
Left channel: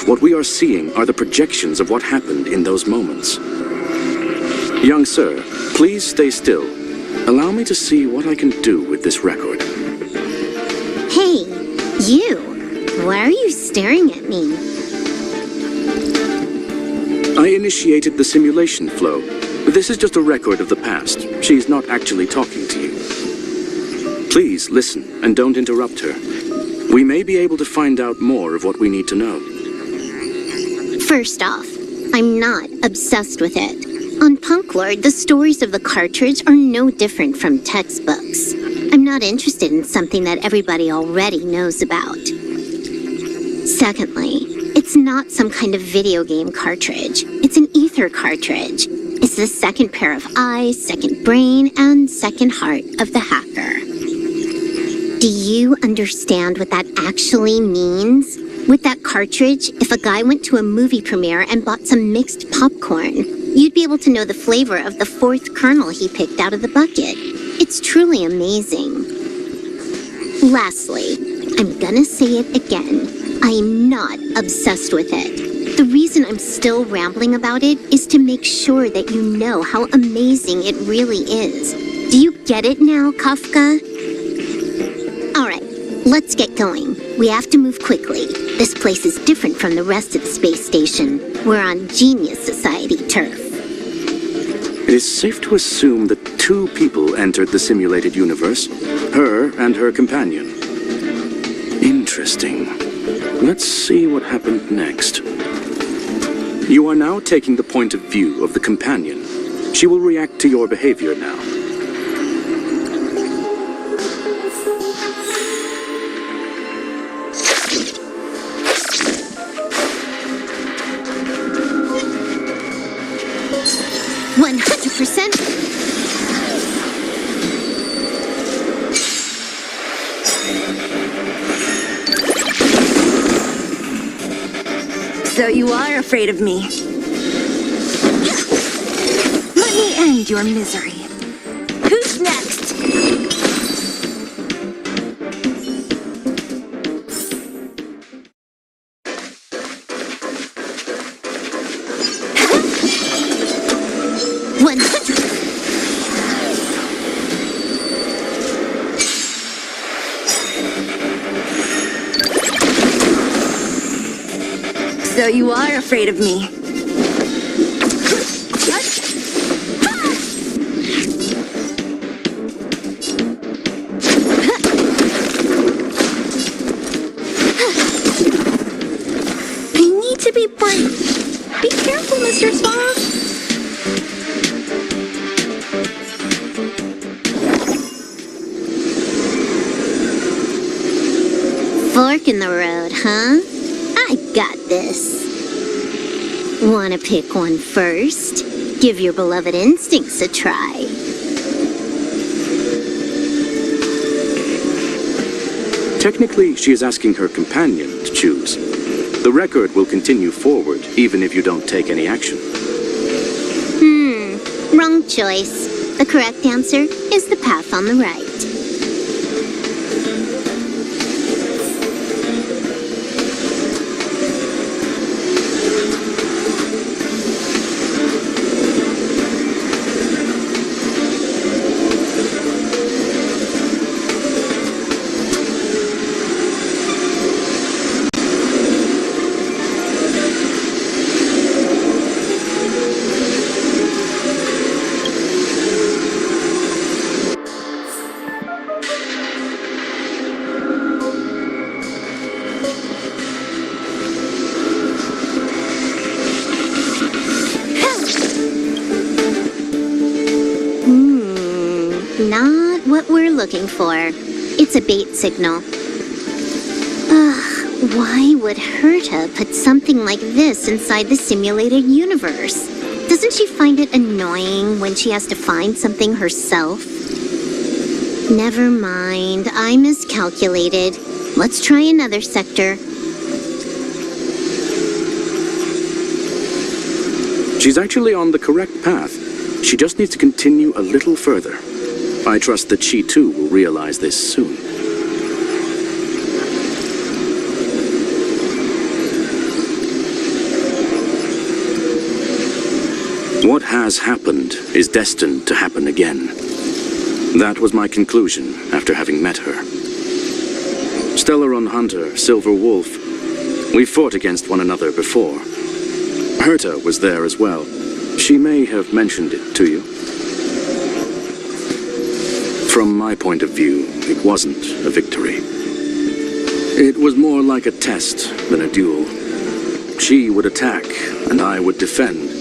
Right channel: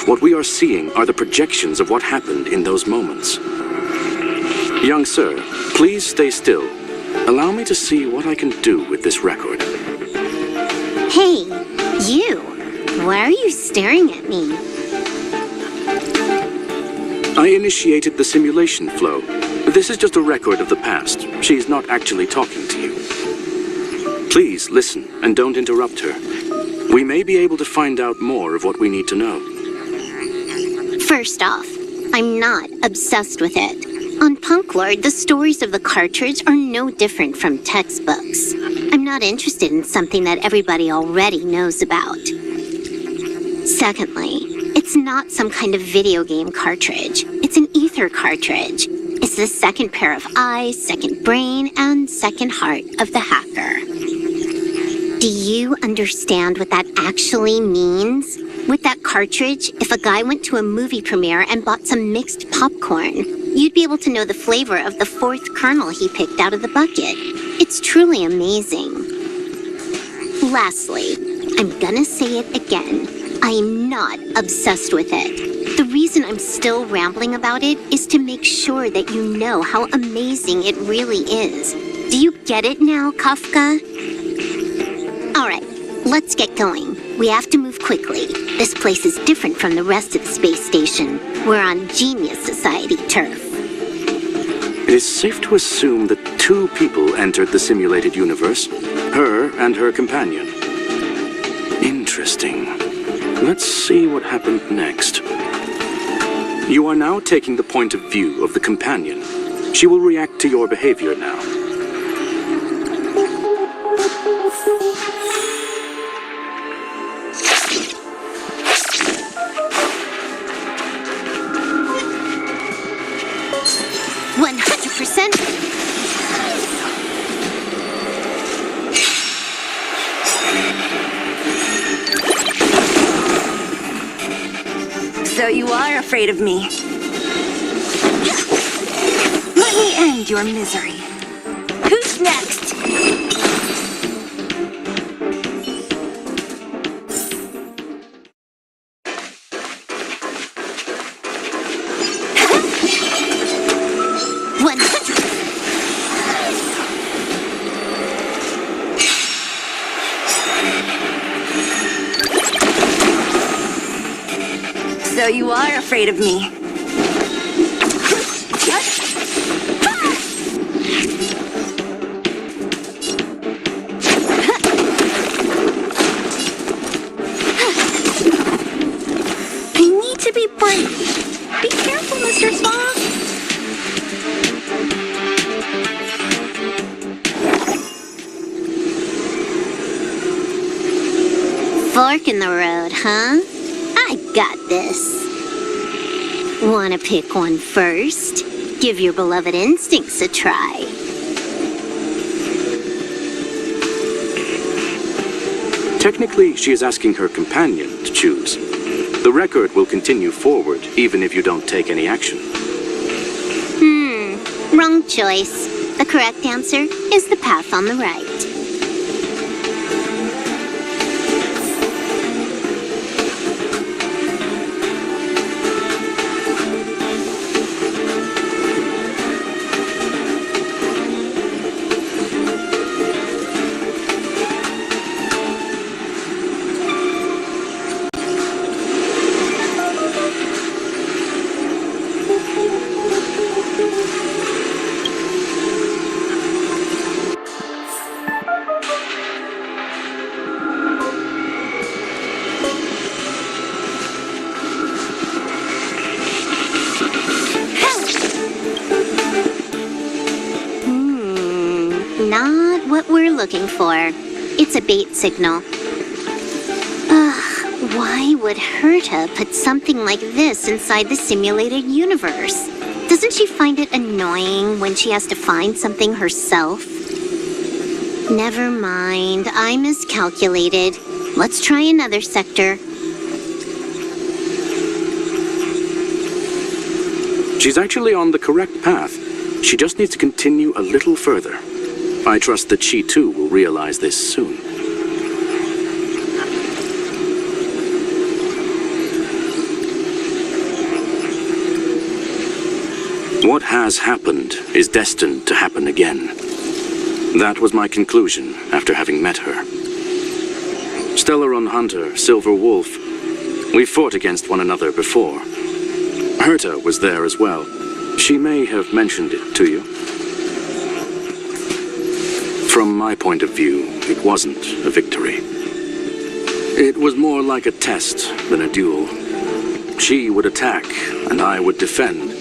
What we are seeing are the projections of what happened in those moments. Young sir, please stay still. Allow me to see what I can do with this record. Hey, you! Why are you staring at me? I initiated the simulation flow. This is just a record of the past. She's not actually talking to you. Please listen and don't interrupt her. We may be able to find out more of what we need to know. First off, I'm not obsessed with it. On Punklord, the stories of the cartridge are no different from textbooks. I'm not interested in something that everybody already knows about. Secondly, it's not some kind of video game cartridge. It's an ether cartridge. It's the second pair of eyes, second brain, and second heart of the hacker. Do you understand what that actually means? With that cartridge, if a guy went to a movie premiere and bought some mixed popcorn, you'd be able to know the flavor of the fourth kernel he picked out of the bucket. It's truly amazing. Lastly, I'm gonna say it again. I'm not obsessed with it. The reason I'm still rambling about it is to make sure that you know how amazing it really is. Do you get it now, Kafka? Alright, let's get going. We have to move quickly. This place is different from the rest of the space station. We're on Genius Society turf. It is safe to assume that two people entered the simulated universe, her and her companion. Interesting. Let's see what happened next. You are now taking the point of view of the companion. She will react to your behavior now. So you are afraid of me. Let me end your misery. Who's next? So you are afraid of me. I need to be brave. Be careful, Mr. Sparrow. Fork in the road, huh? I got this. Wanna pick one first? Give your beloved instincts a try. Technically, she is asking her companion to choose. The record will continue forward, even if you don't take any action. Wrong choice. The correct answer is the path on the right. Not what we're looking for. It's a bait signal. Why would Herta put something like this inside the simulated universe? Doesn't she find it annoying when she has to find something herself? Never mind, I miscalculated. Let's try another sector. She's actually on the correct path. She just needs to continue a little further. I trust that she too will realize this soon. What has happened is destined to happen again. That was my conclusion after having met her. Stellaron Hunter, Silver Wolf, we fought against one another before. Herta was there as well. She may have mentioned it to you. From my point of view, it wasn't a victory. It was more like a test than a duel. She would attack, and I would defend.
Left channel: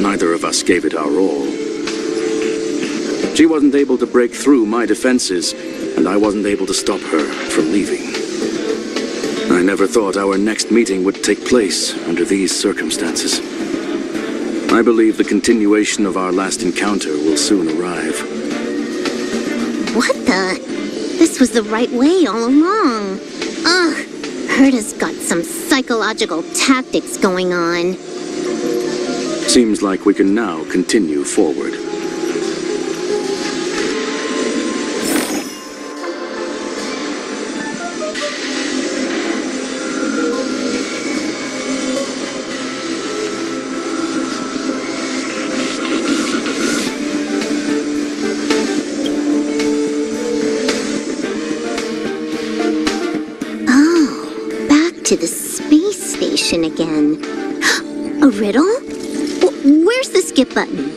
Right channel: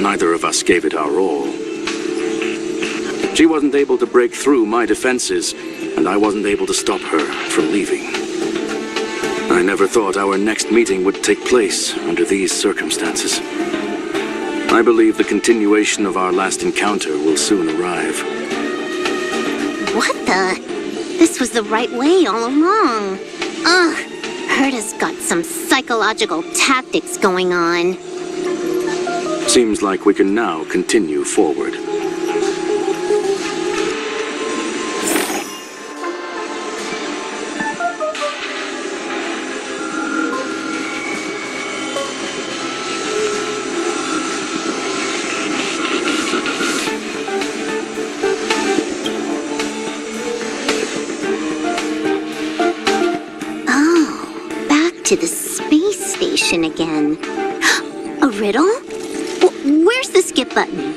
Neither of us gave it our all. She wasn't able to break through my defenses, and I wasn't able to stop her from leaving. I never thought our next meeting would take place under these circumstances. I believe the continuation of our last encounter will soon arrive. What the? This was the right way all along. Ugh, Herta's got some psychological tactics going on. Seems like we can now continue forward. To the space station again. A riddle? Where's the skip button?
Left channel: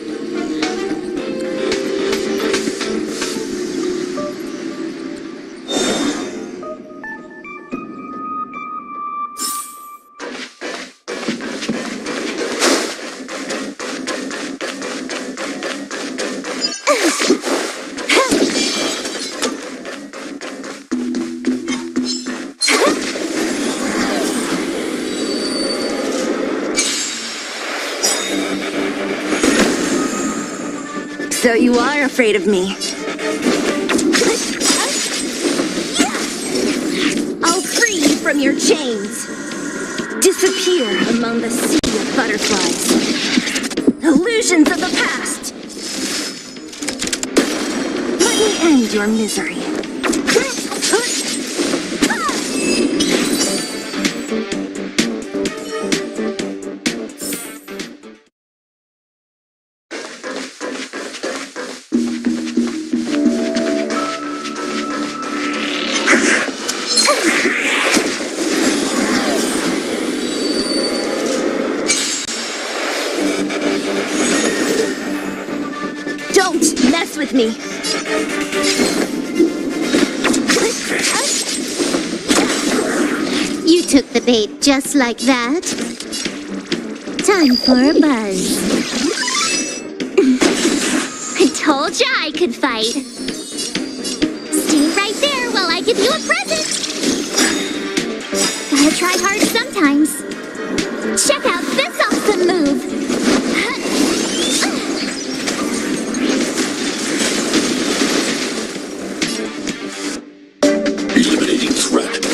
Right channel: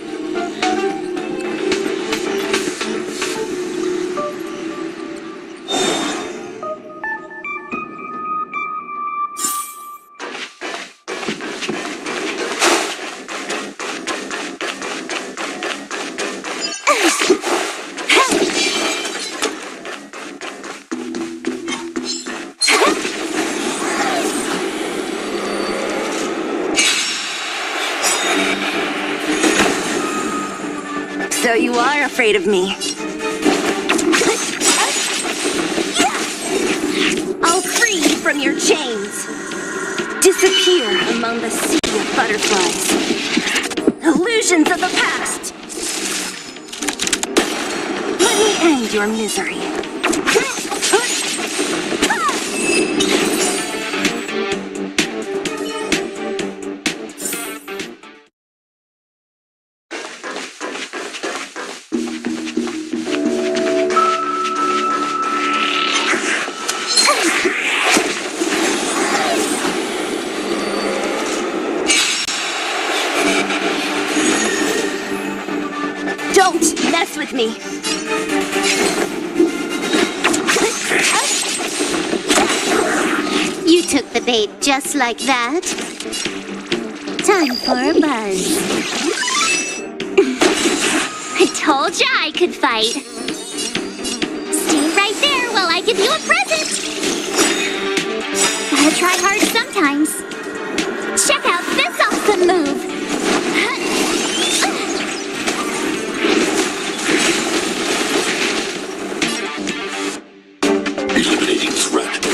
So you are afraid of me. I'll free you from your chains. Disappear among the sea of butterflies. Illusions of the past. end your misery. Don't mess with me. You took the bait just like that. Time for a buzz. I told ya I could fight. Stay right there while I give you a present. Gotta try hard sometimes. Check out this awesome move. Eliminating threat.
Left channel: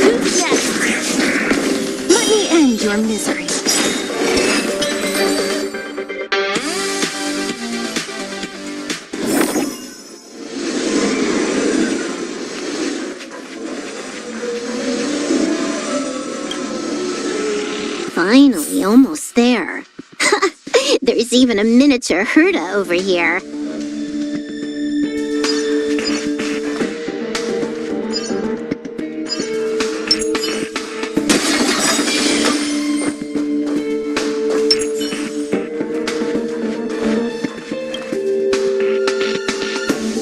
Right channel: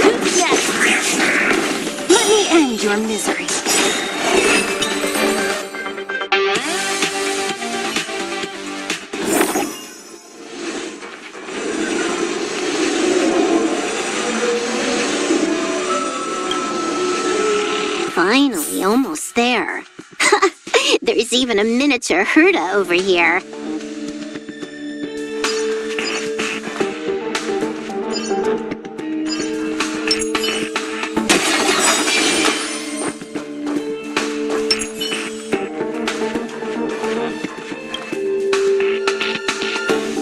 Who's next? Let me end your misery. Finally, almost there. There's even a miniature Herta over here.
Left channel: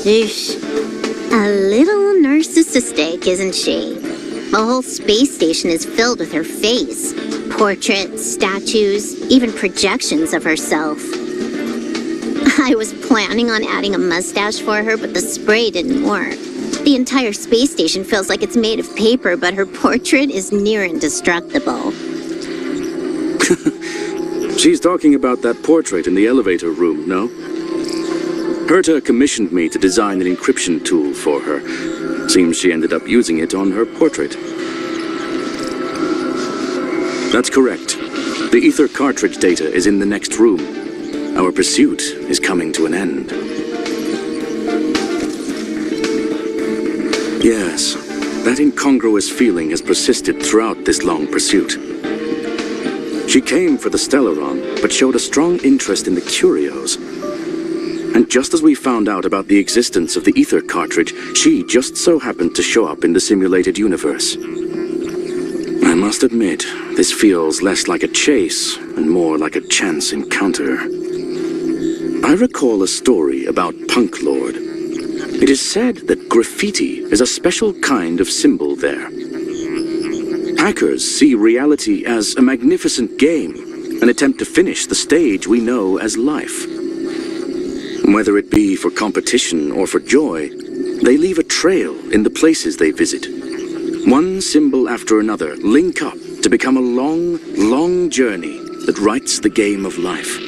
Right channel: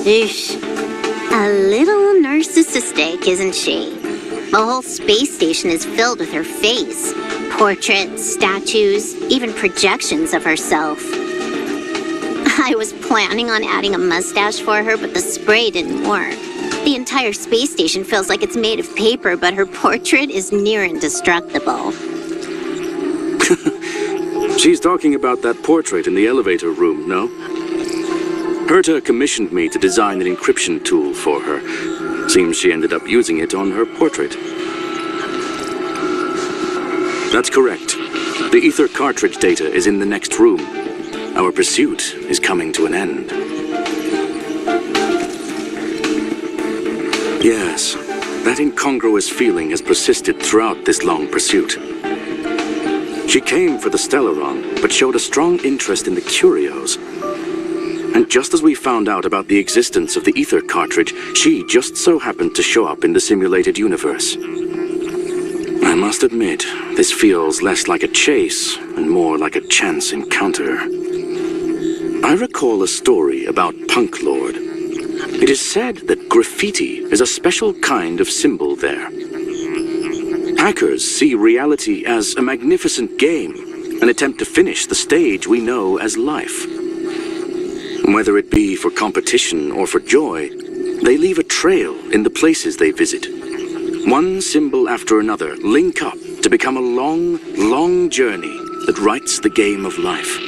Oosh. A little narcissistic, isn't she? The whole space station is filled with her face. Portraits, statues, even projections of herself. I was planning on adding a mustache for her, but the spray didn't work. The entire space station feels like it's made of paper, but her portrait is near indestructible. She's talking about that portrait in the elevator room, no? Herta commissioned me to design an encryption tool for her. Seems she ended up using it on her portrait. That's correct. The ether cartridge data is in the next room. Our pursuit is coming to an end. Yes, that incongruous feeling has persisted throughout this long pursuit. She came for the Stellaron, but showed a strong interest in the curios. And just as we found out about the existence of the ether cartridge, she just so happened to show up in the simulated universe. I must admit, this feels less like a chase and more like a chance encounter. I recall a story about Punk Lord. It is said that graffiti is a special kind of symbol there. Hackers see reality as a magnificent game, an attempt to finish the stage we know as life. Whether it be for competition or for joy, they leave a trail in the places they visit. One symbol after another link up to become a long, long journey that writes the game of life.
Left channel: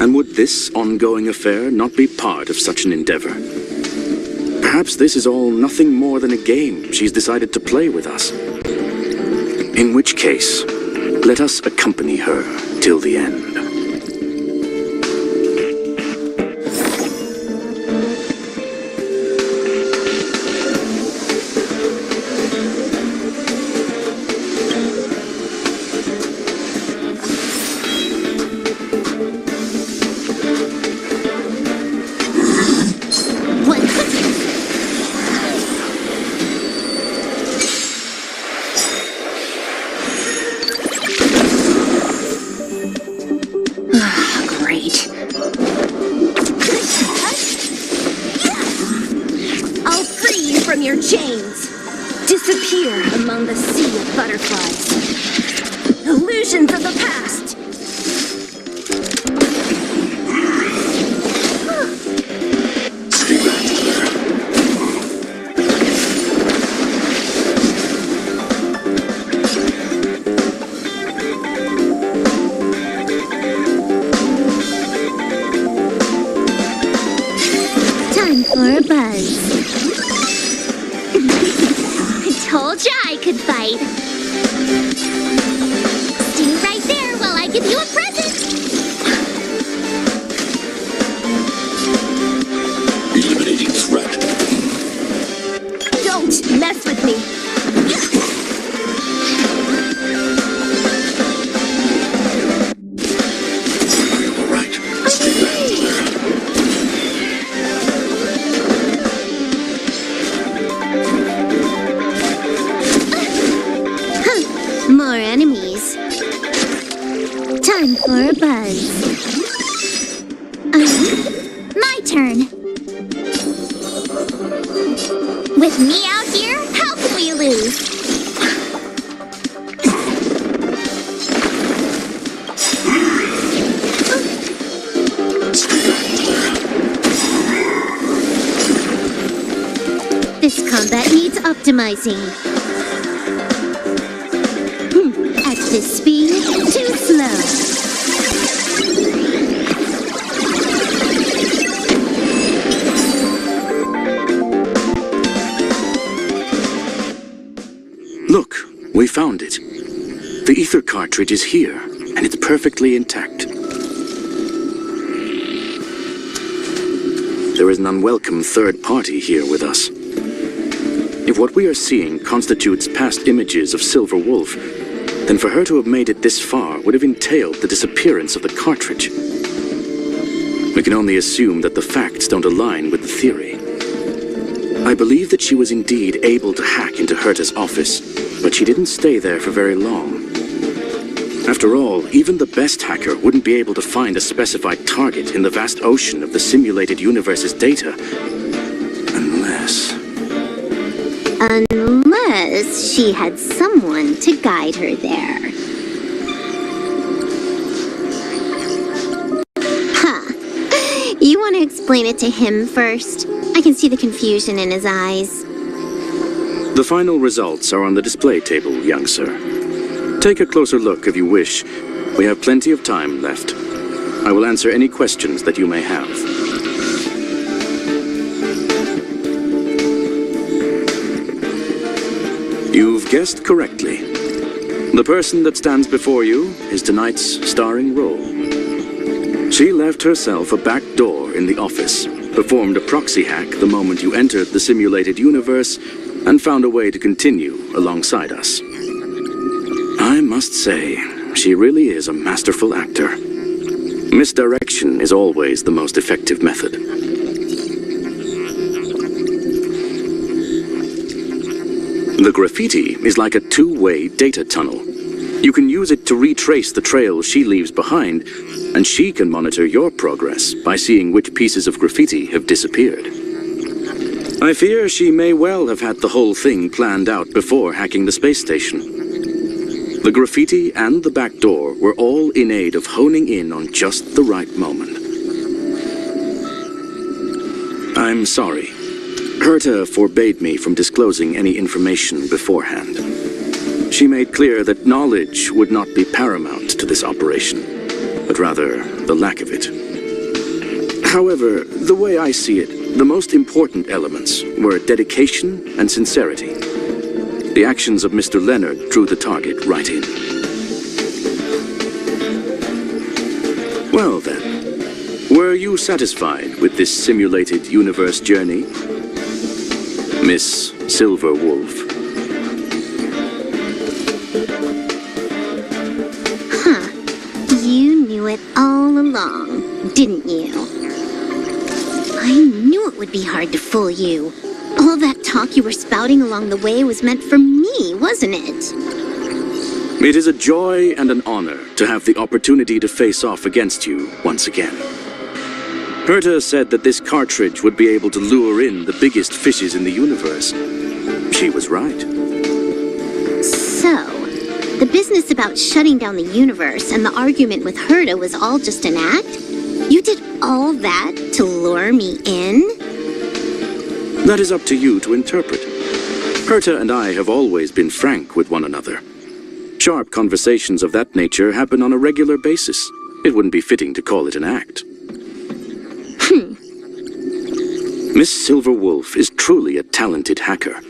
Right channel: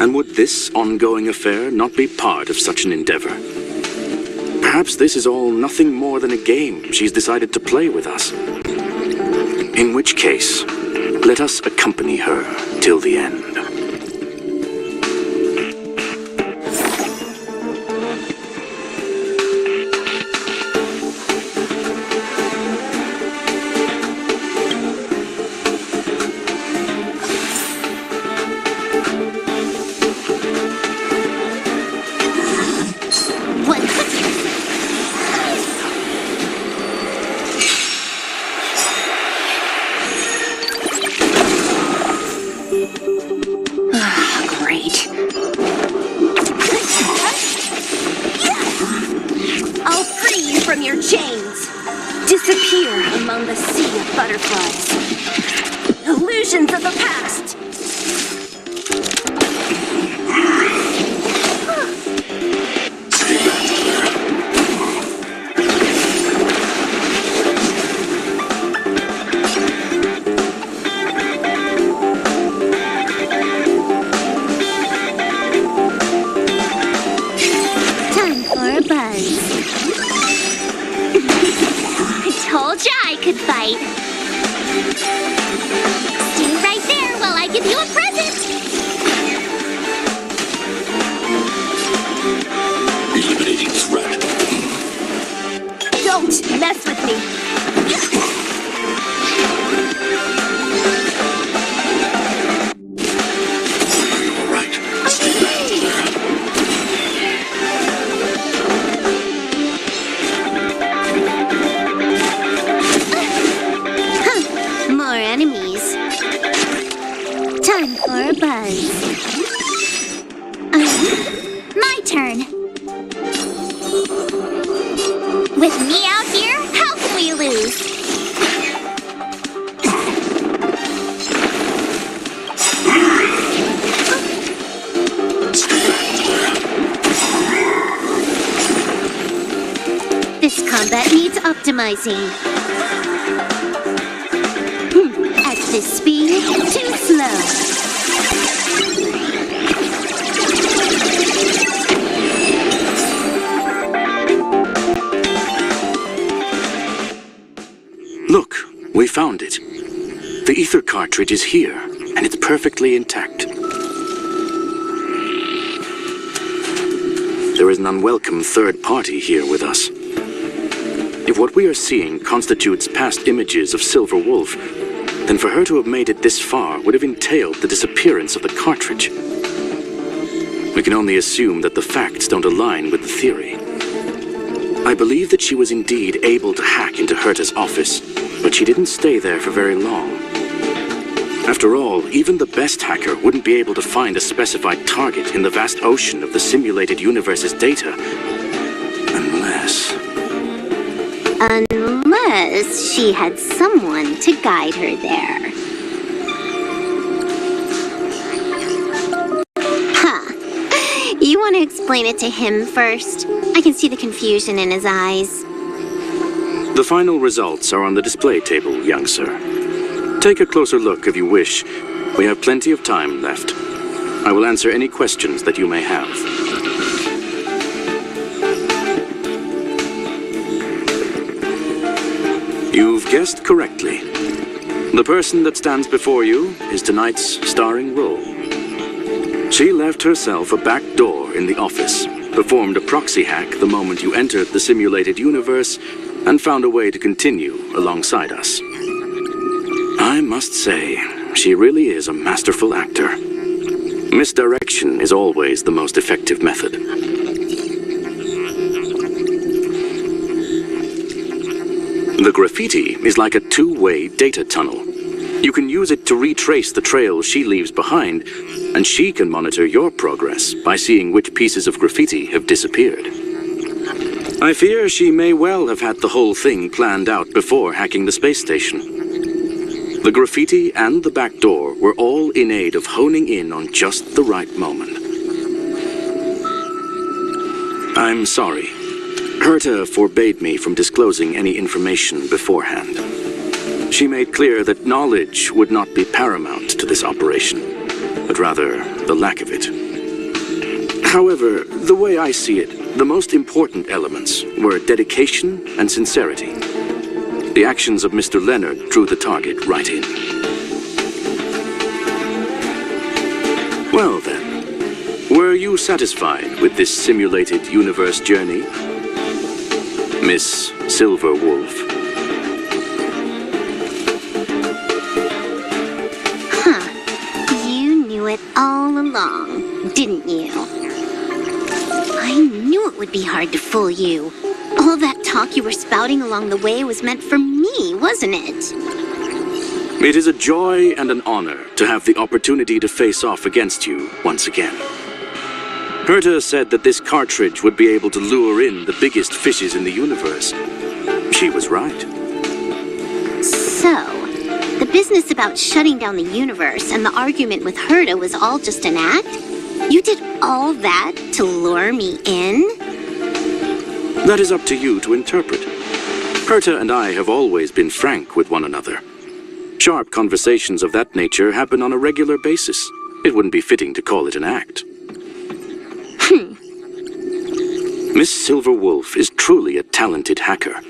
And would this ongoing affair not be part of such an endeavor? Perhaps this is all nothing more than a game she's decided to play with us. In which case, let us accompany her till the end. From your chains. Disappear among the sea of butterflies. Illusions of the past. Stay back there. Time for a buzz. Told ya I could fight. Stay right there while I give you me. All right. Stay back, Clara. More enemies. Time for a buzz. My turn. With me out here, how can we lose? Stay back, Clara. This combat needs optimizing. At this speed, too slow. Look, we found it. The ether cartridge is here, and it's perfectly intact. There is an unwelcome third party here with us. If what we are seeing constitutes past images of Silver Wolf, then for her to have made it this far would have entailed the disappearance of the cartridge. We can only assume that the facts don't align with the theory. I believe that she was indeed able to hack into Herta's office, but she didn't stay there for very long. After all, even the best hacker wouldn't be able to find a specified target in the vast ocean of the simulated universe's data. Unless she had someone to guide her there. Huh. You want to explain it to him first? I can see the confusion in his eyes. The final results are on the display table, young sir. Take a closer look if you wish. We have plenty of time left. I will answer any questions that you may have. You've guessed correctly. The person that stands before you is tonight's starring role. She left herself a back door in the office, performed a proxy hack the moment you entered the simulated universe, and found a way to continue alongside us. I must say, she really is a masterful actor. Misdirection is always the most effective method. The graffiti is like a two-way data tunnel. You can use it to retrace the trail she leaves behind, and she can monitor your progress by seeing which pieces of graffiti have disappeared. I fear she may well have had the whole thing planned out before hacking the space station. The graffiti and the back door were all in aid of honing in on just the right moment. I'm sorry. Herta forbade me from disclosing any information beforehand. She made clear that knowledge would not be paramount to this operation, but rather the lack of it. However, the way I see it, the most important elements were dedication and sincerity. The actions of Mr. Leonard drew the target right in. Well then, were you satisfied with this simulated universe journey, Miss Silver Wolf? You knew it all along, didn't you? I knew it would be hard to fool you. All that talk you were spouting along the way was meant for me, wasn't it? It is a joy and an honor to have the opportunity to face off against you once again. Herta said that this cartridge would be able to lure in the biggest fishes in the universe. She was right. So, the business about shutting down the universe and the argument with Herta was all just an act? You did all that to lure me in? That is up to you to interpret. Herta and I have always been frank with one another. Sharp conversations of that nature happen on a regular basis. It wouldn't be fitting to call it an act. Miss Silver Wolf is truly a talented hacker.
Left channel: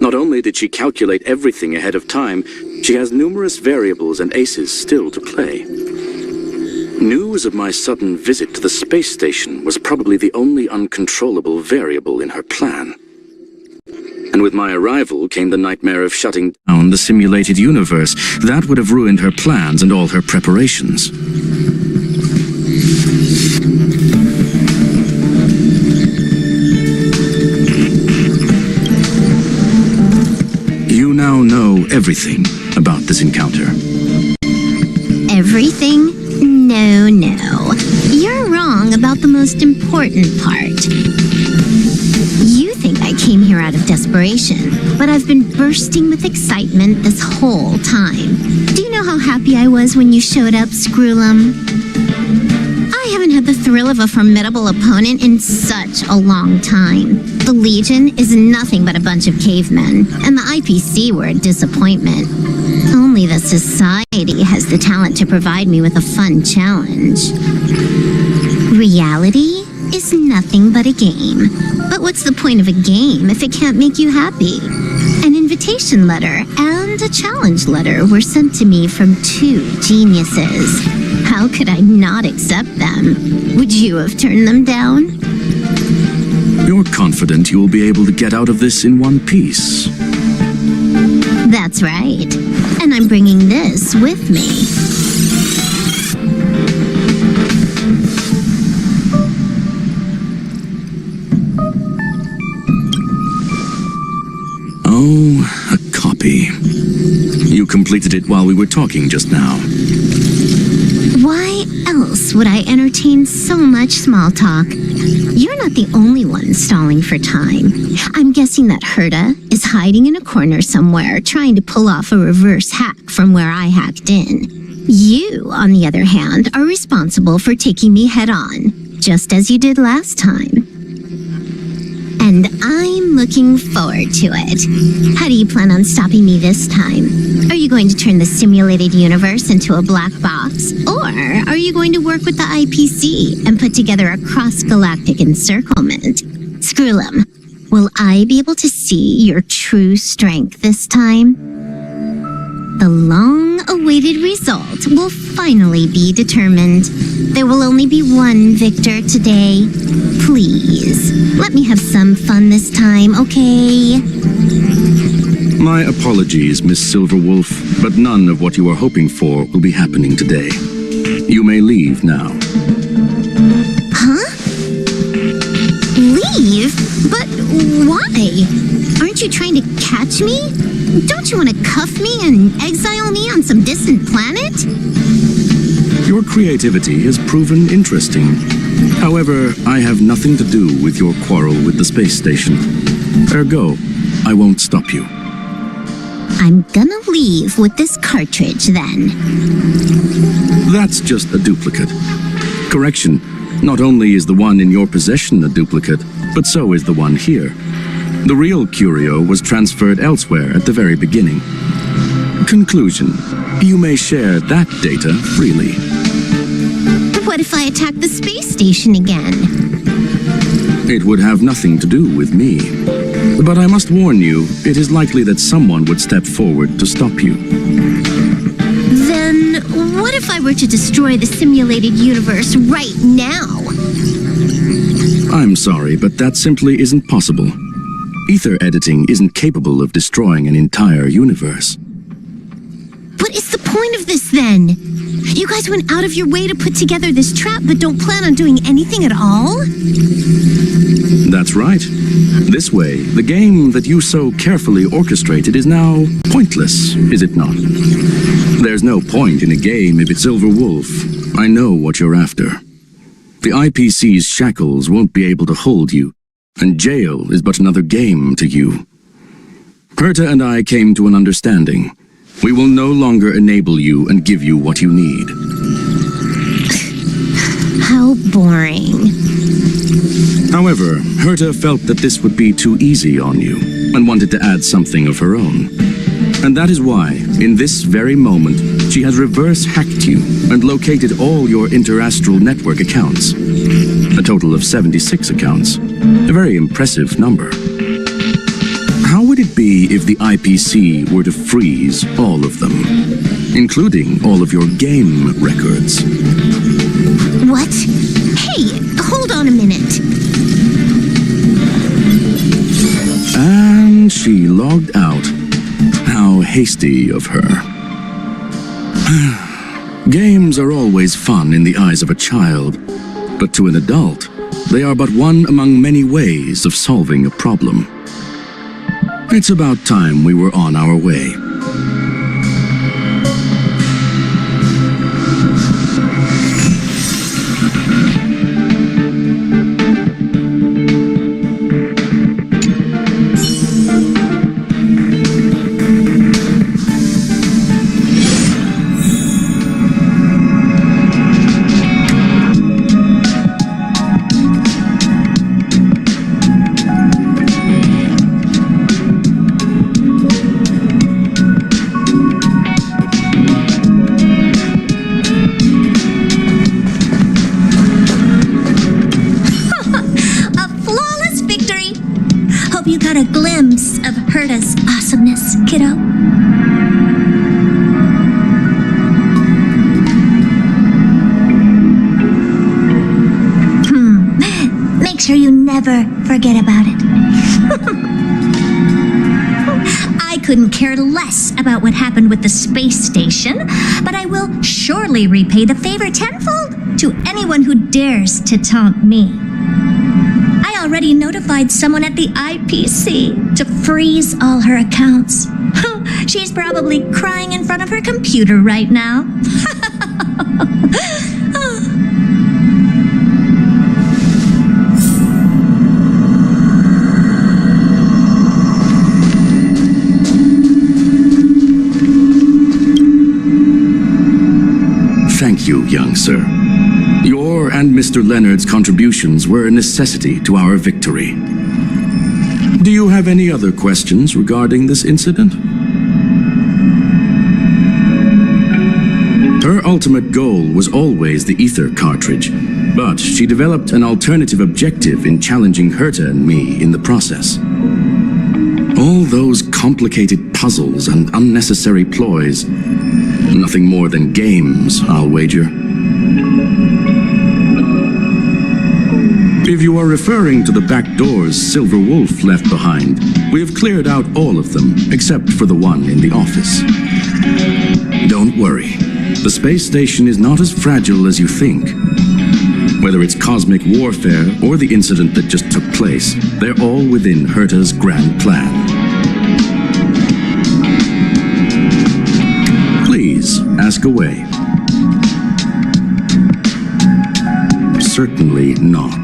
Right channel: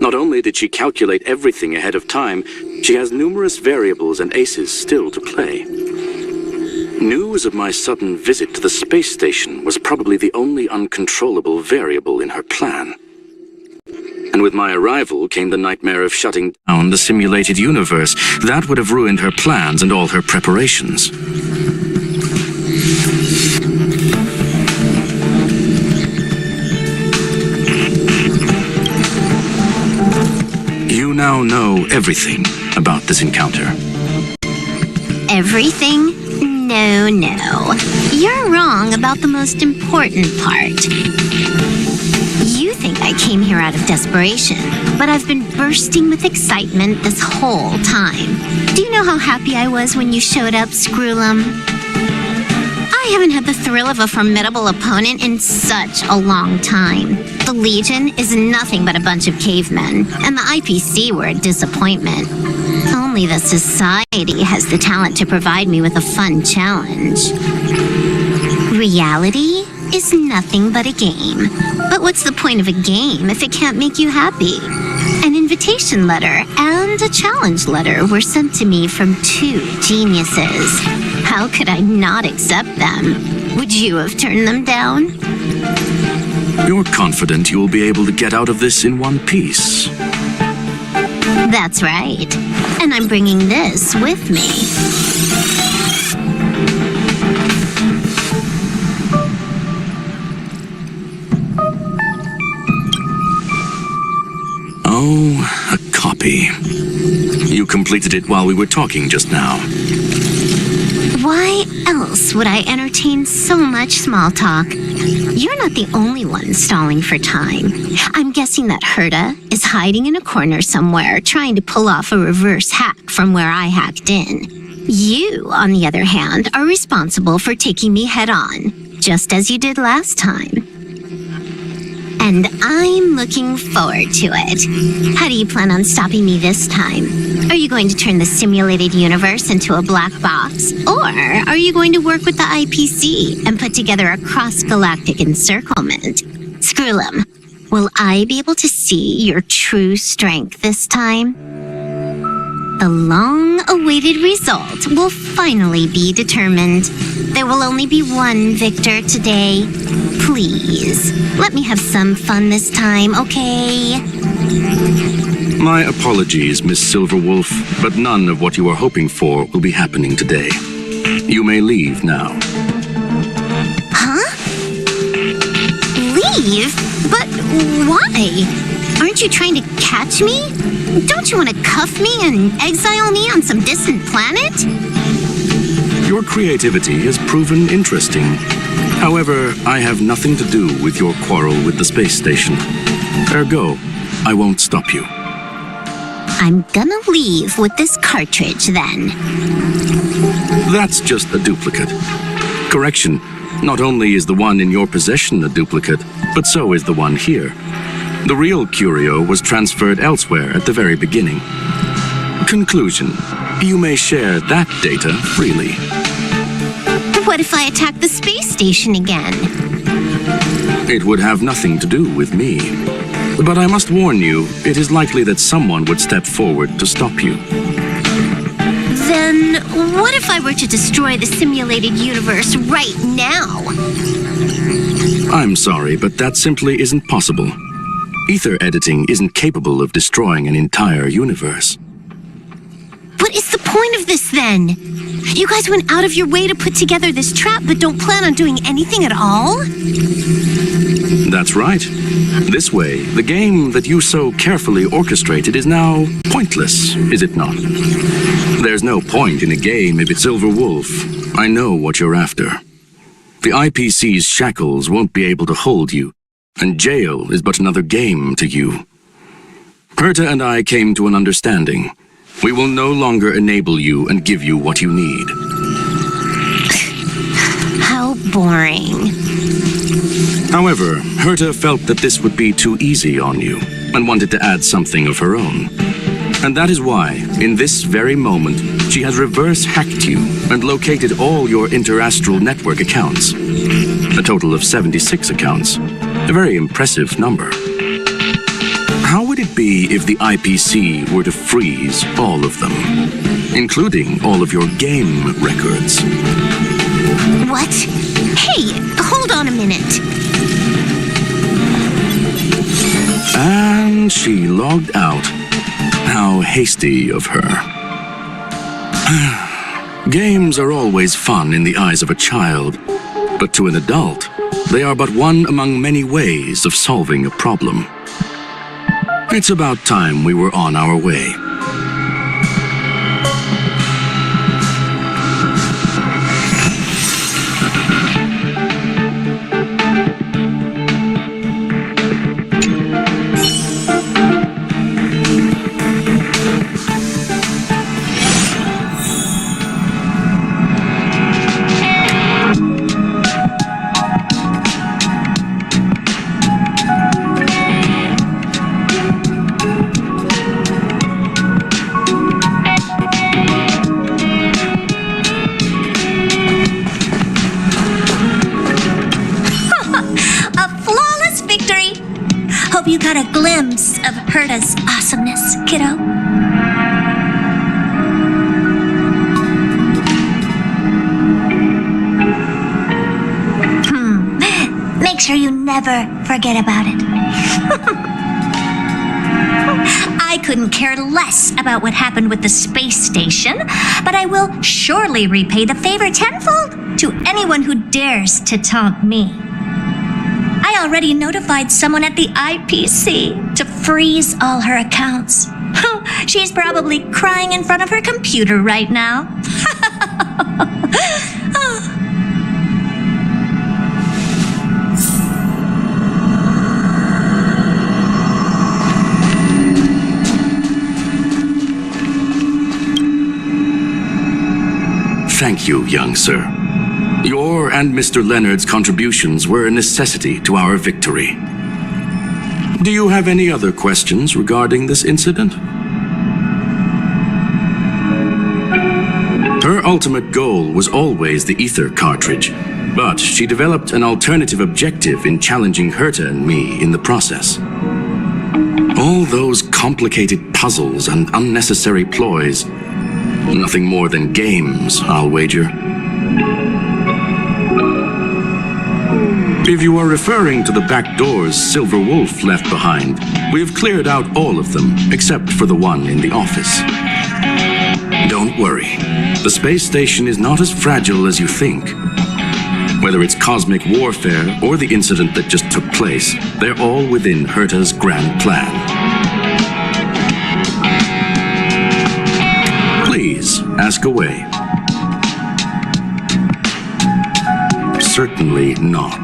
Not only did she calculate everything ahead of time, she has numerous variables and aces still to play. News of my sudden visit to the space station was probably the only uncontrollable variable in her plan. And with my arrival came the nightmare of shutting down the simulated universe. That would have ruined her plans and all her preparations. You now know everything about this encounter. Everything? No, no. You're wrong about the most important part. You think I came here out of desperation, but I've been bursting with excitement this whole time. Do you know how happy I was when you showed up, Screwlum? I haven't had the thrill of a formidable opponent in such a long time. The Legion is nothing but a bunch of cavemen, and the IPC were a disappointment. Only the Society has the talent to provide me with a fun challenge. Reality is nothing but a game. But what's the point of a game if it can't make you happy? An invitation letter and a challenge letter were sent to me from two geniuses. How could I not accept them? Would you have turned them down? You're confident you will be able to get out of this in one piece. That's right. And I'm bringing this with me. Oh, a copy. You completed it while we were talking just now. Why else would I entertain so much small talk? You're not the only one stalling for time. I'm guessing that Herta is hiding in a corner somewhere, trying to pull off a reverse hack from where I hacked in. You, on the other hand, are responsible for taking me head-on, just as you did last time. And I'm looking forward to it. How do you plan on stopping me this time? Are you going to turn the simulated universe into a black box? Or are you going to work with the IPC and put together a cross-galactic encirclement? Screwlum, will I be able to see your true strength this time? The long-awaited result will finally be determined. There will only be one victor today. Please, let me have some fun this time, okay? My apologies, Miss Silverwolf, but none of what you are hoping for will be happening today. You may leave now. Huh? Leave? But why? Aren't you trying to catch me? Don't you want to cuff me and exile me on some distant planet? Your creativity has proven interesting. However, I have nothing to do with your quarrel with the space station. Ergo, I won't stop you. I'm gonna leave with this cartridge, then. That's just a duplicate. Correction, not only is the one in your possession a duplicate, but so is the one here. The real curio was transferred elsewhere at the very beginning. Conclusion, you may share that data freely. What if I attack the space station again? It would have nothing to do with me. But I must warn you, it is likely that someone would step forward to stop you. Then, what if I were to destroy the simulated universe right now? I'm sorry, but that simply isn't possible. Ether editing isn't capable of destroying an entire universe. What is the point of this, then? You guys went out of your way to put together this trap, but don't plan on doing anything at all? That's right. This way, the game that you so carefully orchestrated is now pointless, is it not? There's no point in a game if it's Silverwolf. I know what you're after. The IPC's shackles won't be able to hold you, and jail is but another game to you. Herta and I came to an understanding. We will no longer enable you and give you what you need. How boring. However, Herta felt that this would be too easy on you and wanted to add something of her own. And that is why, in this very moment, she has reverse-hacked you and located all your interastral network accounts. A total of 76 accounts. A very impressive number. How would it be if the IPC were to freeze all of them, including all of your game records? What? Hey, hold on a minute. And then she logged out. How hasty of her. Games are always fun in the eyes of a child, but to an adult, they are but one among many ways of solving a problem. It's about time we were on our way. You got a glimpse of Herta's awesomeness, kiddo. Make sure you never forget about it. I couldn't care less about what happened with the space station, but I will surely repay the favor tenfold to anyone who dares to taunt me. I already notified someone at the IPC to freeze all her accounts. She's probably crying in front of her computer right now. Thank you, young sir. Your and Mr. Leonard's contributions were a necessity to our victory. Do you have any other questions regarding this incident? Her ultimate goal was always the ether cartridge, but she developed an alternative objective in challenging Herta and me in the process. All those complicated puzzles and unnecessary ploys, nothing more than games, I'll wager. If you are referring to the back doors Silver Wolf left behind, we have cleared out all of them, except for the one in the office. Don't worry. The space station is not as fragile as you think. Whether it's cosmic warfare or the incident that just took place, they're all within Herta's grand plan. Please, ask away. Certainly not.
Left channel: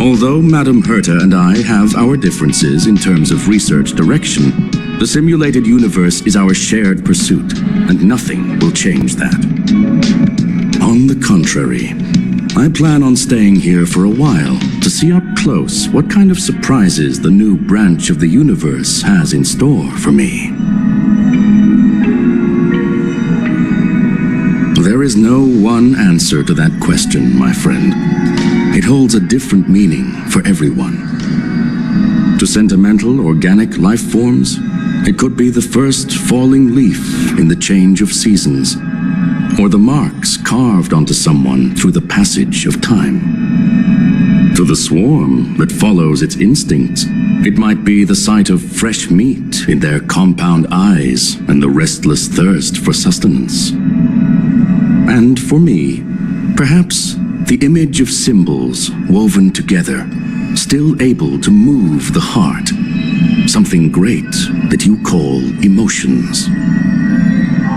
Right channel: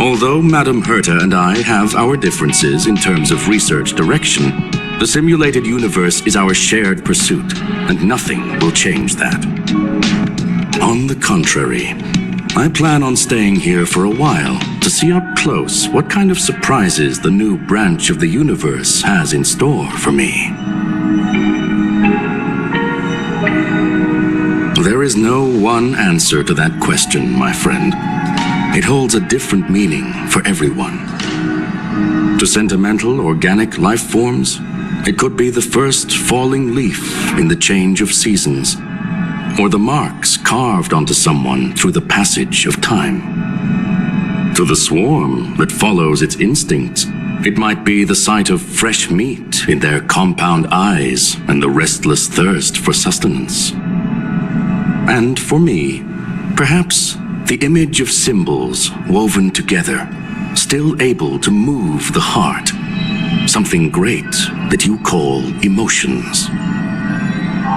Although Madame Herta and I have our differences in terms of research direction, the simulated universe is our shared pursuit, and nothing will change that. On the contrary, I plan on staying here for a while to see up close what kind of surprises the new branch of the universe has in store for me. There is no one answer to that question, my friend. It holds a different meaning for everyone. To sentimental, organic life forms, it could be the first falling leaf in the change of seasons, or the marks carved onto someone through the passage of time. To the swarm that follows its instincts, it might be the sight of fresh meat in their compound eyes and the restless thirst for sustenance. And for me, perhaps the image of symbols woven together, still able to move the heart, something great that you call emotions.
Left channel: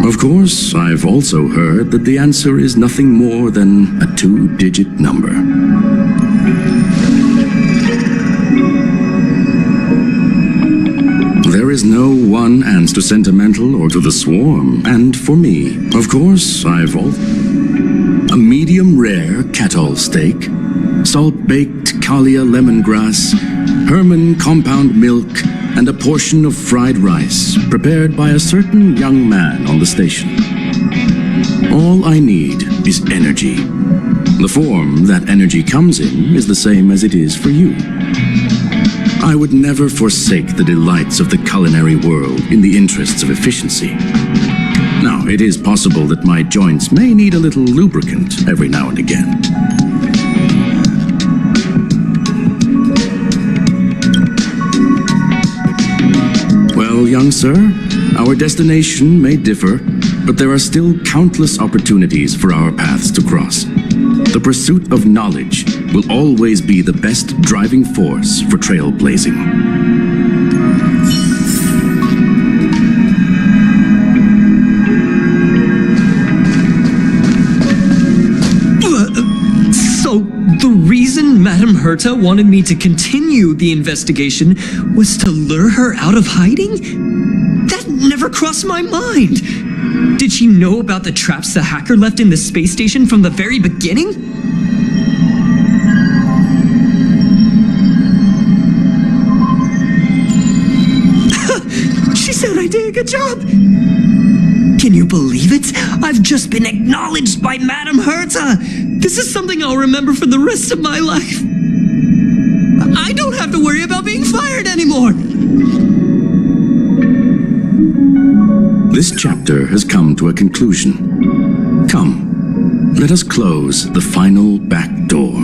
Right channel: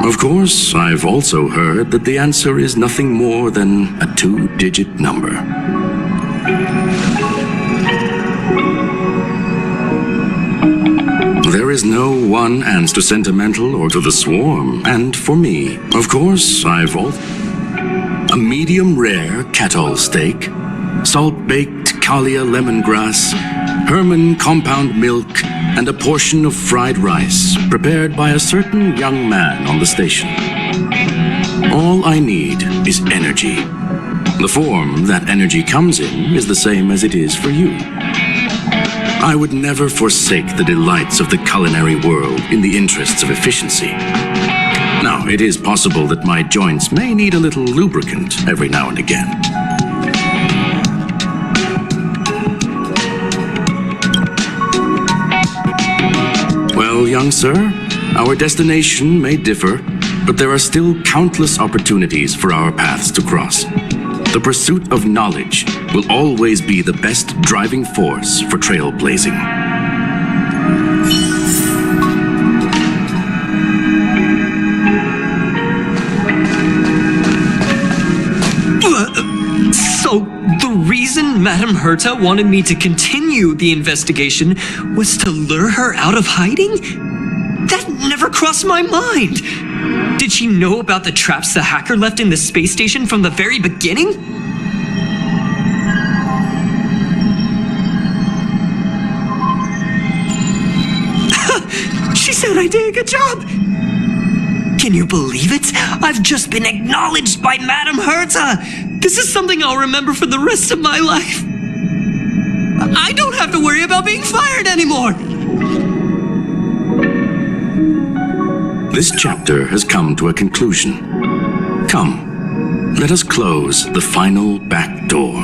Of course, I've also heard that the answer is nothing more than a 2-digit number. There is no one answer to sentimental or to the swarm, and for me, of course, I've a medium rare cattle steak, salt-baked Kalia lemongrass, Herman compound milk, and a portion of fried rice prepared by a certain young man on the station. All I need is energy. The form that energy comes in is the same as it is for you. I would never forsake the delights of the culinary world in the interests of efficiency. Now, it is possible that my joints may need a little lubricant every now and again. Well, young sir, our destination may differ, but there are still countless opportunities for our paths to cross. The pursuit of knowledge will always be the best driving force for trailblazing. So, the reason Madame Herta wanted me to continue the investigation was to lure her out of hiding? That never crossed my mind! Did she know about the traps the hacker left in the space station from the very beginning? She said I did a good job! Can you believe it? I've just been acknowledged by Madame Herta! This is something I'll remember for the rest of my life. I don't have to worry about being fired anymore! This chapter has come to a conclusion. Come, let us close the final back door.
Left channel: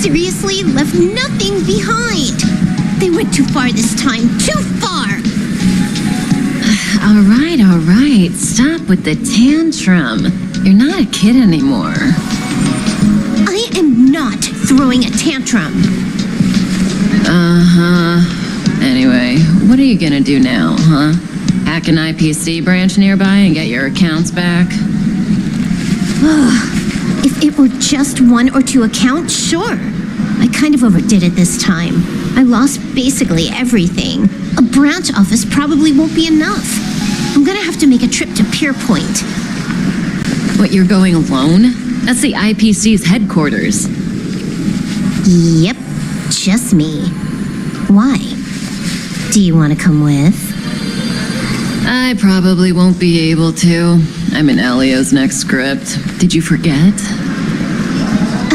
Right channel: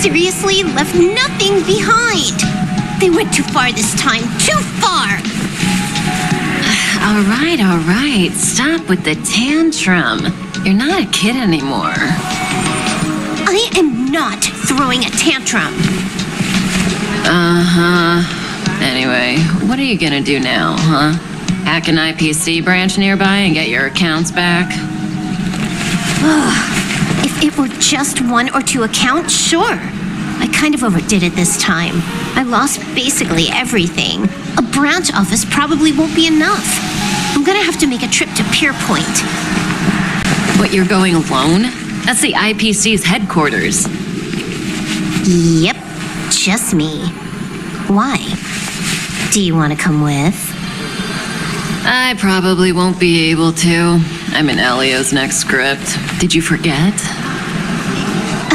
Seriously left nothing behind. They went too far this time. Too far. All right. Stop with the tantrum. You're not a kid anymore. I am not throwing a tantrum. Anyway, what are you gonna do now, huh? Hack an IPC branch nearby and get your accounts back? If it were just 1 or 2 accounts, sure. I kind of overdid it this time. I lost basically everything. A branch office probably won't be enough. I'm gonna have to make a trip to Pierpoint. What, you're going alone? That's the IPC's headquarters. Yep, just me. Why? Do you want to come with? I probably won't be able to. I'm in Elio's next script. Did you forget?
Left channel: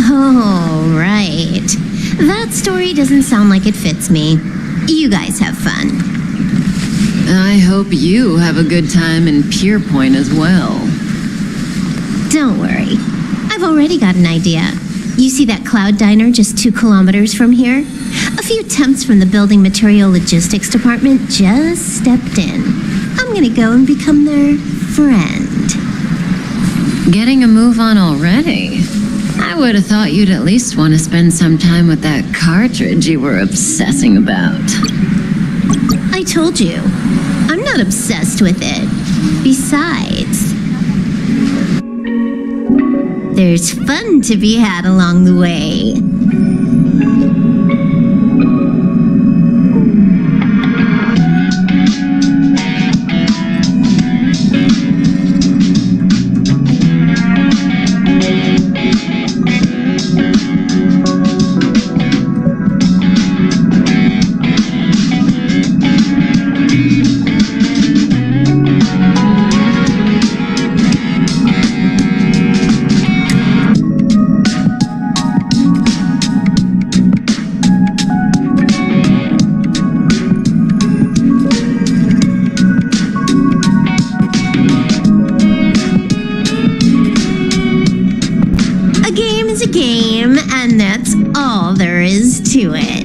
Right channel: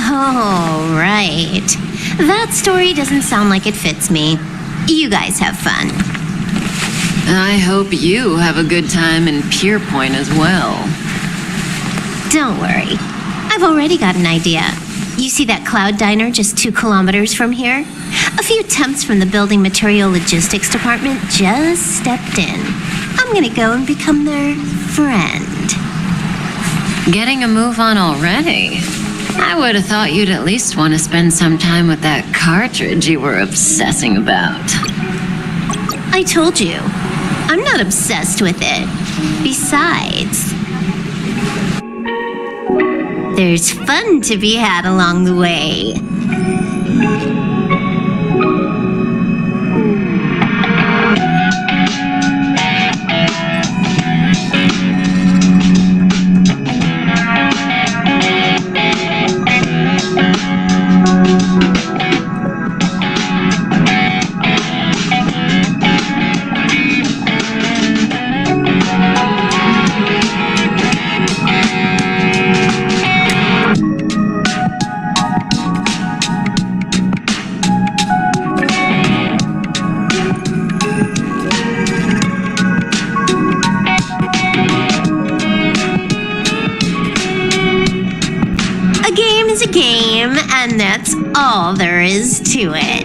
Oh, right. That story doesn't sound like it fits me. You guys have fun. I hope you have a good time in Pierpoint as well. Don't worry. I've already got an idea. You see that cloud diner just 2 kilometers from here? A few temps from the building material logistics department just stepped in. I'm gonna go and become their friend. Getting a move on already? I would have thought you'd at least want to spend some time with that cartridge you were obsessing about. I told you, I'm not obsessed with it. Besides, there's fun to be had along the way. And that's all there is to it.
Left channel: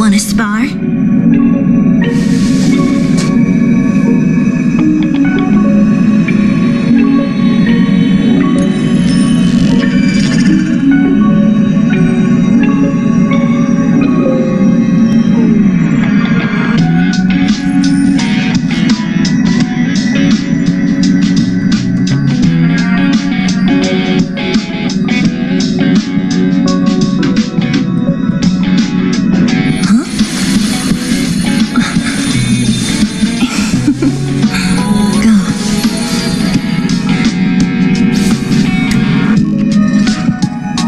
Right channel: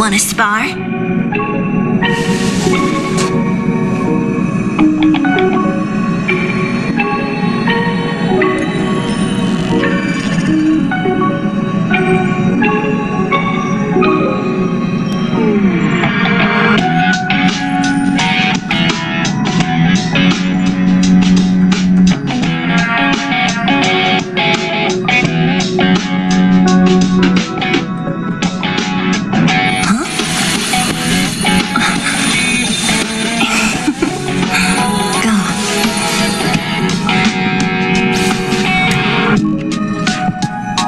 Want to spar?